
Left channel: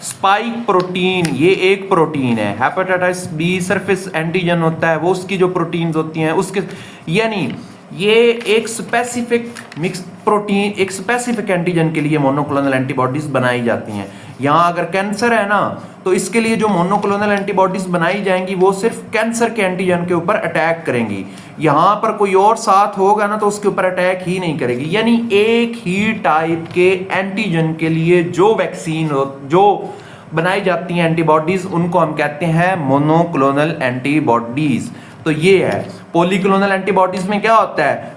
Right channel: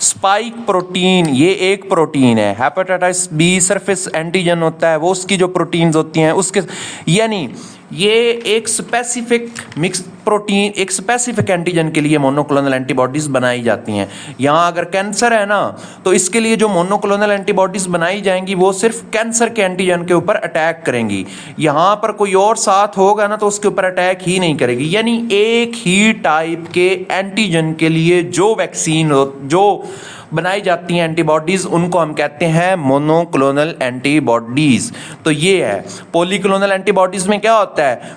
स्पाइक प्रोटीन, ये एक प्रोटीन है। हेपेटाइटिस B सरफेस एंटीजन होता है, वो उसकी जो प्रोटीन्स होती हैं उसके, यानी ये एक स्पेसिफिक मिक्स प्रोटीन, एक स्पेसिफिक एंटीजन के लिए मोनोक्लोनल एंटीबॉडीज बनाई जाती हैं। यहाँ अगर कैंसर है ना, तो इसके लिए जो मोनोक्लोनल एंटीबॉडीज बनाई जाएंगी वो सिर्फ कैंसर के एंटीजन के ऊपर अटैक करेंगी। यहाँ पर कोई और साथ होगा ना तो उसके ऊपर अटैक ही नहीं करेगी। यानी एक ही टाइप के एंटीजन के लिए जो वैक्सीन जो बनाई जाती हैं एंटीबॉडीज, उनको हम कहते हैं मोनोक्लोनल एंटीबॉडीज। तो ये है। पॉलीक्लोनल एंटीबॉडीज में क्या होता है,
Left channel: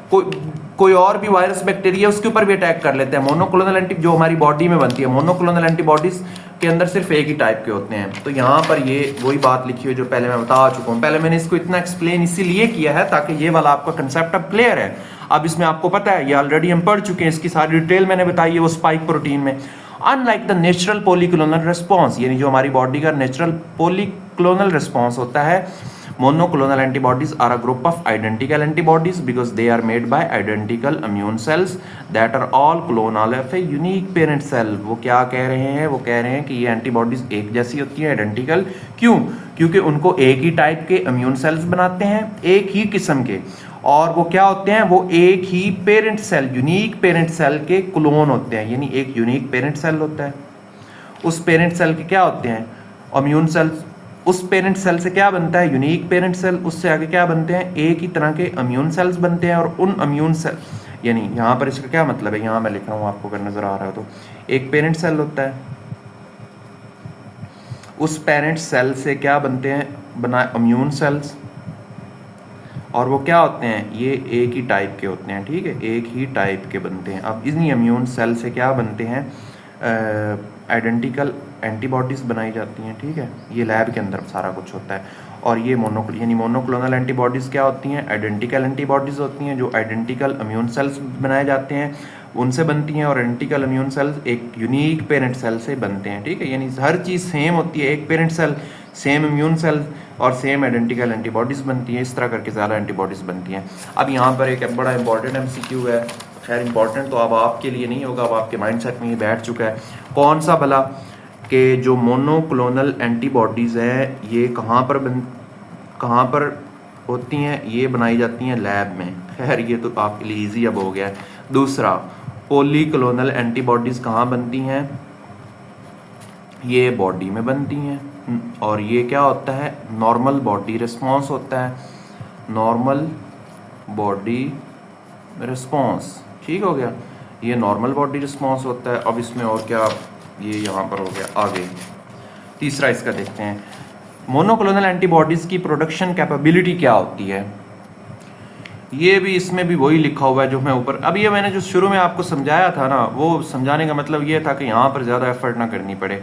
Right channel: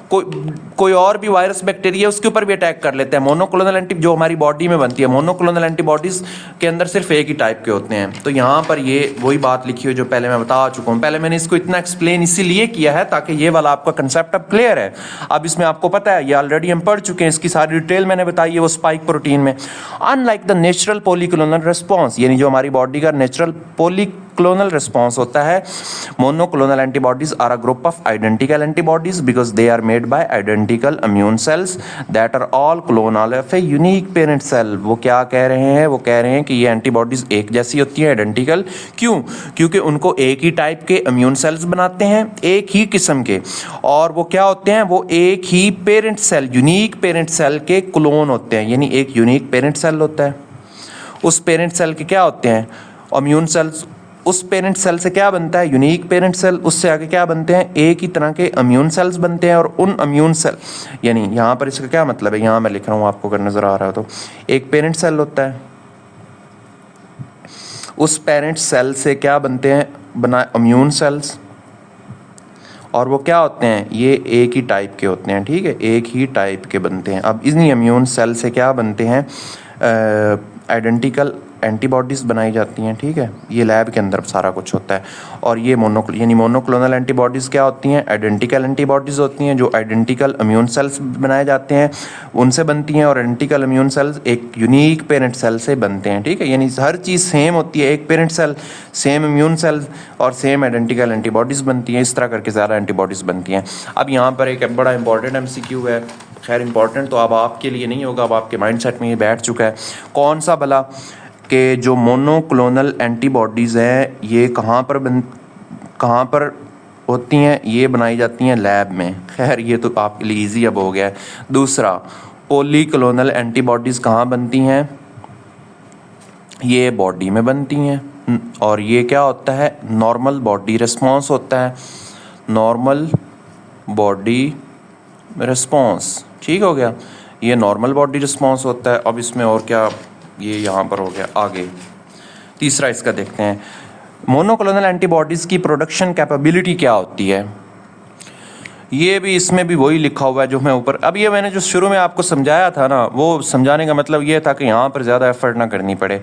कोई और भी वायरस बैक्टीरिया उसके ऊपर भी अटैक कर लेते हैं। मोनोक्लोनल एंटी जो हमारी बॉडी में बनती है, मोनोक्लोनल एंटीबॉडीज के अंदर सिर्फ एक ही टाइप के होते हैं। तो यहाँ पर ये वही बात लिखी हुई जो पहले मैं बता चुका हूँ। पहले मैंने इसको इतना एक्सप्लेन इसीलिए किया है ताकि ये वाला आपका कंसेप्ट अब क्लियर है। अब इसमें आपको पता है, ये ऑलरेडी हम पढ़ चुके हैं, इसकी सारी डिटेल मैंने बताई है वो स्पाइक प्रोटीन में। Unlike the natural polyclonal response, यानी जो हमारी बॉडी का नेचुरल पॉलीक्लोनल रिस्पॉन्स होता है, monoclonal antibodies are a group of identical antibodies because they are made by identical immune cells that are all clonal of a unique parent cell. वो क्या कह रहे हैं, वो कह रहे हैं कि ये एंटीबॉडीज एक जैसी होती है, आइडेंटिकल। क्यों? क्योंकि उनको एक ही टाइप के इम्यून सेल्स बनाते हैं, एक ही किस्म के, और वो क्या होते हैं, वो एक ही parent cell, unique parent cell के क्लोन होते हैं। यानी एक यूनिक पेरेंट सेल होता है, उस पेरेंट सेल के क्या होते हैं, इम्यून सेल्स। उस पेरेंट सेल से क्या बनता है, यूनिक पेरेंट सेल। उससे आगे क्या बनते हैं, एक ही तरह के इम्यून सेल्स बनते हैं। और उन इम्यून सेल, यानी यहाँ पर इसका क्या मतलब है, यहाँ मैं लिख रहा हूँ आपको अगर नज़र आ रहा है तो, एक पेरेंट सेल होता है, उस पेरेंट सेल से क्या बनते हैं, बना इम्यून सेल्स, और वो क्या होते हैं, ये एक ही टाइप के होते हैं। ठीक है, एक ही टाइप के बनते हैं। अब इन्हीं इम्यून सेल से क्या बनते हैं, आइडेंटिकल एंटीबॉडीज़ बनाई जाती हैं। ठीक है, ये लैब के अंदर सारा कुछ होता है। और ये मोनोक्लोनल एंटीबॉडीज़ क्या होती हैं, आइडेंटिकल एंटीबॉडीज़ होती हैं, जो आइडेंटिकल इम्यून सेल्स बनाए जाते हैं उनसे बनती हैं। और आइडेंटिकल इम्यून सेल्स एक यूनिक पेरेंट सेल से बनते हैं। ठीक है, यानी हर चीज़ सेम होती है, एक parent cell, same immune cells और सेम आइडेंटिकल एंटीबॉडीज़ बनती हैं। इस तरह करके ज़्यादा एंटीबॉडीज़ बनती हैं। अब यहाँ पर एक बड़ा इंपॉर्टेंट MCQ है, खैर इंपॉर्टेंट तो अब आपके लिए नहीं होगा, अब आपके माइंडसेट में ये बैठ चुका है। कौन सा भला, कि जो मोनोक्लोनल एंटीबॉडीज़ हैं ये कहाँ पर होती हैं, ये बनाई जाती हैं लैब में। खैर ये तो आपके लिए इजी अब हो गया है। दूसरा, पॉलीक्लोनल एंटीबॉडीज़ कहाँ बनती हैं, ये बॉडी में बनती हैं। और ये क्या होता है, नॉर्मल बॉडी रिस्पॉन्स होता है, नॉर्मल बॉडी रिस्पॉन्स। ठीक हो गया, ये नॉर्मल बॉडी रिस्पॉन्स होता है। अब इसमें और क्या, ये यहाँ पर हो गया। आगे तीसरा इसका देखते हैं, मोनोक्लोनल एंटीबॉडीज़ की प्रोडक्शन कैपेबिलिटी क्या होती है। ये भी इसमें भी वही लिखा हुआ है जो मैं ऊपर, अब ये मैंने जो शुरू में आपको समझाया था ना, वो समझाने का मतलब ये था कि यहाँ पर ज़्यादा एफर्ट ना करनी पड़े।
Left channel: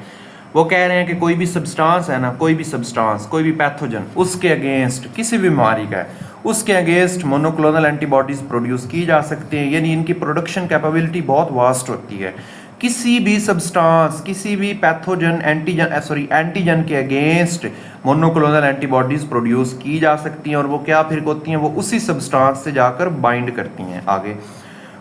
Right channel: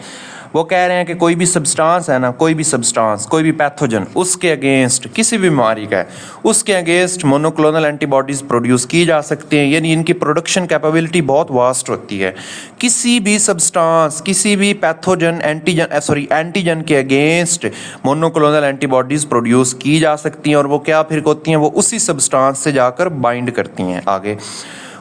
वो कह रहे हैं कि कोई भी सब्सटेंस है ना, कोई भी सब्सटेंस, कोई भी पैथोजन, उसके अगेंस्ट, किसी भी बीमारी का है, उसके अगेंस्ट मोनोक्लोनल एंटीबॉडीज़ प्रोड्यूस की जा सकती हैं। यानी इनकी प्रोडक्शन कैपेबिलिटी बहुत वास्ट होती है। किसी भी सब्सटेंस, किसी भी पैथोजन, एंटीजन के अगेंस्ट मोनोक्लोनल एंटीबॉडीज़ प्रोड्यूस की जा सकती हैं। और वो क्या फिर होती हैं, वो उसी सब्सटेंस से जाकर बाइंड करती हैं। आगे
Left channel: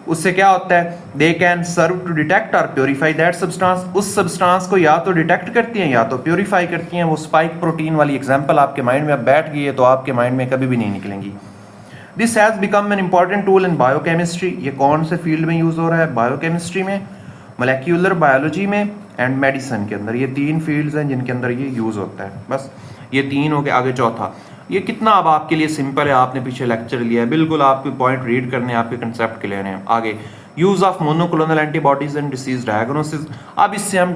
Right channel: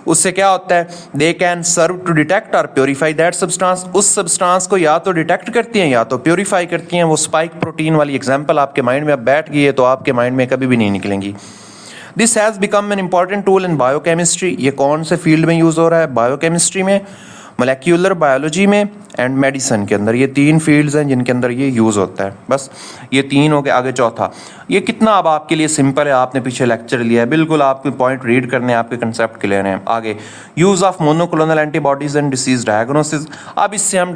उससे क्या होता है, they can serve to detect और प्योरीफाई दैट सब्सटेंस। उस सब्सटेंस को या तो डिटेक्ट करती हैं या तो प्योरीफाई करती हैं। वो स्पाइक प्रोटीन वाली एग्जांपल आपके माइंड में अब बैठ गई है तो आपके माइंड में कभी भी नहीं निकलेंगी। This has become an important tool in biochemistry. ये कौन से फील्ड में यूज़ हो रहा है, बायोकेमिस्ट्री में, मोलेक्यूलर बायोलॉजी में एंड मेडिसिन के अंदर। ये तीन फील्ड्स हैं जिनके अंदर ये यूज़ होता है। बस ये तीन हो गए। आगे चौथा, ये कितना अब आपके लिए सिंपल है, आपने पीछे लेक्चर लिया है, बिल्कुल आपके पॉइंट रीड करने हैं, आपके कंसेप्ट क्लियर हैं। आगे use of monoclonal antibodies and disease diagnosis. अब इससे हम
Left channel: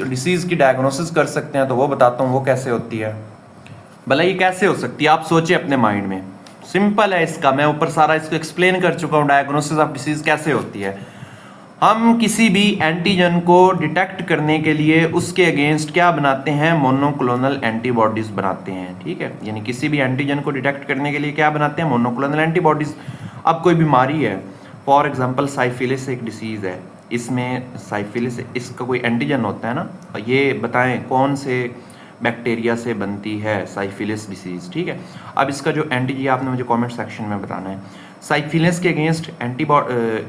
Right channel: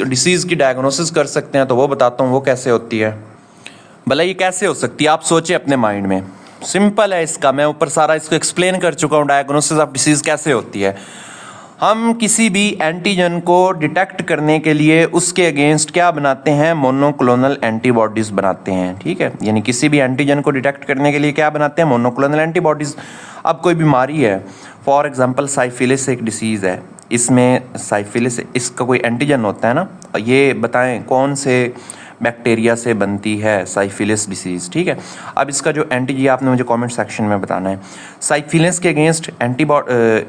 डिसीज़ की डायग्नोसिस कर सकते हैं, तो वो बताता हूँ वो कैसे होती है। भला ये कैसे हो सकती है, आप सोचिए अपने माइंड में। सिंपल है इसका, मैं ऊपर सारा इसको एक्सप्लेन कर चुका हूँ, डायग्नोसिस ऑफ डिसीज़ कैसे होती है। हम किसी भी एंटीजन को डिटेक्ट करने के लिए उसके अगेंस्ट क्या बनाते हैं, मोनोक्लोनल एंटीबॉडीज़ बनाते हैं। ठीक है, यानी किसी भी एंटीजन को डिटेक्ट करने के लिए क्या बनाते हैं, मोनोक्लोनल एंटीबॉडीज़। अब कोई बीमारी है, फॉर एग्जांपल साइफिलिस एक डिसीज़ है, इसमें साइफिलिस, इसका कोई एंटीजन होता है ना, ये बताएं कौन से बैक्टीरिया से बनती है साइफिलिस डिसीज़, ठीक है। अब इसका जो एंटीजन आपने मुझे कमेंट सेक्शन में बताना है। साइफिलिस के अगेंस्ट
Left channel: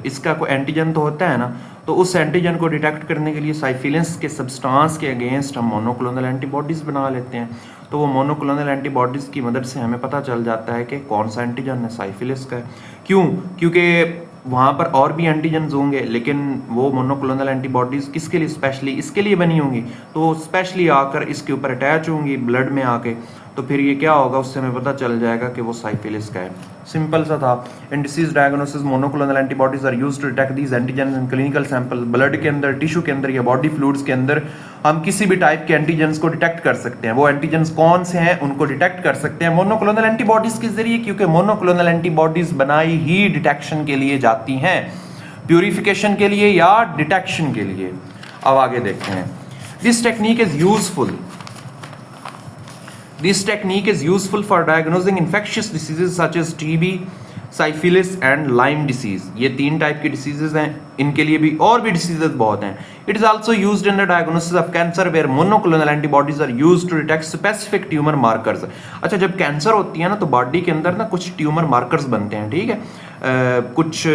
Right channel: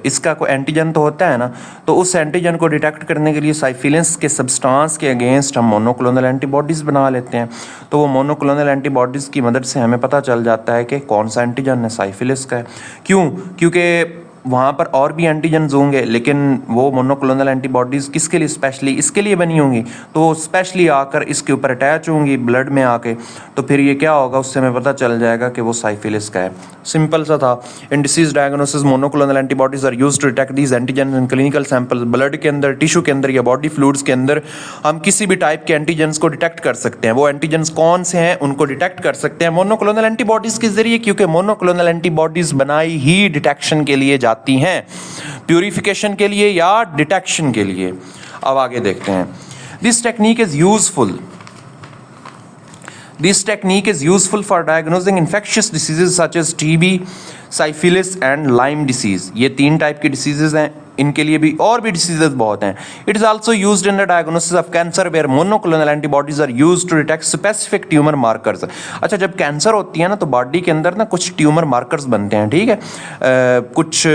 इसका कोई एंटीजन तो होता है ना, तो उस एंटीजन को डिटेक्ट करने के लिए साइफिलिस के सब्सटेंस के अगेंस्ट हम मोनोक्लोनल एंटीबॉडीज़ बना लेते हैं। तो वो मोनोक्लोनल एंटीबॉडीज़ की मदद से हमें पता चल जाता है कि कौन सा एंटीजन है साइफिलिस का है। क्यों? क्योंकि वहाँ पर और भी एंटीजन्स होंगे, लेकिन वो मोनोक्लोनल एंटीबॉडीज़ किसके लिए, स्पेशली इसके लिए बनी होंगी, तो स्पेशली आकर इसके ऊपर अटैच होंगी ब्लड में आके, तो फिर ये क्या होगा, उससे हमें पता चल जाएगा कि वो साइफिलिस का है। सिंपल सा था। In disease diagnosis monoclonal antibodies are used to detect these antigen in clinical sample. Blood के अंदर, टिश्यू के अंदर या बॉडी फ्लूइड्स के अंदर हम किसी भी टाइप के एंटीजन्स को डिटेक्ट कर सकते हैं। वो एंटीजन्स कौन से हैं उनको डिटेक्ट कर सकते हैं मोनोक्लोनल एंटीबॉडीज़ के जरिए, क्योंकि मोनोक्लोनल एंटीबॉडीज़ बनाई ही डिटेक्शन के लिए जाती हैं, प्यूरिफिकेशन के लिए या डिटेक्शन के लिए। अब आगे देखते हैं। This technique is useful for diagnosing infectious diseases such as TB, syphilis and Lyme disease. ये 3 टाइप की डिसीजेज हैं, इनके लिए भी और भी डिसीजेज बहुत हैं। It is also used in the diagnosis of cancer where monoclonal antibodies are used to detect specific tumour markers. अच्छा, जब कैंसर होती है ना, तो बॉडी के अंदर ना कुछ ट्यूमर मार्कर्स बनते हैं, ठीक है। कुछ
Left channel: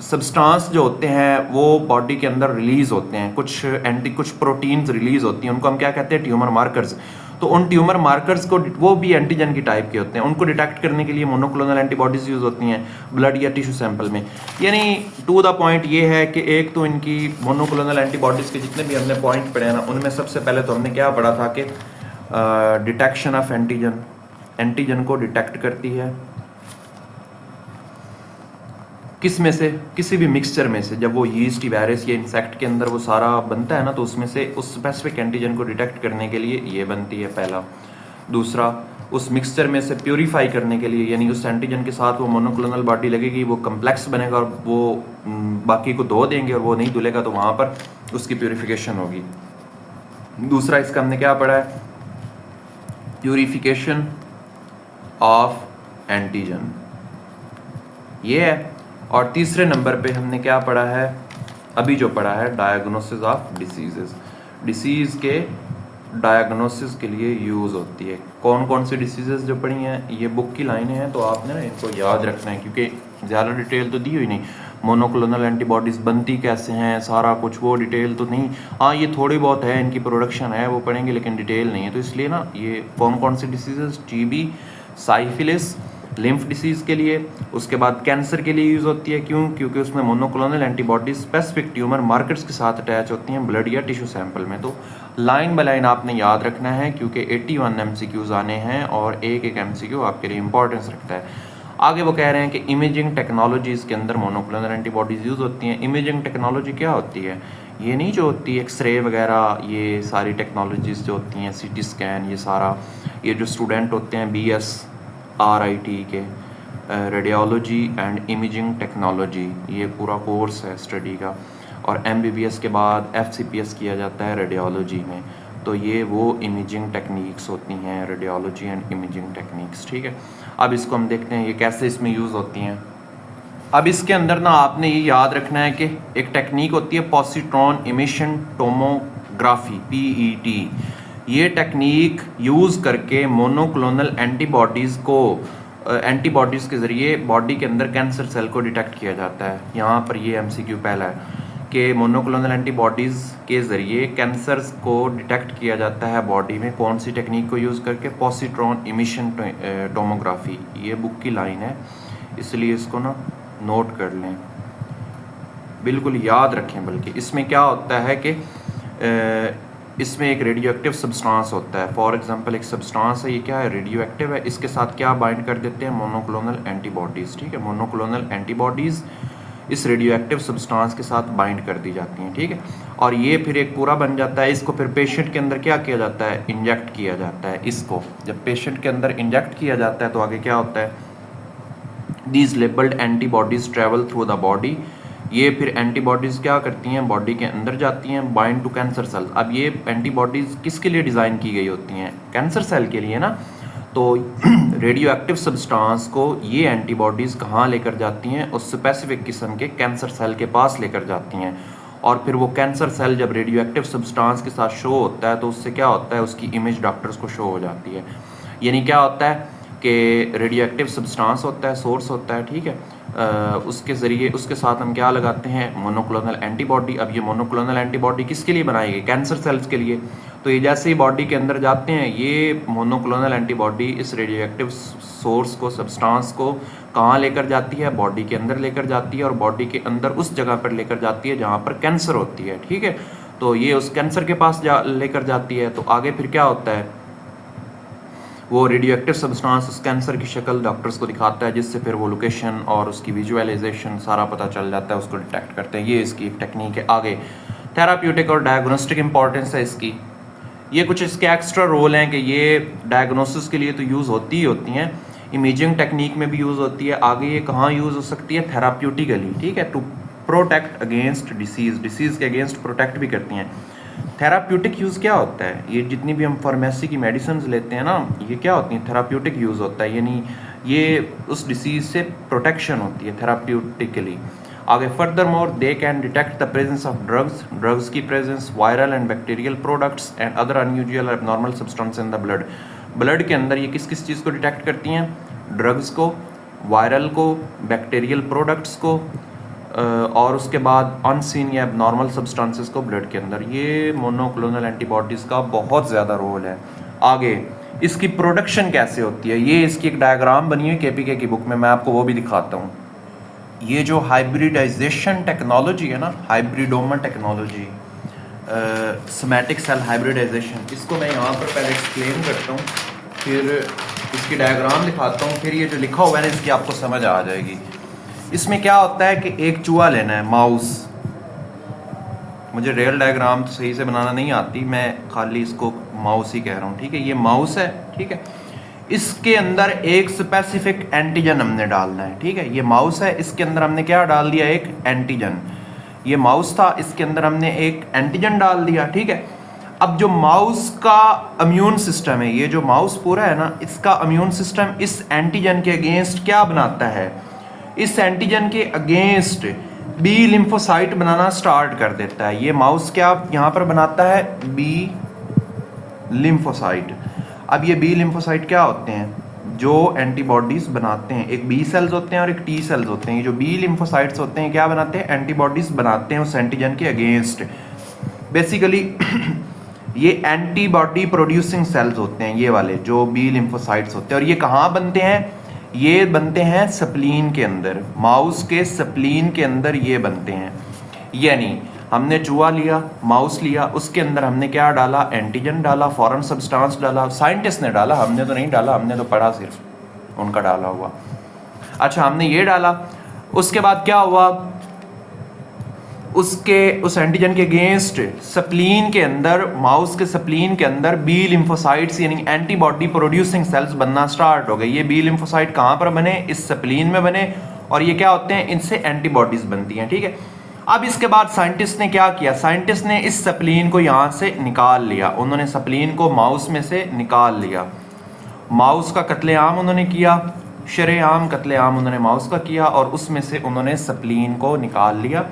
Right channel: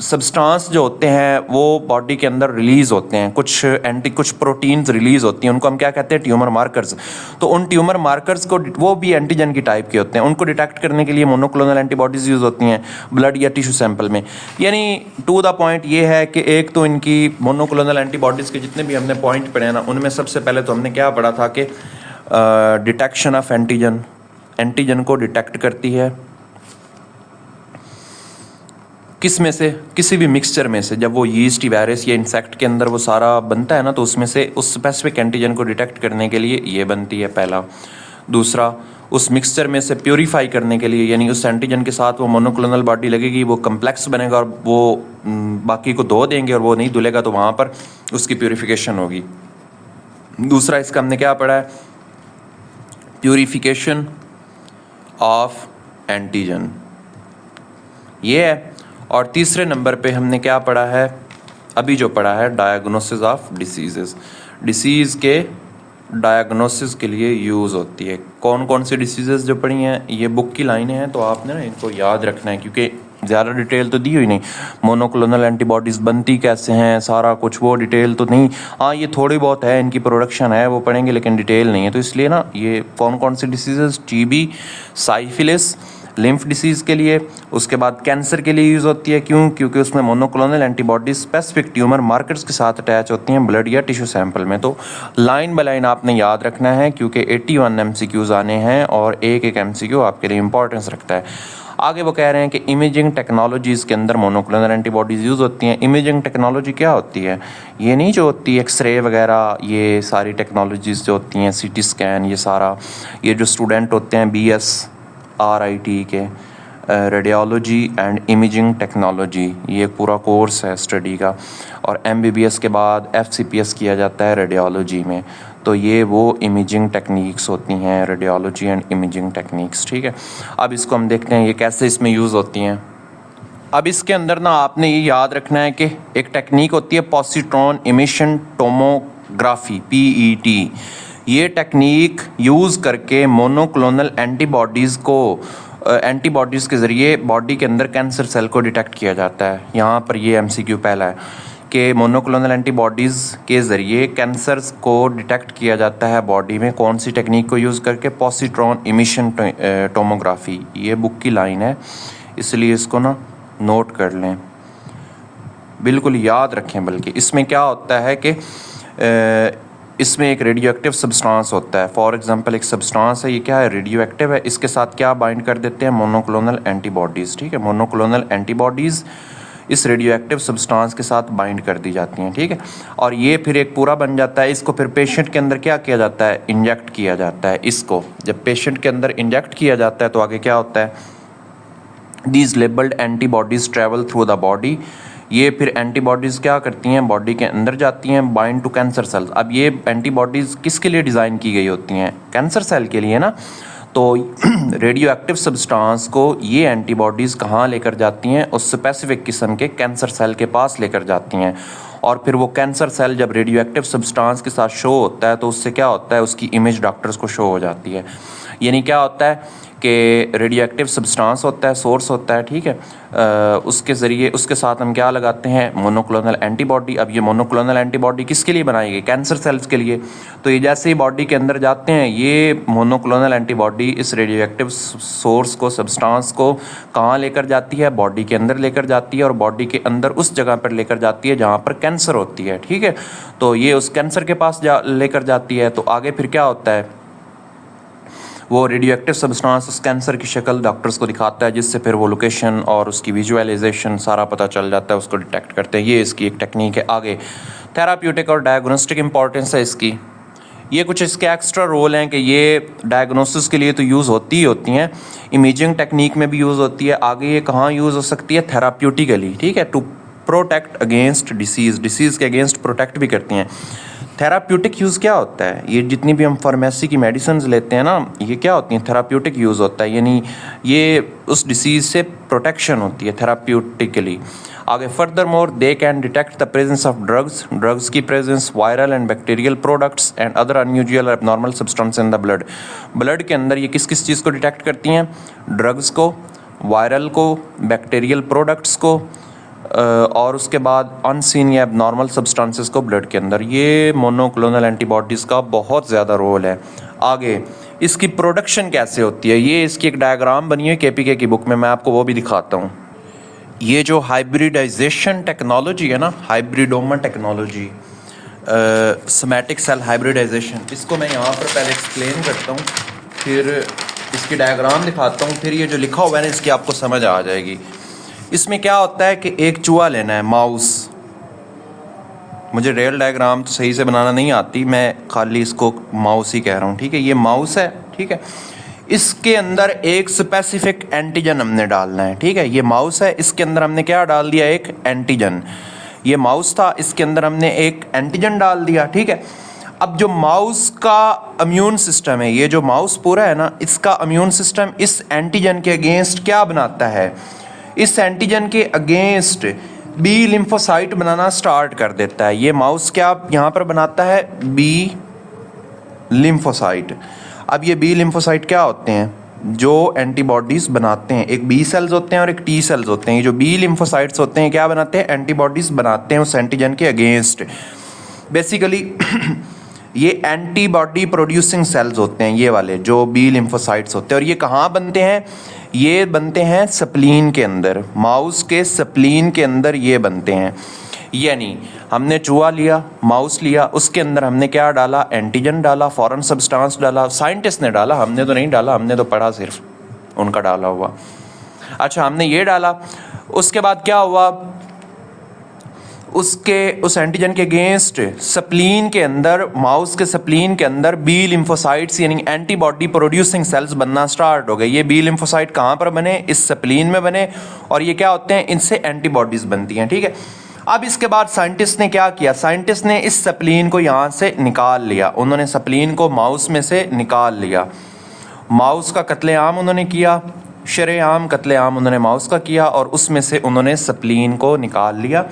सब्सटेंस जो होते हैं वो बॉडी के अंदर रिलीज़ होते हैं, कुछ प्रोटीन्स रिलीज़ होती हैं, उनको हम क्या कहते हैं, ट्यूमर मार्कर्स। तो उन ट्यूमर मार्कर्स को, वो भी एंटीजन की टाइप के होते हैं, उनको डिटेक्ट करने के लिए मोनोक्लोनल एंटीबॉडीज़ यूज़ होती हैं ब्लड या टिश्यू सैंपल में। यानी टू द पॉइंट ये है कि एक तो इनकी मोनोक्लोनल एंटीबॉडीज़ के जितने भी हमने पॉइंट पढ़े हैं ना, उनमें सबसे पहले तो हमने क्या पढ़ा था कि डिटेक्शन ऑफ एंटीजन को डिटेक्ट करती है किस में से, किसी भी मिक्सचर में से। जब वो यीस्ट वायरस या इंसेक्ट के अंदर वो सारा बनता है ना, तो उसमें से उस स्पेसिफिक एंटीजन को डिटेक्ट करने के लिए ये बनती है, पहला। दूसरा, उस मिक्सचर में से प्योरीफाई करने के लिए, यानी उस एंटीजन के साथ वो मोनोक्लोनल बॉडी लगेगी, वो कम्प्लेक्स बनेगा और वो बाकी को धो देंगे, और वो नहीं धुलेगा तो वहाँ पर उसकी प्योरीफिकेशन होगी। दूसरा, इसका हमने क्या पढ़ा है, प्योरीफिकेशन ऑफ एंटीजन, ये है। और तीसरे नंबर पे हमने क्या पढ़ा है, अभी जो पढ़ा है, डायग्नोसिस ऑफ डिसीजेस। डिसीज़ के डायग्नोसिस के लिए यूज़ होती है। कौन कौन सी डिसीजेस जो पढ़ी हैं, ये बुक की लाइनें हैं, तो आपने ना इनको याद रखना है, क्योंकि ज़्यादा डिटेल तो दी हुई नहीं। मोनोक्लोनल एंटीबॉडीज़ बनती कैसे हैं, सारा कुछ वो डिटेल तो नहीं। हाँ, ये थोड़ी बहुत है, इनकी प्रोडक्शन है, वो पढ़ेंगे, लेकिन डिटेल नहीं है। तो इसलिए ना, ये कौन कौन सी diseases, TB, syphilis, lymph disease के लिए, उसके बाद कैंसर के लिए यूज़ होती है। क्यों? क्योंकि उसमें monoclonal antibodies specific tumour markers के साथ अटैच होती हैं ब्लड या टिश्यू सैंपल में। तो लाइन बाय लाइन आपने याद रखना है, क्योंकि 81 MCQs आने हैं और एक एक MCQ आपके लिए इंपॉर्टेंस रखता है। आगे वो कह रहे हैं कि इमेजिंग टेक्नोलॉजीज़ के अंदर मोनोक्लोनल एंटीबॉडीज़ यूज़ होती हैं। इमेजिंग टेक्नोलॉजी क्या होती है? ये नहीं जो होती है एक्सरे वगैरह, ये सारी टेक्नोलॉजीज़ जो होती हैं, CT स्कैन, ये सारा, ये जो स्टूडेंट होते हैं BS RIT के, रेडियोलॉजी एंड इमेजिंग टेक्नोलॉजी, ये पूरा कोर्स है स्टडी का। और MBBS के बाद FCPS किया जाता है रेडियोलॉजी में। तो ये वो इमेजिंग टेक्निक्स होती हैं, रेडियोलॉजी एंड इमेजिंग टेक्निक्स, ठीक है। अब इसको हम देखते हैं ये कैसे इसमें यूज़ होती हैं। अब इसके अंदर ना आपने ये याद रखना है कि एक टेक्निक होती है पॉजिट्रॉन इमिशन टोमोग्राफी, PET। ये टेक्निक यूज़ करके मोनोक्लोनल एंटीबॉडीज़ को, एंटीबॉडीज़ के ज़रिए बॉडी के अंदर कैंसर सेल को डिटेक्ट किया जाता है। यहाँ पर ये MCQ पहला है कि मोनोक्लोनल एंटीबॉडीज़ के ज़रिए कैंसर को डिटेक्ट किया जाता है बॉडी में। कौन सी टेक्निक को यूज़ करके? Positron emission tomography. ये बुक की लाइन है, इसलिए इसको ना नोट कर लें, बिल्कुल याद रखें। बल्कि इसमें क्या होता है कि इसमें एक रेडियो एक्टिव सब्सटेंस होता है। फॉर एग्जांपल एक सब्सटेंस है, ये क्या है, रेडियो एक्टिव है। इसके साथ क्या बाइंड कर देते हैं? मोनोक्लोनल एंटीबॉडीज़, ठीक है। मोनोक्लोनल एंटीबॉडीज़ इस रेडियो एक्टिव सब्सटेंस के साथ बाइंड कर दी जाती हैं, ठीक है। और ये फिर एक पूरा बन जाता है। इसको फिर पेशेंट के अंदर क्या किया जाता है? इंजेक्ट किया जाता है। इसको जब पेशेंट के अंदर इंजेक्ट किया जाता है तो आगे क्या होता है? These labelled antibodies travel through the body. ये फिर एंटीबॉडीज़ क्या करती हैं? बॉडी के अंदर जाती हैं, बाइंड टू कैंसर सेल्स। अब ये एंटीबॉडीज़ किसके लिए डिज़ाइन की गई होती हैं? कैंसर सेल के लिए ना। तो रेडियो एक्टिव सब्सटेंस को ये एंटीबॉडीज़ कहाँ लेकर जाती हैं? उस स्पेसिफिक किस्म के कैंसर सेल के पास लेकर जाती हैं। और फिर वो कैंसर सेल जब रेडियो एक्टिव सब्सटेंस के साथ शो होता है तो उससे क्या होता है, उसकी इमेज डॉक्टर्स को शो हो जाती है। यानी क्या होता है कि रेडियो एक्टिव सब्सटेंस होता है, सोर्स होता है, ठीक है, उसके ज़रिए उसके साथ हम क्या लगाते हैं, मोनोक्लोनल एंटीबॉडी। अब ये मोनोक्लोनल एंटीबॉडी किसके लिए बनाई गई, कैंसर सेल्स के लिए। तो ये जैसे ही बॉडी के अंदर जाते हैं, ये मोनोक्लोनल एंटीबॉडी इस रेडियो एक्टिव सोर्स को, सब्सटेंस को कहाँ लेकर जाती है, बॉडी के अंदर लेकर जाती है, और बॉडी के अंदर उस जगह पर लेकर जाती है जहाँ पर कैंसर होती है, ठीक है। तो ये उस कैंसर के पास लेकर जाती है। तो आगे फिर क्या होता है, वो रेडियो एक्टिव सब्सटेंस इस कैंसर की शक्ल डॉक्टर्स को दिखाता है, जिससे फिर वो लोकेशन और उसकी विजुअलाइजेशन सारा पता चल जाता है, उसको डिटेक्ट करते हैं। ये इसकी एक टेक्निक है। आगे थेराप्यूटिक और डायग्नोस्टिक इंपॉर्टेंस है इसकी। ये कुछ इसके एक्स्ट्रा रोल हैं कि ये डायग्नोसिस के लिए तो यूज़ होती ही होती हैं, इमेजिंग टेक्निक में भी यूज़ होती है। आगे ये कहाँ यूज़ हो सकती है, थेराप्यूटिकली, ठीक है, टू प्रोटेक्ट अगेंस्ट डिसीज़ के अगेंस्ट प्रोटेक्ट भी करती हैं। थेराप्यूटिक यूज़ क्या होता है, ये जितनी भी हम फार्मेसी की मेडिसिन लेते हैं ना, ये क्या होती हैं, थेराप्यूटिक यूज़ होता है, यानी ये उस डिसीज़ से प्रोटेक्शन होती है थेराप्यूटिकली। आगे further more they can detect the presence of drugs की presence, viral and bacterial products and other unusual abnormal substance in the blood के अंदर ये किस किस चीज़ को डिटेक्ट करती हैं, ड्रग्स को, वायरल को, बैक्टीरियल प्रोडक्ट्स को, और उसके बाद अनसीन या एबनॉर्मल सब्सटेंसेस को ब्लड के अंदर। ये मोनोक्लोनल एंटीबॉडीज़ का बहुत ज़्यादा रोल है। आगे इसकी प्रोडक्शन कैसे होती है, ये इसकी एक डायग्राम बनी है केपीके की बुक में, मैं आपको वो भी दिखाता हूँ। ये जो हाइब्रिडाइजेशन टेक्नोलॉजी है ना, hybridoma technology, somatic cell hybridization, इसको मैं यहाँ पर पहले एक्सप्लेन करता हूँ, फिर इसकी डायग्राम दिखाता हूँ, फिर ये जो लिखा हुआ है ना इसकी आपको समझ आ जाएगी। इसमें क्या होता है कि एक चूहा लेना है, माउस। मुझे रियल डायग्राम तो सही से बनाना नहीं आती, मैं खाली इसको माउस ही कह रहा हूँ, ठीक है। ये माउस है, ठीक है। इसके अंदर एक स्पेसिफिक एंटीजन हमने डालना है, ठीक है। ये माउस है, इसके अंदर हमने क्या डाल दिया, एक एंटीजन। ये माउस था, इसके अंदर हमने एक एंटीजन डाल दिया, ठीक है। अब जो माउस का इम्यून सिस्टम है, ये जो माउस पूरा है ना, इसका इम्यून सिस्टम इस एंटीजन के अगेंस्ट क्या बनाता है, इस एंटीजन के अगेंस्ट बी लिम्फोसाइट बनाना स्टार्ट कर देता है। ये माउस क्या यहाँ पर बनाता है, बी लिम्फोसाइट। अब ये बी लिम्फोसाइट क्या होते हैं, जो एंटीबॉडीज़ बनाते हैं। एक बी सेल्स होते हैं और एक टी सेल्स होते हैं। ये जो बी लिम्फोसाइट्स होते हैं क्या बनाते हैं, एंटीबॉडीज़ बनाते हैं उस एंटीजन के अगेंस्ट। बेसिकली ये एंटीबॉडी प्रोड्यूसिंग सेल्स होते हैं, ये वाले जो बी लिम्फोसाइट्स होते हैं। और ये कहाँ बनते हैं, ये बनते हैं स्प्लीन के अंदर, माउस के स्प्लीन के अंदर ये बनते हैं। यानी हमने चूहा लिया, माउस लिया, उसके अंदर हमने क्या डाला, एंटीजन डाला, फॉरेन सब्सटेंस डाला, साइंटिस्ट ने डाला, हमने तो नहीं डाला, हमने तो पढ़ा सिर्फ उनका डाला हुआ। अच्छा, हमने ये डाला, उसके बाद क्या हुआ, उस एंटीजन के अगेंस्ट स्प्लीन के अंदर, माउस के स्प्लीन के अंदर बी लिम्फोसाइट्स यानी एंटीबॉडी प्रोड्यूसिंग सेल्स बनना स्टार्ट हो गए। ये बी लिम्फोसाइट कहाँ पर बने, इस स्प्लीन में बने, और ये क्या होते हैं, इनसे एंटीबॉडीज बनती हैं, ठीक है। अब इसके बाद साइंटिस्ट ने क्या किया, साइंटिस्ट ने इस स्प्लीन को यहाँ से निकाल लिया। उन्होंने स्प्लीन को माउस में से निकाल लिया, माउस का कत्लेआम उन्होंने किया, शरेआम कत्लेआम उन्होंने माउस का किया, और उसमें से उन्होंने स्प्लीन को निकाल लिया।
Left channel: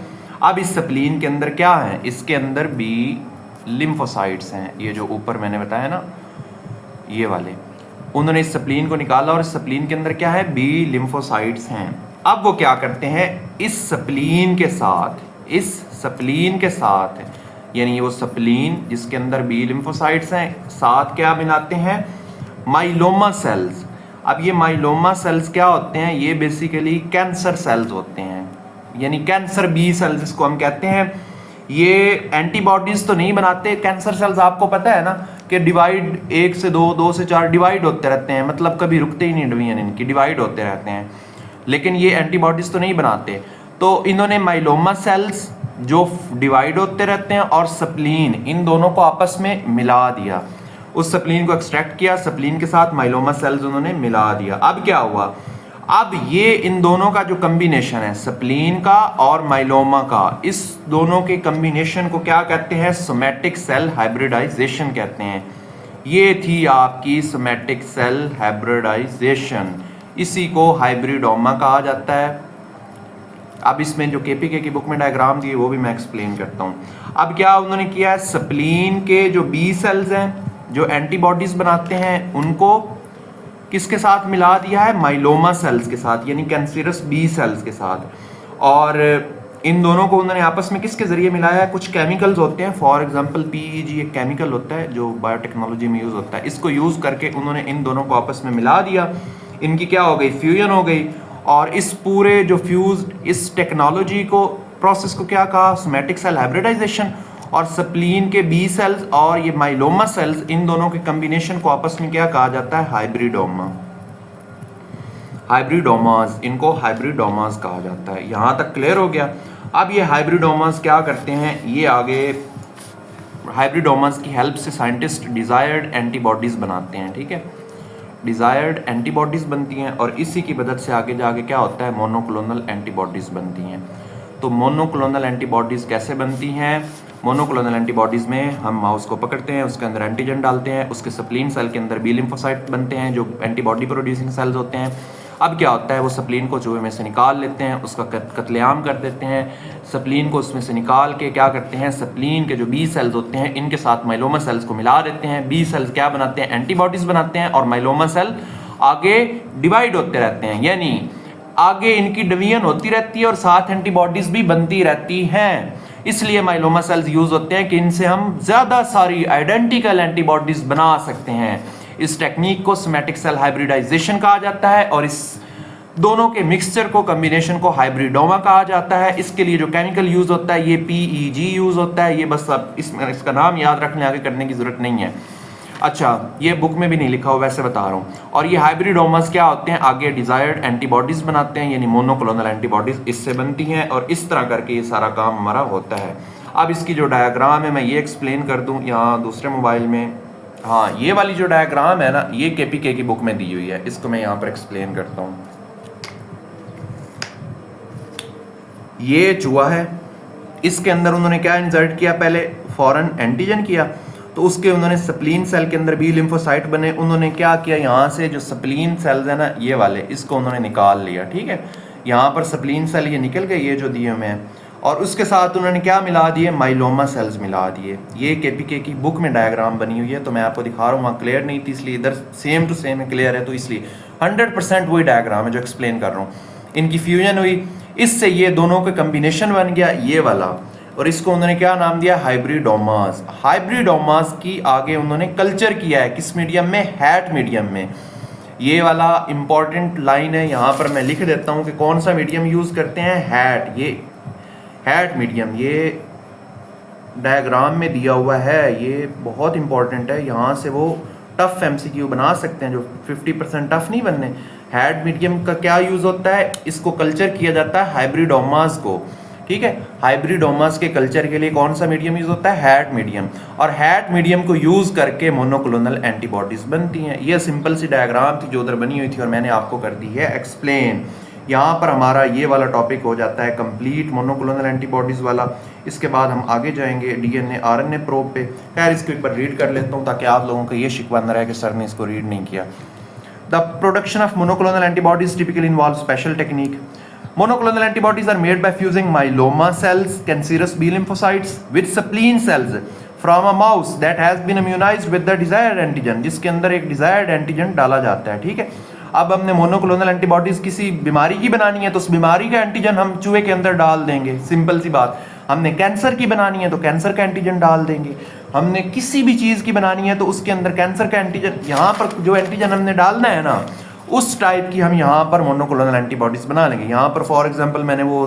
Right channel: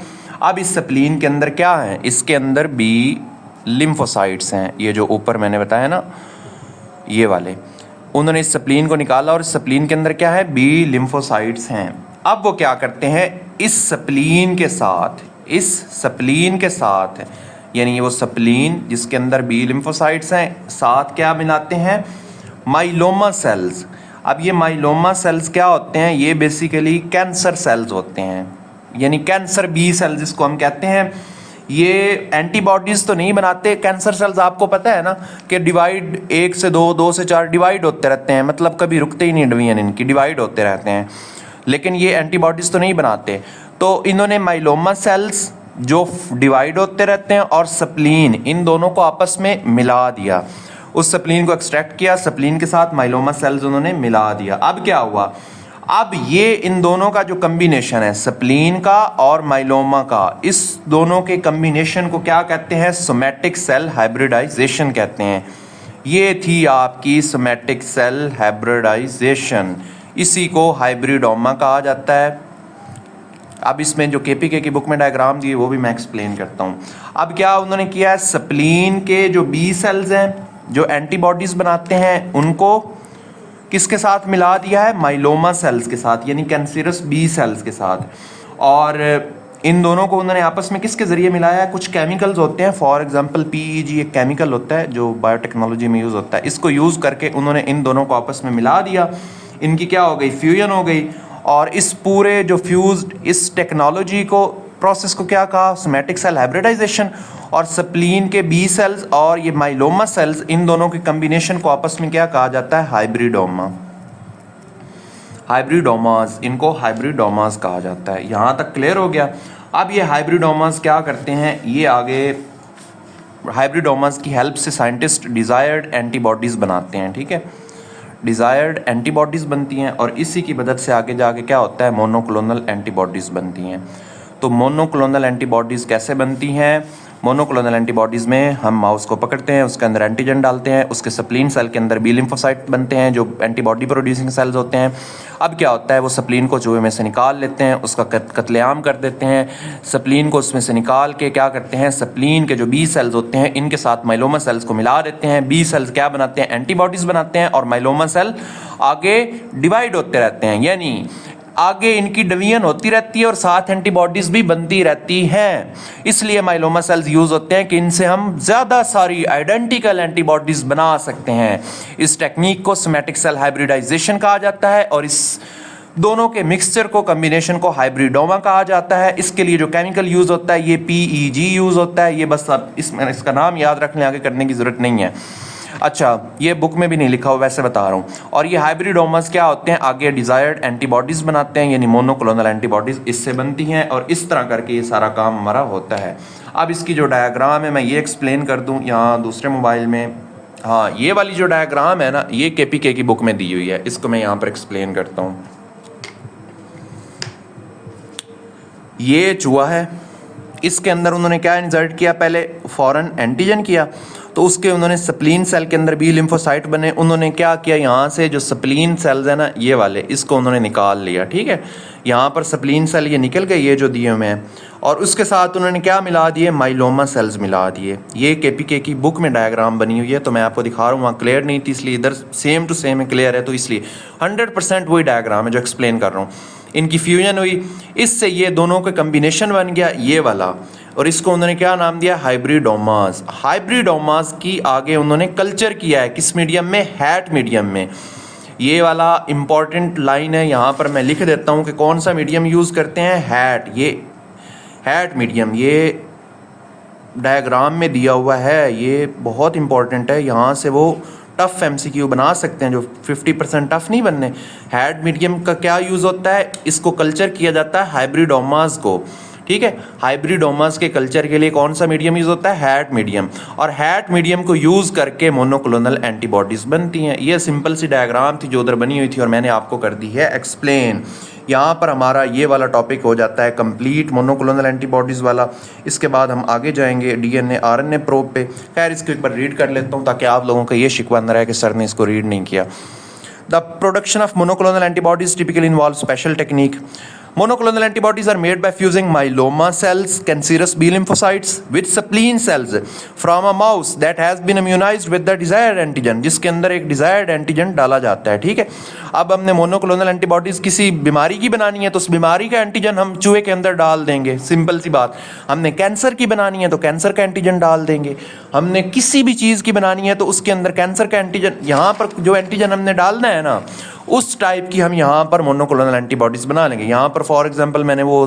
अब इस स्प्लीन के अंदर क्या है, इसके अंदर बी लिम्फोसाइट्स हैं, ये जो ऊपर मैंने बताया ना, ये वाले। उन्होंने इस स्प्लीन को निकाला और इस स्प्लीन के अंदर क्या है, बी लिम्फोसाइट्स हैं। अब वो क्या करते हैं, इस स्प्लीन के साथ यानी वो स्प्लीन जिसके अंदर बी लिम्फोसाइट्स हैं, साथ क्या बनाते हैं, माइलोमा सेल्स। अब ये माइलोमा सेल्स क्या होते हैं, ये बेसिकली कैंसर सेल्स होते हैं, यानी कैंसर बी सेल्स जिसको हम कहते हैं। ये एंटीबॉडीज़ तो नहीं बनाते। कैंसर सेल्स आपको पता है ना कि डिवाइड 1 से 2, 2 से 4 डिवाइड होते रहते हैं, मतलब कभी रुकते ही नहीं, डिवीजन इनकी डिवाइड होते रहते हैं, लेकिन ये एंटीबॉडीज़ तो नहीं बनाते। तो इन्होंने माइलोमा सेल्स जो डिवाइड होते रहते हैं और स्प्लीन, इन दोनों को आपस में मिला दिया। उस स्प्लीन को एक्सट्रैक्ट किया, स्प्लीन के साथ माइलोमा सेल्स उन्होंने मिला दिया। अब क्या हुआ, अब ये इन दोनों का जो कम्बिनेशन है, स्प्लीन का और माइलोमा का, इस दोनों के कम्बिनेशन को क्या कहते हैं, सोमैटिक सेल हाइब्रिडाइजेशन कहते हैं। ये थी आपकी सोमैटिक सेल हाइब्रिडाइजेशन, इसी को हाइब्रिडोमा कहा जाता है। अब इसमें जो केपीके की बुक में डायग्राम दी है वो भी मैं एक्सप्लेन करता हूँ। अब क्या उन्होंने किया है, स्प्लीन के जो बी सेल्स हैं जो एंटीबॉडीज बनाते हैं उनको किसके साथ मिला दिया है, माइलोमा सेल्स के साथ, यानी कैंसरस बी सेल्स के साथ। और इन दोनों को उन्होंने आपस में किसके ज़रिए मिलाया है, कुछ केमिकल्स होते हैं, फॉर एग्जांपल पीईजी एक केमिकल होता है जो बायोटेक्नोलॉजी में यूज़ होता है, इसको यूज़ करके उन्होंने इन दोनों को आपस में मिला दिया, इनकी क्या हो गई, फ्यूजन हो गई। और इस पूरे जो फ्यूज्ड इस टेक्नोलॉजी को प्रोसेस को क्या कहा, सोमैटिक सेल हाइब्रिडाइजेशन। और स्प्लीन के बी सेल्स और ये माइलोमा सेल्स, इन दोनों के कम्बिनेशन को आपस में क्या कहा जाता है, हाइब्रिडोमा, हाइब्रिडोमास, इनको हाइब्रिडोमास कहा जाता है। यहाँ तक क्लियर हो गया। अब ये हाइब्रिडोमास क्या करते हैं, ये आगे हाइब्रिडोमास की हेल्प से साइंटिस्ट डिज़ायर्ड एंटीबॉडीज़ बनाते हैं, ठीक है, डिज़ायर्ड एंटीबॉडीज़ बनती हैं और इसी की मदद से आगे जाके क्या होता है, मोनोक्लोनल एंटीबॉडीज़ बनती हैं। तो मोनोक्लोनल एंटीबॉडीज़ कैसे बनती हैं, मोनोक्लोनल एंटीबॉडीज़ में हम माउस को पकड़ते हैं, उसके अंदर एंटीजन डालते हैं, उसके स्प्लीन सेल के अंदर बी लिम्फोसाइट बनते हैं जो एंटीबॉडी प्रोड्यूसिंग सेल्स होते हैं। अब क्या होता है, वो स्प्लीन को चूहे में से निकाल लेते हैं, उसका कत्लेआम कर देते हैं, स्प्लीन को उसमें से निकाल के क्या करते हैं, स्प्लीन के जो बी सेल्स होते हैं इनके साथ माइलोमा सेल्स को मिला देते हैं। बी सेल्स क्या बनाते हैं, एंटीबॉडीज़ बनाते हैं और माइलोमा सेल आगे डिवाइड होते रहते हैं, यानी आगे इनकी डिवीजन होती रहती है और साथ एंटीबॉडीज भी बनती रहती हैं। इसलिए माइलोमा सेल्स यूज होते हैं कि इनसे हम ज़्यादा सारी आइडेंटिकल एंटीबॉडीज बना सकते हैं। इस टेक्निक को सोमैटिक सेल हाइब्रिडाइजेशन कहा जाता है और इस दोनों के मिक्सचर को, कम्बिनेशन को हाइब्रिडोमा कहा जाता है। इसके लिए जो केमिकल यूज होता है ये पीईजी यूज होता है। ये बस अब इसका नाम याद रखने आगे करने की जरूरत नहीं है। अच्छा, ये बुक में भी नहीं लिखा हो, वैसे बता रहा हूँ। और ये हाइब्रिडोमास क्या होते हैं, आगे डिजायर्ड एंटीबॉडीज बनाते हैं, यानी मोनोक्लोनल एंटीबॉडीज इससे बनती हैं और इस तरह करके ये सारा काम हमारा होता है। अब इसकी जो डायग्राम है मैं ये एक्सप्लेन कर दूँ यहाँ दूसरे मोबाइल में। हाँ, ये वाली जो डायग्राम है ना, ये केपीके की बुक में दी हुई है, इसको मैं यहाँ पर एक्सप्लेन करता हूँ। ये चूहा है, इसके अंदर उन्होंने क्या इंसर्ट किया, पहले फॉरेन एंटीजन किया, तो उसके उन्होंने स्प्लीन सेल के अंदर बी लिम्फोसाइट बने। उन्होंने क्या किया, यहाँ से जो स्प्लीन सेल्स है ना ये वाले, इसको उन्होंने निकाल लिया, ठीक है, यहाँ पर स्प्लीन सेल ये निकल गए, ये जो दिए हुए हैं, और उसके साथ उन्होंने क्या मिला दिए, माइलोमा सेल्स मिला दिए। ये केपीके की बुक में डायग्राम बनी हुई है, तो मैं आपको दिखा रहा हूँ, वहाँ क्लियर नहीं थी इसलिए इधर सेम टू सेम क्लियर है, तो इसलिए 100% वही डायग्राम है जो एक्सप्लेन कर रहा हूँ। इनकी फ्यूजन हुई, इससे ये दोनों का कम्बिनेशन बन गया ये वाला, और इसको उन्होंने क्या नाम दिया, हाइब्रिडोमास। हाइब्रिडोमास की आगे उन्होंने कल्चर किया है किस मीडियम में, हैट मीडियम में। ये वाला इंपॉर्टेंट लाइन है, यहाँ पर मैं लिख देता हूँ कि कौन सा मीडियम यूज़ करते हैं, हैट, ये हैट मीडियम, ये डायग्राम में दिया हुआ है, ये बहुत इंपॉर्टेंट है। यहाँ से वो टफ एमसीक्यू बना सकते हैं जो 50% टफ नहीं बनने। हैट मीडियम का क्या यूज़ होता है, इसको कल्चर किया जाता है हाइब्रिडोमास को, ठीक है। हाइब्रिडोमास के कल्चर के लिए कौन सा मीडियम यूज होता है, हैट मीडियम, और हैट मीडियम को यूज करके मोनोक्लोनल एंटीबॉडीज बनती हैं। ये सिंपल सी डायग्राम थी जो उधर बनी हुई थी और मैंने आपको कर दी है एक्सप्लेन। यहाँ पर हमारा ये वाला टॉपिक हो जाता है कंप्लीट, मोनोक्लोनल एंटीबॉडीज वाला। इसके बाद हम आगे जाएंगे डीएनए आरएनए प्रोब पे। खैर इसके ऊपर रीड कर लेता हूँ ताकि आप लोगों का ये शिकवा न रहे कि सर ने इसको रीड नहीं किया। The production of monoclonal antibodies typically involve special technique. Monoclonal antibodies are made by fusing myeloma cells, cancerous B lymphocytes with spleen cells from a mouse that has been immunized with the desired antigen, जिसके अंदर एक desired antigen डाला जाता है, ठीक है। अब हमने मोनोक्लोनल एंटीबॉडीज किसी बीमारी की बनानी है तो उस बीमारी का एंटीजन हम चूहे के अंदर डाल देंगे, सिंपल सी बात। हमने कैंसर की बनानी है तो कैंसर का एंटीजन डाल देंगे। हमने किसी भी चीज़ की बनानी है तो उसके अंदर कैंसर का एंटीजन, यहाँ पर जो एंटीजन हमने डालना है ना उस टाइप की हम यहाँ पर मोनोक्लोनल एंटीबॉडीज बना लेंगे। यहाँ पर फॉर एग्जांपल मैंने वो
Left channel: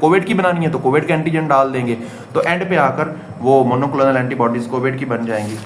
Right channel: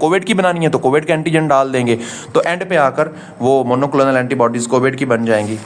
कोविड की बनानी है तो कोविड का एंटीजन डाल देंगे, तो एंड पे आकर वो मोनोक्लोनल एंटीबॉडीज कोविड की बन जाएंगी।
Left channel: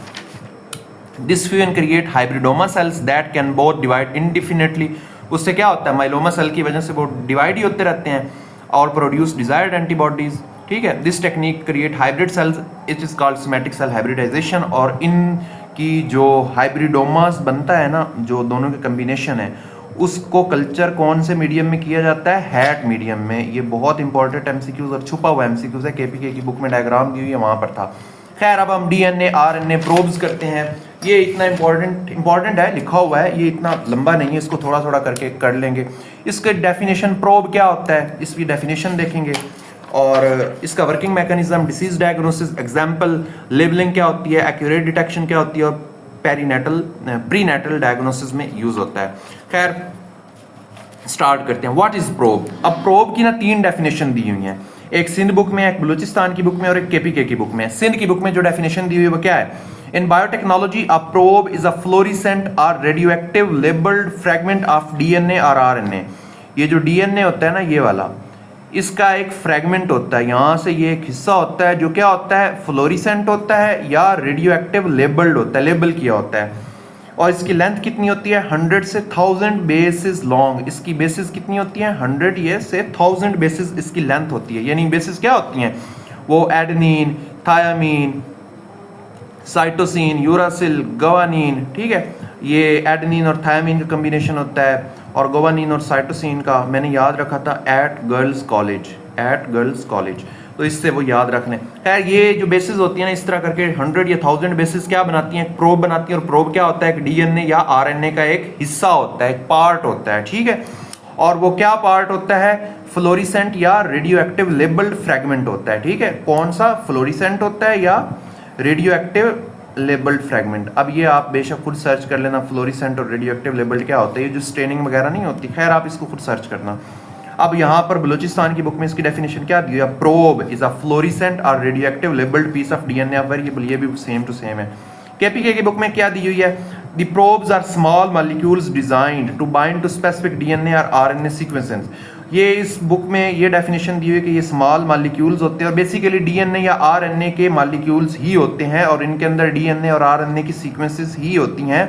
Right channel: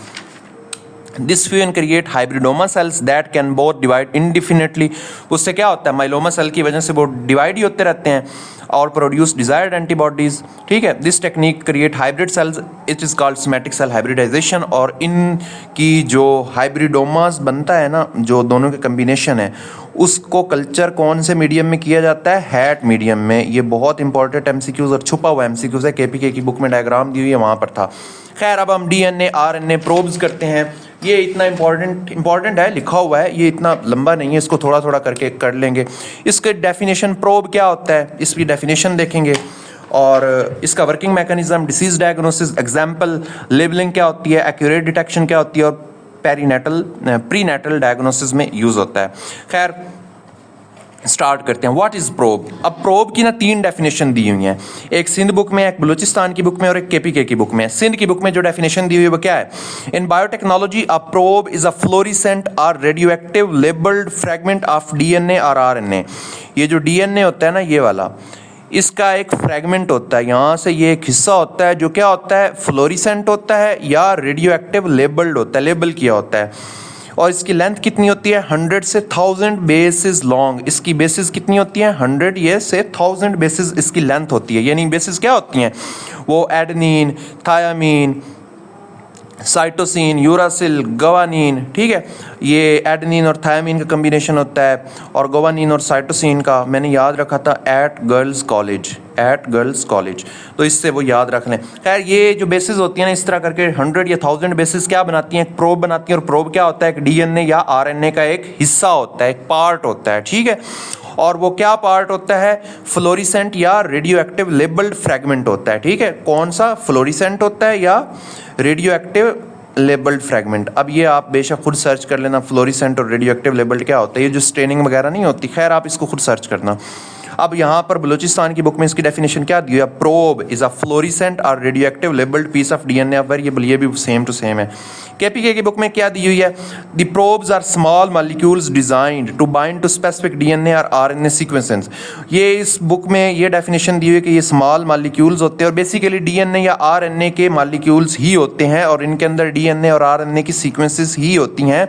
This fusion create hybridoma cells that can both divide indefinitely. उससे क्या होता है, माइलोमा सेल की वजह से वो डिवाइड ही होते रहते हैं और प्रोड्यूस डिजायर्ड एंटीबॉडीज, ठीक है। This technique create hybrid cells, it is called somatic cell hybridization. और इनकी जो हाइब्रिडोमास बनता है ना, जो दोनों के कम्बिनेशन है, उसको कल्चर कौन से मीडियम में किया जाता है, हैट मीडियम में। ये बहुत इंपॉर्टेंट एमसीक्यूज और छुपा हुआ एमसीक्यूज है, केपीके की बुक में डायग्राम दी हुई है वहाँ पर था। खैर अब हम डीएनए आरएनए प्रोब्स करते हैं। ये इतना इंपॉर्टेंट है, लिखा हुआ है, ये इतना लंबा नहीं है, इसको थोड़ा थोड़ा करके कर लेंगे। इसके डेफिनेशन, प्रोब क्या होता है, इसकी डेफिनेशन देखेंगे, और इसका working mechanism, disease diagnosis, example, labelling क्या होती है, एक्यूरेट डिटेक्शन क्या होती है, और प्रीनेटल डायग्नोसिस में यूज़ होता है। खैर स्टार्ट करते हैं। What is probe? अब प्रोब की ना 3 डेफिनेशन दी हुई हैं, एक सिंध बुक में, एक बलूचिस्तान की बुक में और एक केपीके की बुक में। सिंध की बुक में जो डेफिनेशन दी हुई है वो क्या है? In biotechnology a probe is a fluorescent और radioactive labelled fragment of DNA और आरएनए। ये जो डीएनए होता है ना, ये वाला, इसका एक फ्रेगमेंट होता है, यहाँ से ये एक हिस्सा होता है जो क्या होता है, फ्लोरिसेंट होता है या रेडियोएक्टिव लेबल्ड होता है, लेबल किया होता है। और इसकी लेंथ कितनी होती है? 100 से 1000 बेसिस लॉन्ग। इसकी बेसिस कितनी होती है? 100 ये से 1000 बेसिस इसकी लेंथ होती है। यानी बेसिस क्या होती हैं? वो adenine, thiamine, cytosine, uracil, guanine, ठीक है, ये एडेनिन और थायामीन का कम्बिनेशन होता है, और गवानीन और साइटोसिन का मैंने याद रखा था एट गर्ल्स कॉलेज, तो इससे वो याद रख लें। खैर ये जो बेसिस होती हैं ना, इस तरह करके 100 या 1000 बेसिस क्या बनाती हैं? प्रोब बनाती हैं। और प्रोब क्या होता है? एक डीएनए या आरएनए का एक हिस्सा होता है, एक पार्ट होता है, ठीक है। और वो क्या पार्ट होता है? फ्लोरिसेंट या रेडियो एक्टिव लेबल्ड फ्रेगमेंट होता है, ठीक है। कौन सा? फ्लोरिसेंट होता है या रेडियो एक्टिव लेबल्ड फ्रेगमेंट। अब ये आप बेशक खुद सर्च कर लेना, फ्लोरिसेंट और रेडियो एक्टिव लेबल्ड क्या होता है, ये जो स्टेनिंग वगैरह नहीं होती, खैर आप इसको खुद सर्च करना। अब यहाँ पर बलूचिस्तान की बुक में इसकी डेफिनेशन क्या दी है? प्रोब इज अ फ्लोरिसेंट और radio active labelled piece of DNA of variable. ये भी सेम टू सेम है। केपीके की बुक में क्या दी हुई है? The probes are small molecules designed to bind to specific DNA और आरएनए सीक्वेंसेस। ये इस बुक में ये डेफिनेशन दी हुई है कि ये स्मॉल मॉलिक्यूल्स होते हैं और बेसिकली डीएनए या आरएनए के मॉलिक्यूल्स ही होते हैं, और इनके अंदर डीएनए और आरएनए की सीक्वेंसेस ही होती हैं।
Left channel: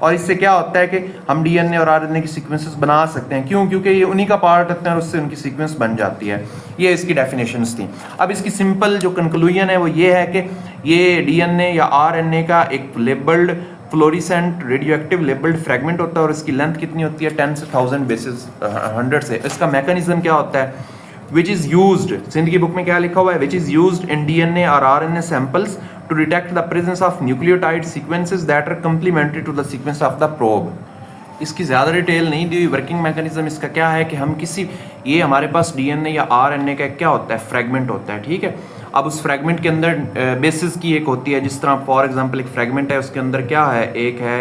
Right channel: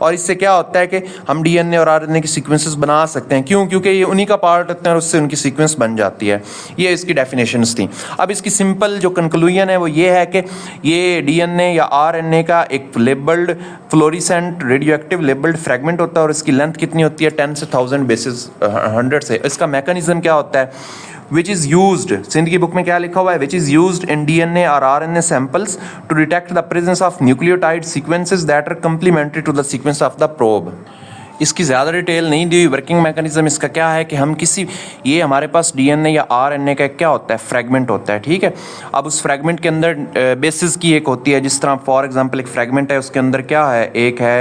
और इससे क्या होता है कि हम डीएनए और आरएनए की सीक्वेंसेस बना सकते हैं। क्यों? क्योंकि ये उन्हीं का पार्ट होते हैं और उससे उनकी सीक्वेंस बन जाती है। ये इसकी डेफिनेशंस थी। अब इसकी सिंपल जो कंक्लूजन है वो ये है कि ये डीएनए या आरएनए का एक labelled fluorescent radio active labelled fragment होता है, और इसकी लेंथ कितनी होती है? 10 से 1000 बेसिस 100 से। इसका मैकेनिज्म क्या होता है? which is used, सिंध की बुक में क्या लिखा हुआ है? which is used in DNA or RNA samples to detect the presence of nucleotide sequences that are complementary to the sequence of the probe। इसकी ज़्यादा डिटेल नहीं दी हुई। वर्किंग मैकेनिज्म इसका क्या है कि हम किसी, ये हमारे पास डीएनए या आरएनए का क्या होता है? फ्रेगमेंट होता है, ठीक है। अब उस फ्रेगमेंट के अंदर बेसिस की एक होती है, जिस तरह फॉर एग्जांपल एक फ्रेगमेंट है, उसके अंदर क्या है? एक है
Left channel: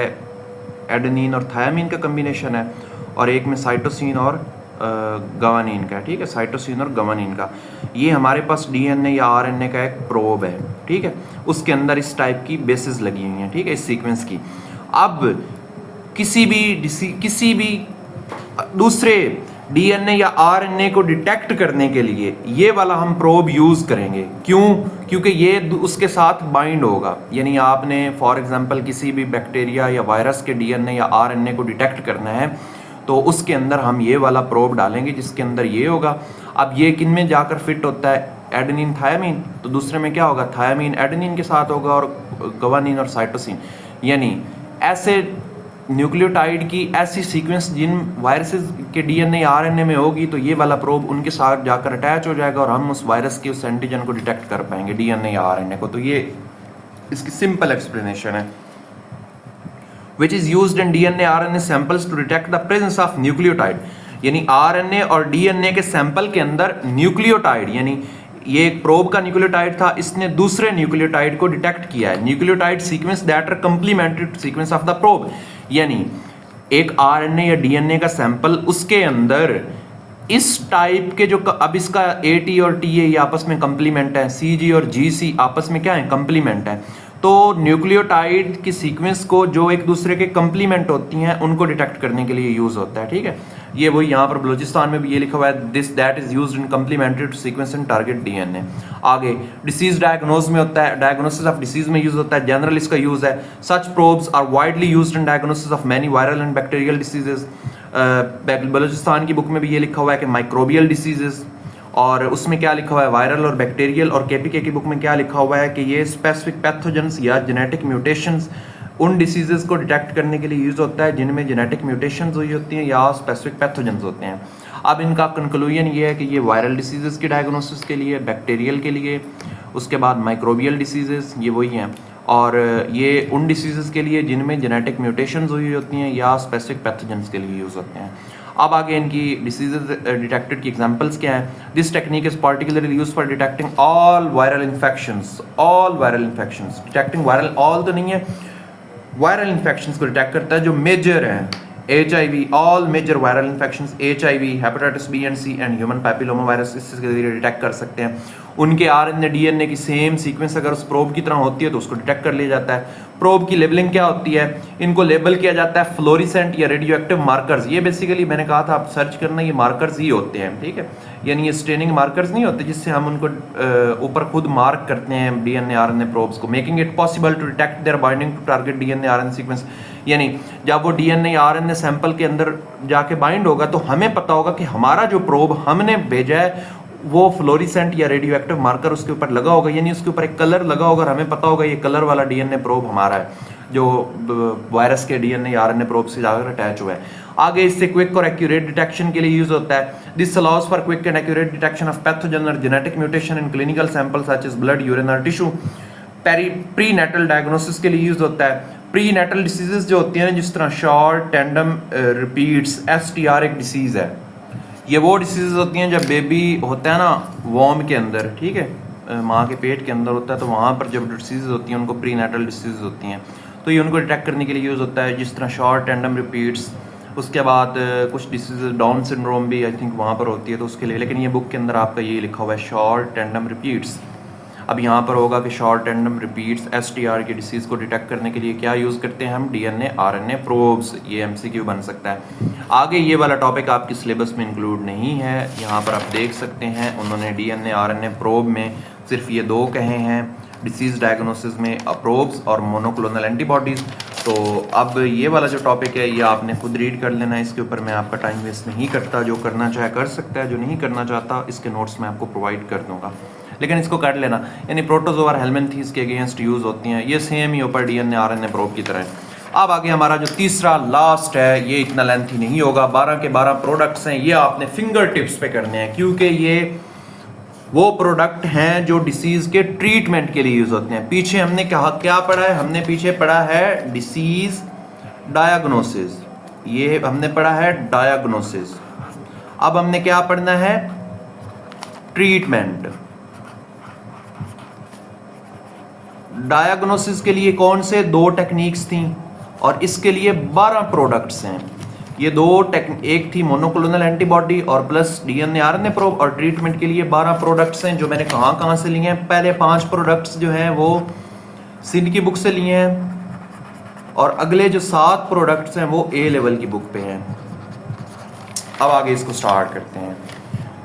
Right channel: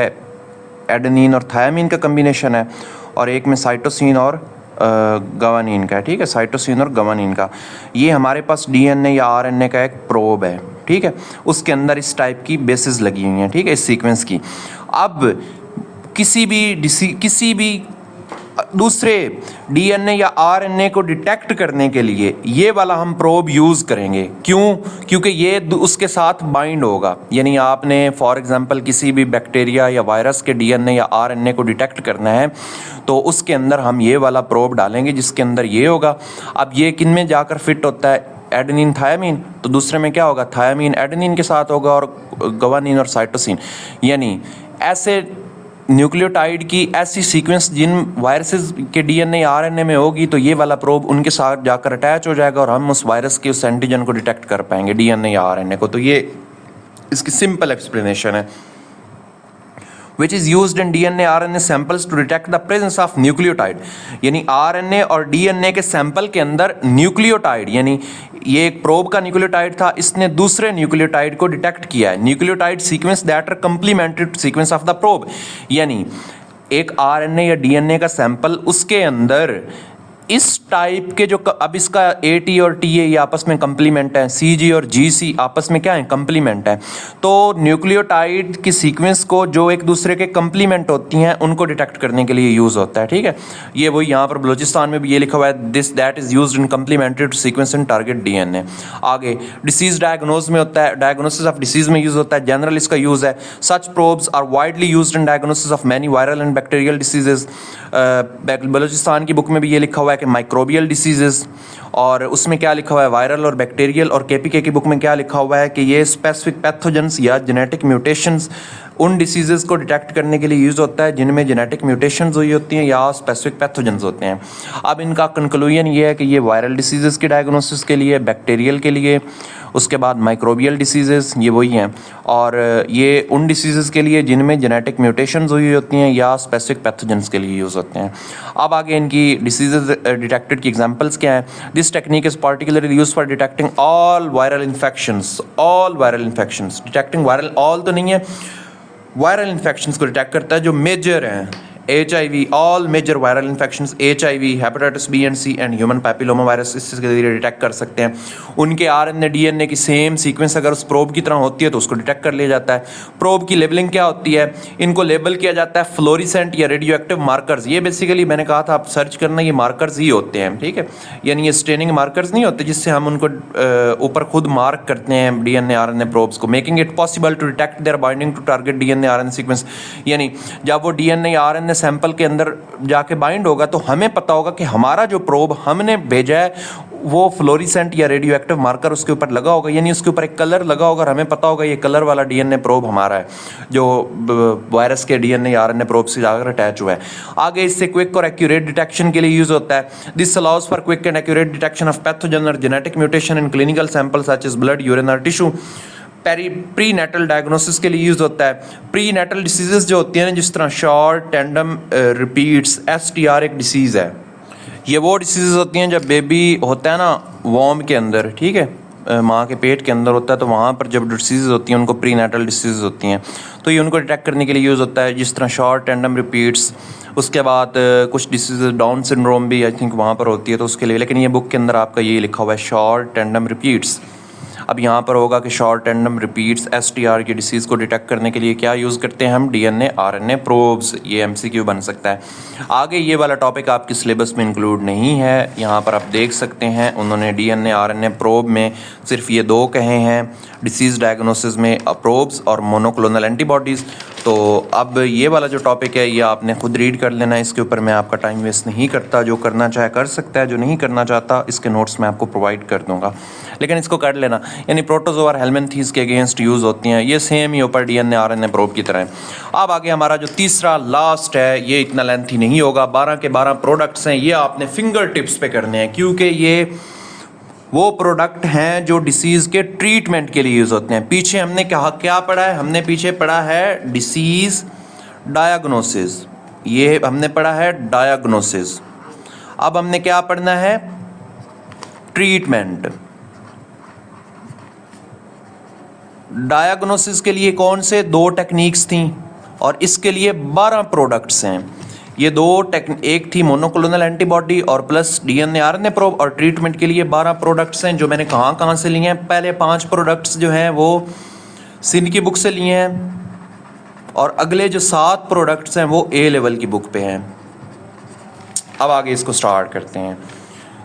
एडेनिन और थायामीन का कम्बिनेशन है, और एक में साइटोसिन और गवानीन का है, ठीक है, साइटोसिन और गवानीन का। ये हमारे पास डीएनए या आरएनए का एक प्रोब है, ठीक है। उसके अंदर इस टाइप की बेसिस लगी हुई हैं, ठीक है, इस सीक्वेंस की। अब किसी भी दूसरे डीएनए या आरएनए को डिटेक्ट करने के लिए ये वाला हम प्रोब यूज़ करेंगे। क्यों? क्योंकि ये उसके साथ बाइंड होगा। यानी आपने फॉर एग्जांपल किसी भी बैक्टीरिया या वायरस के डीएनए या आरएनए को डिटेक्ट करना है, तो उसके अंदर हम ये वाला प्रोब डालेंगे जिसके अंदर ये होगा। अब ये किन में जाकर फिट होता है? एडेनिन थायामीन, तो दूसरे में क्या होगा? थायामीन एडेनिन के साथ होगा, और गवानीन और साइटोसिन। यानी ऐसे न्यूक्लियोटाइड की ऐसी सीक्वेंस जिन वायरसेस के डीएनए आरएनए में होगी, तो ये वाला प्रोब उनके साथ जाकर अटैच हो जाएगा और हम उस वायरस के उस एंटीजन को डिटेक्ट कर पाएंगे, डीएनए या आरएनए को। तो ये इसकी सिंपल एक्सप्लेनेशन है। which is used in DNA RNA samples to detect the presence of nucleotide। यानी RNA और DNA के सैंपल के अंदर न्यूक्लियोटाइड, यानी ये एक प्रोब का न्यूक्लियोटाइड था, इसने दूसरे न्यूक्लियोटाइड को डिटेक्ट किया है। Nucleotide sequence that are complementary to sequence of the probe. यानी एक RNA या DNA का सैंपल, उसके अंदर इस टाइप के जो, अब इसका AT और TA ये आपस में कंप्लीमेंट है, CG और GC आपस में क्या है? कंप्लीमेंट है। तो न्यूक्लियोटाइड की सीक्वेंस को जो एक दूसरे के कंप्लीमेंट होती हैं, उनको डिटेक्ट करने के लिए यूज़ होता है, ठीक है। ये वही यहाँ पर बलूचिस्तान में भी ये लिखा हुआ है, this that is used in complementary to sequence and target DNA. आगे डिसीज डायग्नोज में होता है, डायग्नोसिस ऑफ डिसीज में यूज़ होता है, जनरल इसका यूज़ है। Such probes are widely used in diagnosis of many viral and bacterial diseases. Balochistan की बुक में भी ये लिखा हुआ है कि माइक्रोबियल डिसीजेस, और उसमें क्या लिखा हुआ है? वायरल और बैक्टीरियल। और केपीके की बुक में क्या लिखा हुआ है कि ये स्पेसिफिक पैथोजेंस या जेनेटिक म्यूटेशंस उन डिसीज़ेज़ को डिटेक्ट करने के लिए यूज़ होता है जिनमें जेनेटिक म्यूटेशंस हुई होती हैं या स्पेसिफिक पैथोजेंस होते हैं। अब इनका कंक्लूजन ये है कि ये वायरल डिसीज़ेज़ की डायग्नोसिस के लिए, बैक्टीरियल के लिए, उसके बाद माइक्रोबियल डिसीज़ेज़ ये वही हैं, और ये उन डिसीज़ेज़ के लिए जिनमें जेनेटिक म्यूटेशंस हुई होती हैं या स्पेसिफिक पैथोजेंस के लिए यूज़ होते हैं। अब आगे इनकी डिसीज़ेज़ डिटेक्टेड की एग्जांपल्स क्या हैं। This technique is particularly used for detecting all viral infections. Detecting viral all तो नहीं है, वायरल इन्फेक्शंस को डिटेक्ट करता है जो मेजर हैं। HIV, all major viral infections, HIV, hepatitis B and C and human papilloma virus, इसके जरिए डिटेक्ट कर सकते हैं। उनके RNA DNA की सेम सीक्वेंस अगर उस प्रोब की तरह होती है तो उसको डिटेक्ट कर लिया जाता है। प्रोब की लेबलिंग क्या होती है, इनको लेबल किया जाता है फ्लोरिसेंट या रेडियो एक्टिव मार्कर्स। ये बेसिकली मैंने कहा था आप सर्च करना, ये मार्कर्स ही होते हैं, ठीक है, यानी ये स्टेनिंग मार्कर्स नहीं होते जिससे हम उनको ऊपर खुद मार्क करते हैं DNA RNA प्रोब्स को, making it possible to detect their binding to target DNA RNA sequence. यानी जब वो DNA RNA सैंपल के अंदर जाके बाइंड होगा तो हमें पता होगा कि हमारा जो प्रोब हमने भेजा है वो फ्लोरिसेंट या रेडियो एक्टिव मार्कर उसके ऊपर लगा होगा, यानी उसके ऊपर एक कलर लगा होगा और हमें पता होगा ये कलर वाला DNA प्रोब हमारा है जो वायरस के DNA या RNA प्रोब से जाकर अटैच हुआ है। आगे इससे क्विक और एक्यूरेट डिटेक्शन के लिए यूज होता है। This allows for quick and accurate detection of pathogen और genetic mutation in clinical sample such as blood, urine और टिश्यू। प्री नेटल डायग्नोसिस के लिए यूज होता है। प्री नेटल डिसीजेस जो होती हैं जिस तरह शॉर्ट टेंडम रिपीट्स, STR एक डिसीज़ है। ये वो डिसीज़ होती हैं जब बेबी होता है ना वॉर्म के अंदर, ठीक है, माँ के पेट के अंदर होता है, तो वहाँ पर जब डिसीज़ होती हैं उनको प्री नेटल डिसीज़ होती हैं, तो ये उनको डिटेक्ट करने के लिए यूज़ होता है, जिस तरह शॉर्ट टेंडम रिपीट्स। उसके बाद कुछ डिसीज़ डाउन सिंड्रोम भी आई थिंक वहाँ पर होती है तो उसके लिए, लेकिन ये बुक के अंदर आपका ये लिखा हुआ है शॉर्ट टेंडम रिपीट्स। अब यहाँ पर होगा कि शॉर्ट टेंडम रिपीट्स STR की डिसीज़ को डिटेक्ट करने के लिए क्या यूज़ करते हैं हम, DNA RNA प्रोब्स। ये MCQ बन सकता है। आगे ये वाला टॉपिक आपके सिलेबस में इंक्लूड नहीं है, यहाँ पर आप देख सकते हैं उन्होंने DNA RNA प्रोब में सिर्फ ये दो कहे हैं, डिसीज़ डायग्नोसिस में प्रोब्स और मोनोक्लोनल एंटीबॉडीज़। तो अब ये वाला जो टॉपिक है ये आपने खुद रीड कर लेना है, इसके ऊपर मैं आपका टाइम वेस्ट नहीं करता, जो करना चाहे कर सकता है, जो नहीं करना चाहता इसके नोट्स मैं आपको प्रोवाइड कर दूंगा, लेकिन इसको कर लेना। यानी प्रोटोजोआ हेलमिंथीज के अगेंस्ट यूज़ होती हैं, ये सेम ही ऊपर DNA RNA प्रोब की तरह है। अब आगे हमारा जो तीसरा लास्ट है, ये इतना लेंथी नहीं होगा, 12 के 12 प्रोडक्ट्स हैं, ये आपने फिंगर टिप्स पे करने हैं क्योंकि ये वो प्रोडक्ट हैं जो डिसीज़ के ट्रीटमेंट के लिए यूज़ होते हैं। पीछे हमने क्या पढ़ा है, हमने पीछे पढ़ा है डिसीज़ डायग्नोसिस, ये हमने पढ़ा है डायग्नोसिस। अब हमने क्या पढ़ना है, ट्रीटमेंट। डायग्नोसिस के लिए कौन से दो टेक्निक्स थी और इसके लिए 12 प्रोडक्ट्स हैं। ये दो एक थी मोनोक्लोनल एंटीबॉडी और प्लस DNA RNA प्रोब, और ट्रीटमेंट के लिए 12 प्रोडक्ट्स हैं जो मैंने कहाँ से लिए हैं। पहले 5 प्रोडक्ट्स जो हैं वो सिन की बुक से लिए हैं और अगले जो 7 प्रोडक्ट्स हैं वो A लेवल की बुक पे हैं। अब आगे इसको स्टार्ट करते हैं।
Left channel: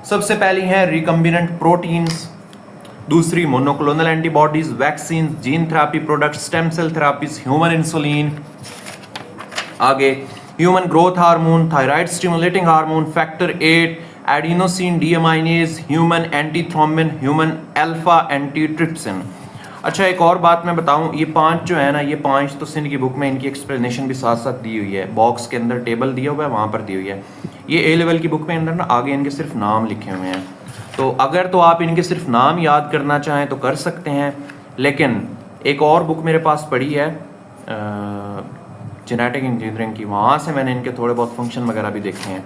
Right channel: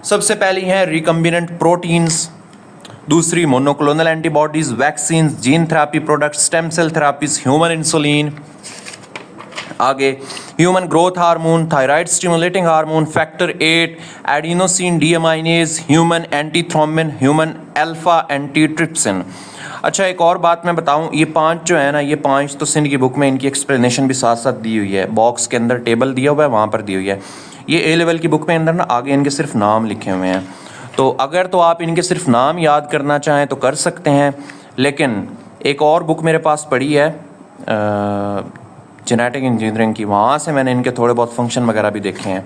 सबसे पहली है रिकम्बिनेंट प्रोटीन्स, दूसरी monoclonal antibodies, vaccine, gene therapy product, stem cell therapies, human insulin. आगे human growth hormone, thyroid stimulating hormone, factor 8, adenosine deaminase, human antithrombin, human alpha antitrypsin. अच्छा एक और बात मैं बताऊं, ये 5 जो है ना, ये 5 तो सिंध की बुक में इनकी एक्सप्लेनेशन भी साथ साथ दी हुई है, बॉक्स के अंदर टेबल दिया हुआ है वहाँ पर दी हुई है। ये A लेवल की बुक में अंदर ना आगे इनके सिर्फ नाम लिखे हुए हैं, तो अगर तो आप इनके सिर्फ नाम याद करना चाहें तो कर सकते हैं, लेकिन एक और बुक मेरे पास पड़ी है जेनेटिक इंजीनियरिंग की, वहाँ से मैंने इनके थोड़े बहुत फंक्शन वगैरह भी देखे हैं।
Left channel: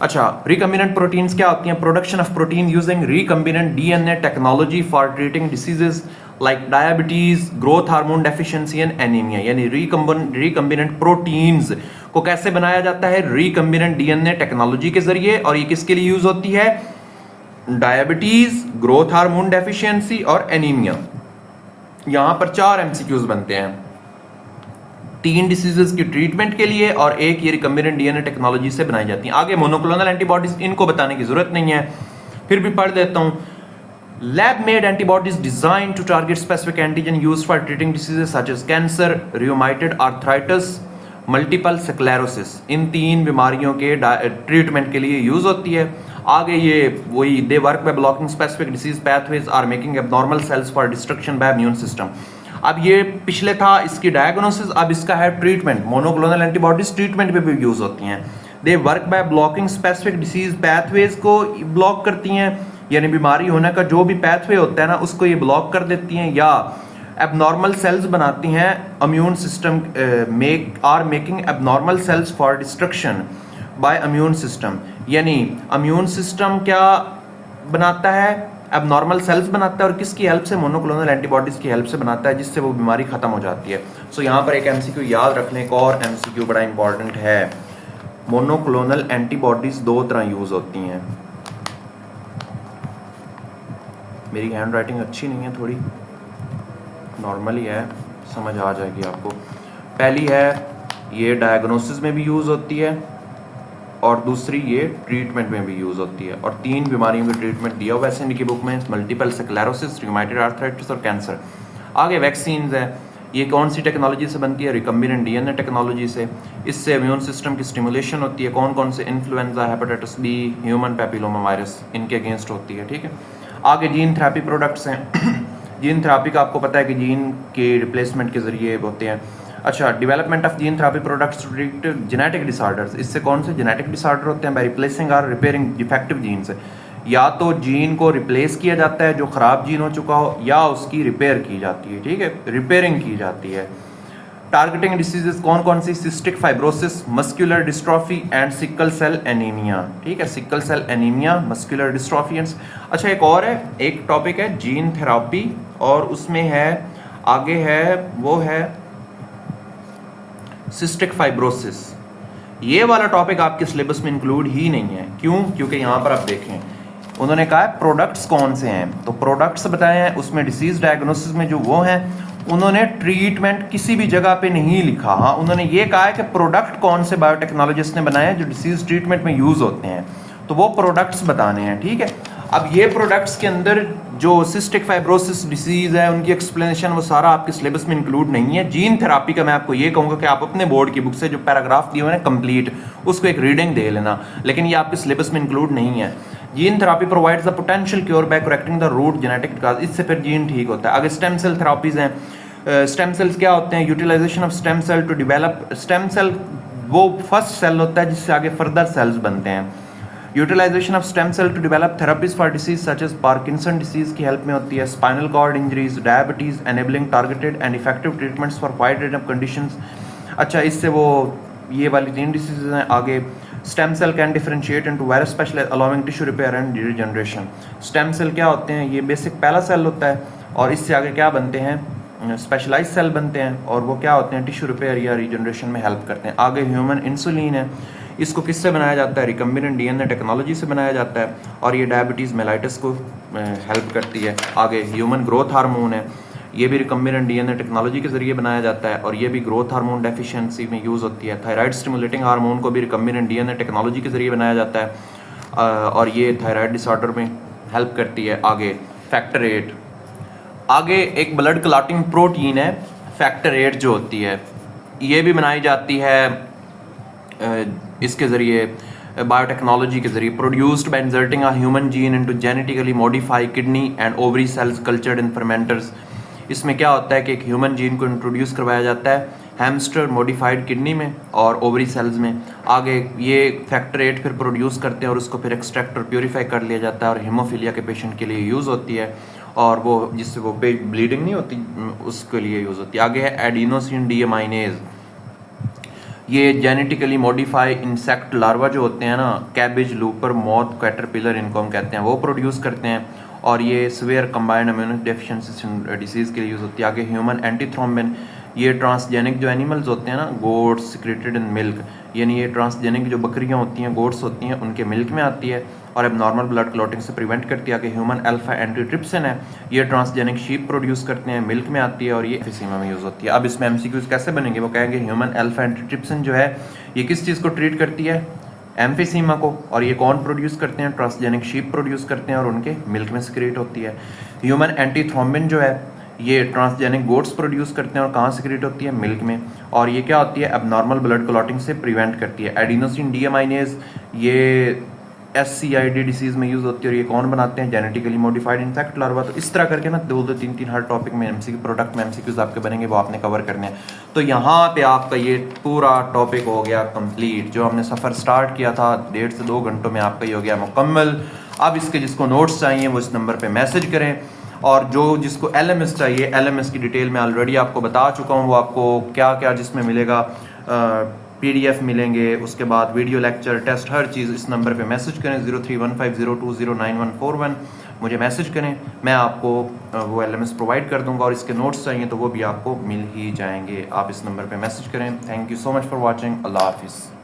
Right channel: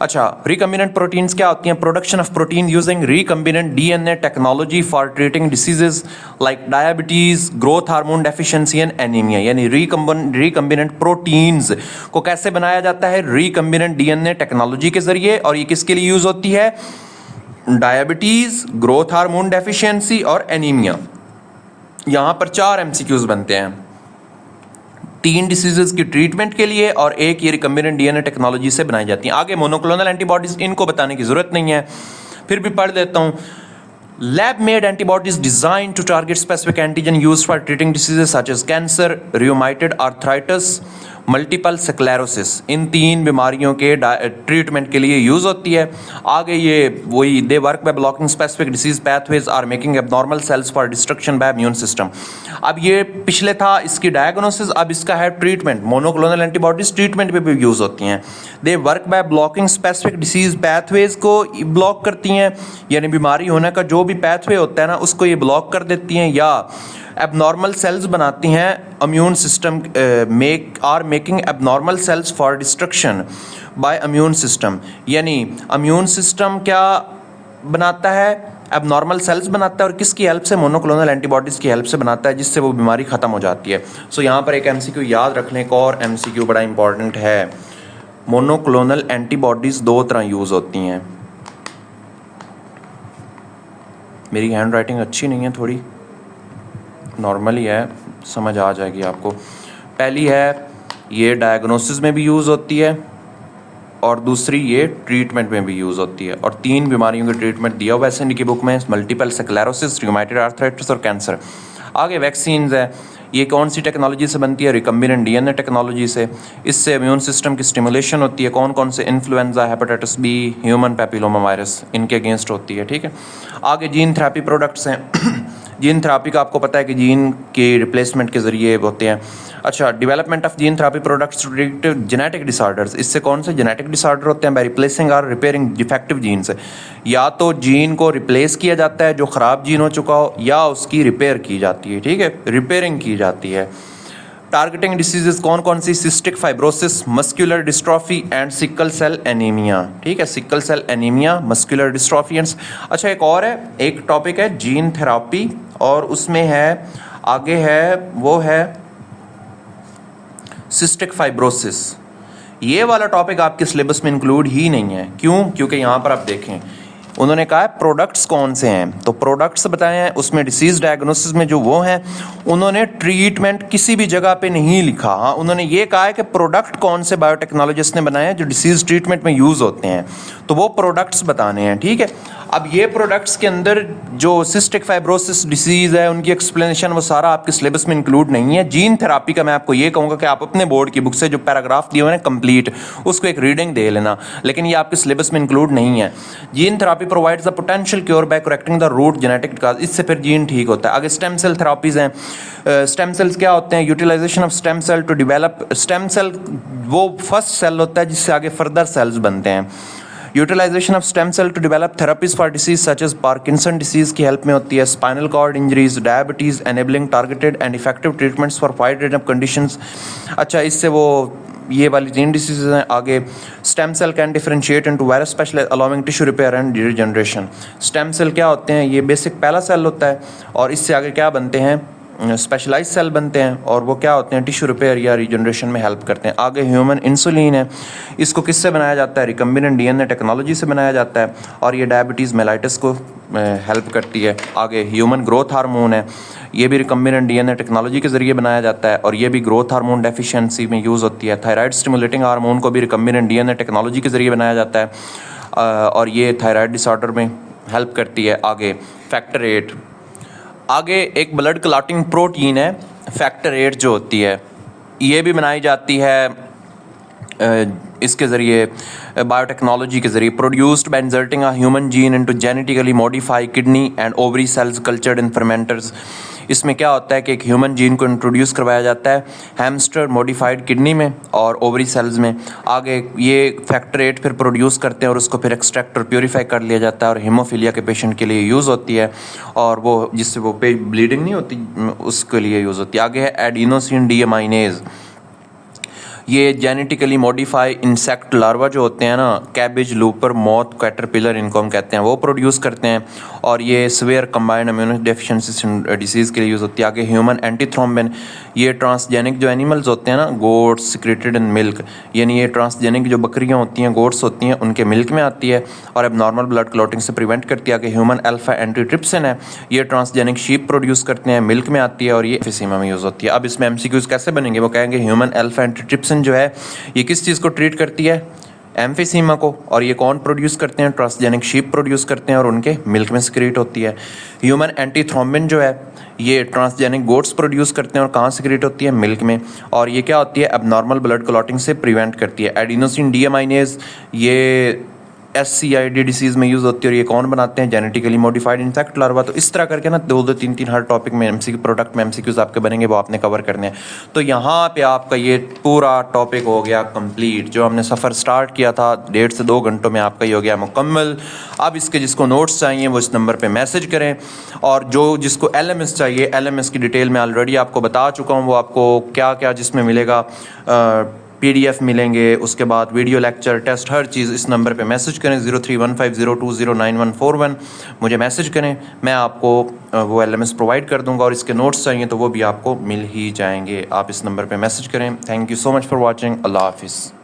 अच्छा, रिकम्बिनेंट प्रोटीन्स क्या होती हैं? Production of protein using recombinant DNA technology for treating diseases like diabetes, growth hormone deficiency and anaemia. यानी रिकम्बिनेंट प्रोटीन्स को कैसे बनाया जाता है? रिकम्बिनेंट DNA टेक्नोलॉजी के जरिए, और ये किसके लिए यूज होती है? डायबिटीज, ग्रोथ हार्मोन डेफिशिएंसी और एनीमिया। यहाँ पर 4 MCQs बनते हैं, 3 डिसीजेस की ट्रीटमेंट के लिए और एक ये रिकम्बिनेंट DNA टेक्नोलॉजी से बनाई जाती हैं। आगे मोनोक्लोनल एंटीबॉडीज, इनको बताने की जरूरत नहीं है, फिर भी पढ़ लेता हूँ। Lab made antibodies design to target specific antigen used for treating diseases such as cancer, rheumatoid arthritis, multiple sclerosis, इन 3 बीमारियों के ट्रीटमेंट के लिए यूज़ होती है। आगे ये वही they work by blocking specific disease pathways or making abnormal cells for destruction by immune system. अब ये पिछले था इसकी डायग्नोसिस, अब इसका है ट्रीटमेंट। मोनोक्लोनल एंटीबॉडीज ट्रीटमेंट पे भी यूज़ होती हैं। They work by blocking specific disease pathways को ब्लॉक करती हैं, यानी बीमारी होने का जो भी पैथवे होता है ना उसको ये ब्लॉक कर देती हैं, या एबनॉर्मल सेल्स बनाती हैं। Immune system making abnormal cells for destruction by immune system, यानी इम्यून सिस्टम क्या बनाता है, एबनॉर्मल सेल्स बनाता है, और किसकी हेल्प से, मोनोक्लोनल एंटीबॉडीज़ की हेल्प से बनाता है, जिससे वो बीमारी ख़त्म हो जाती है। सो यहाँ पर एक एमसीक्यू याद रखने को, और एमसीक्यू बड़ा इंपॉर्टेंट है। मोनोक्लोनल एंटीबॉडीज़ 2 तरह यूज़ होती हैं। मेरी हैंड राइटिंग अच्छी नहीं है, थोड़ी नॉर्मली है, समझ आ जाएगी आपको। पहली है ये डायग्नोसिस में भी यूज़ होती है, और दूसरी ये ट्रीटमेंट में भी यूज़ होती है। और 3 बीमारियों का ट्रीटमेंट दिया हुआ है ऐसे इनकी बुक में, मल्टीपल स्क्लेरोसिस, रूमेटॉइड आर्थराइटिस और कैंसर। आगे वैक्सीन्स है, ये कौन सी टेक्नोलॉजी से बनती है, रिकम्बिनेंट डीएनए टेक्नोलॉजी से। इससे इम्यून सिस्टम की स्टिमुलेशन होती है। कौन कौन से, influenza, hepatitis B, human papilloma virus, इनके अगेंस्ट होती है, ठीक है। आगे जीन थेरेपी प्रोडक्ट्स हैं। जीन थेरेपी का आपको पता है कि जीन के रिप्लेसमेंट के ज़रिए होते हैं। अच्छा, development of gene therapy products to treat genetic disorders. इससे कौन से जेनेटिक डिसऑर्डर होते हैं, बाय रिप्लेसिंग और रिपेयरिंग डिफेक्टिव जीन से। या तो जीन को रिप्लेस किया जाता है जो ख़राब जीन हो चुका हो, या उसकी रिपेयर की जाती है, ठीक है, रिपेयरिंग की जाती है। टारगेटिंग डिसीजेस कौन कौन सी, cystic fibrosis, muscular dystrophy and sickle cell anaemia, ठीक है, sickle cell anaemia, muscular dystrophy and. अच्छा, एक और है, एक टॉपिक है जीन थेरेपी, और उसमें है आगे है वो है सिस्टिक फाइब्रोसिस। ये वाला टॉपिक आपके सिलेबस में इंक्लूड ही नहीं है। क्यों? क्योंकि यहाँ पर आप देखें उन्होंने कहा है प्रोडक्ट्स कौन से हैं, तो प्रोडक्ट्स बताए हैं, उसमें डिसीज डायग्नोसिस में जो वो हैं, उन्होंने ट्रीटमेंट किसी भी जगह पे नहीं लिखा। हाँ, उन्होंने ये कहा है कि प्रोडक्ट कौन से बायोटेक्नोलॉजिस्ट ने बनाए हैं जो डिसीज ट्रीटमेंट में यूज़ होते हैं, तो वो प्रोडक्ट्स बताने हैं, ठीक है। अब ये प्रोडक्ट्स के अंदर जो सिस्टिक फाइब्रोसिस डिसीज़ है उनकी एक्सप्लेनेशन वो सारा आपके सिलेबस में इंक्लूड नहीं है। जीन थेरेपी का मैं आपको ये कहूँगा कि आप अपने बोर्ड की बुक से जो पैराग्राफ दिए हुए हैं कंप्लीट, उसको एक रीडिंग दे लेना, लेकिन ये आपके सिलेबस में इंक्लूड नहीं है। Gene therapy provides the potential cure by correcting the root genetic cause, इससे फिर जीन ठीक होता है। आगे स्टेम सेल थेरापीज़ हैं। स्टेम सेल्स क्या होते हैं, utilization of stem cell to develop, stem cell वो फर्स्ट सेल होता है जिससे आगे फर्दर सेल्स बनते हैं। Utilization of stem cell to develop therapies for disease such as Parkinson disease की हेल्प में होती है। Spinal cord injuries, diabetes, enabling targeted and effective treatments for wide range of conditions. अच्छा, इससे वो ये वाली 3 डिसीज हैं। आगे stem cell can differentiate into very special allowing tissue repair and regeneration. Stem cell क्या होते हैं, ये बेसिक पहला सेल होता है, और इससे आगे क्या बनते हैं, स्पेशलाइज सेल बनते हैं, और वो क्या होते हैं, टिश्यू रिपेयर या रीजनरेशन में हेल्प करते हैं। आगे ह्यूमन इंसुलिन है, इसको किससे बनाया जाता है, रिकम्बिनेंट डीएनए टेक्नोलॉजी से बनाया जाता है, और ये डायबिटीज़ मेलाइटिस को हेल्प करती है। आगे ह्यूमन ग्रोथ हार्मोन है, ये भी रिकम्बिनेंट डीएनए टेक्नोलॉजी के ज़रिए बनाया जाता है, और ये भी ग्रोथ हार्मोन डेफिशिएंसी में यूज़ होती है। थायराइड स्टिमुलेटिंग हार्मोन को भी रिकम्बिनेंट डीएनए टेक्नोलॉजी के ज़रिए बनाया जाता है, और ये थायराइड डिसऑर्डर में हेल्प करती है। आगे फैक्टर 8, आगे एक ब्लड क्लॉटिंग प्रोटीन है फैक्टर 8 जो होती है, ये भी बनाई जाती है इसके ज़रिए, बायोटेक्नोलॉजी के ज़रिए। Produced by inserting a human gene into genetically modified kidney and ovary cells cultured in fermenters. इसमें क्या होता है कि एक ह्यूमन जीन को इंट्रोड्यूस करवाया जाता है हैमस्टर मॉडिफाइड किडनी में और ओवरी सेल्स में। आगे ये फैक्टर 8 फिर प्रोड्यूस करते हैं, और उसको फिर एक्सट्रैक्ट और प्योरीफाई कर लिया जाता है, और हीमोफीलिया के पेशेंट के लिए यूज़ होती है, और वो जिससे वो ब्लीडिंग नहीं होती उसके लिए यूज़ होती है। आगे है एडिनोसिन डीएमाइनेज, ये जेनेटिकली मॉडिफाई इंसेक्ट लार्वा जो होते हैं ना, कैबेज, लूपर, मॉथ, कैटरपिलर, इनको हम कहते हैं, वो प्रोड्यूस करते हैं, और ये swear combined immuno deficiency disease के लिए यूज़ होती है। आगे ह्यूमन एंटीथ्रोम्बिन, ये ट्रांसजेनिक जो एनिमल्स होते हैं ना, गोट्स सिक्रेटेड इन मिल्क, यानी ये ट्रांसजेनिक जो बकरियाँ होती हैं, गोट्स होती हैं, उनके मिल्क में आती है, और अब नॉर्मल ब्लड क्लॉटिंग से प्रिवेंट करती है। आगे ह्यूमन अल्फा एंटीट्रिप्सिन है, ये ट्रांसजेनिक शीप प्रोड्यूस करते हैं, मिल्क में आती है, और ये एम्फीसीमा में यूज़ होती है। अब इसमें एमसीक्यूज़ कैसे बनेंगे, वो कहेंगे ह्यूमन अल्फा एंटीट्रिप्सिन जो है ये किस चीज़ को ट्रीट करती है, एम्फीसीमा को, और ये कौन प्रोड्यूस करते हैं? ट्रांसजेनिक शीप प्रोड्यूस करते हैं और उनके मिल्क में सिक्रीट होती है। ह्यूमन एंटीथ्रोम्बिन जो है ये ट्रांसजेनिक गोट्स प्रोड्यूस करते हैं और कहाँ सिक्रीट होती है? मिल्क में। और ये क्या होती है? एबनॉर्मल ब्लड क्लॉटिंग से प्रिवेंट करती है। एडिनोसिन डीएमाइनेज ये SCID डिसीज़ में यूज़ होती है और ये कौन बनाते हैं? Genetically modified insect larva. तो इस तरह करके ना 2-2 3-3 हर टॉपिक में प्रोडक्ट में MCQs आपके बनेंगे, वो आपने कवर करने हैं। तो यहाँ पे आपका ये पूरा टॉपिक हो गया कंप्लीट। जो हमने सफ़र स्टार्ट किया था 1.5 से 2 घंटों में, आपका ये हो गया मुकम्मल। अब इसके जिसको नोट्स चाहिए वो इस नंबर पर मैसेज करें, और जो जिसको LMS चाहिए, LMS की डिटेल मैं ऑलरेडी आपको बता चुका हूँ। वो आपको क्या क्या जिसमें मिलेगा, PDF मिलेंगे, उसके बाद वीडियो लेक्चर, टेस्ट, हर चीज़। इस नंबर पे मैसेज करें 0315020941 मुझे मैसेज करें, मैं आपको वो LMS प्रोवाइड कर दूंगा। और इसके नोट्स चाहिए तो वो भी आपको मिल ही जाएंगे। आप इस नंबर पे मैसेज करें। Thank you so much for watching. अल्लाह हाफिज़।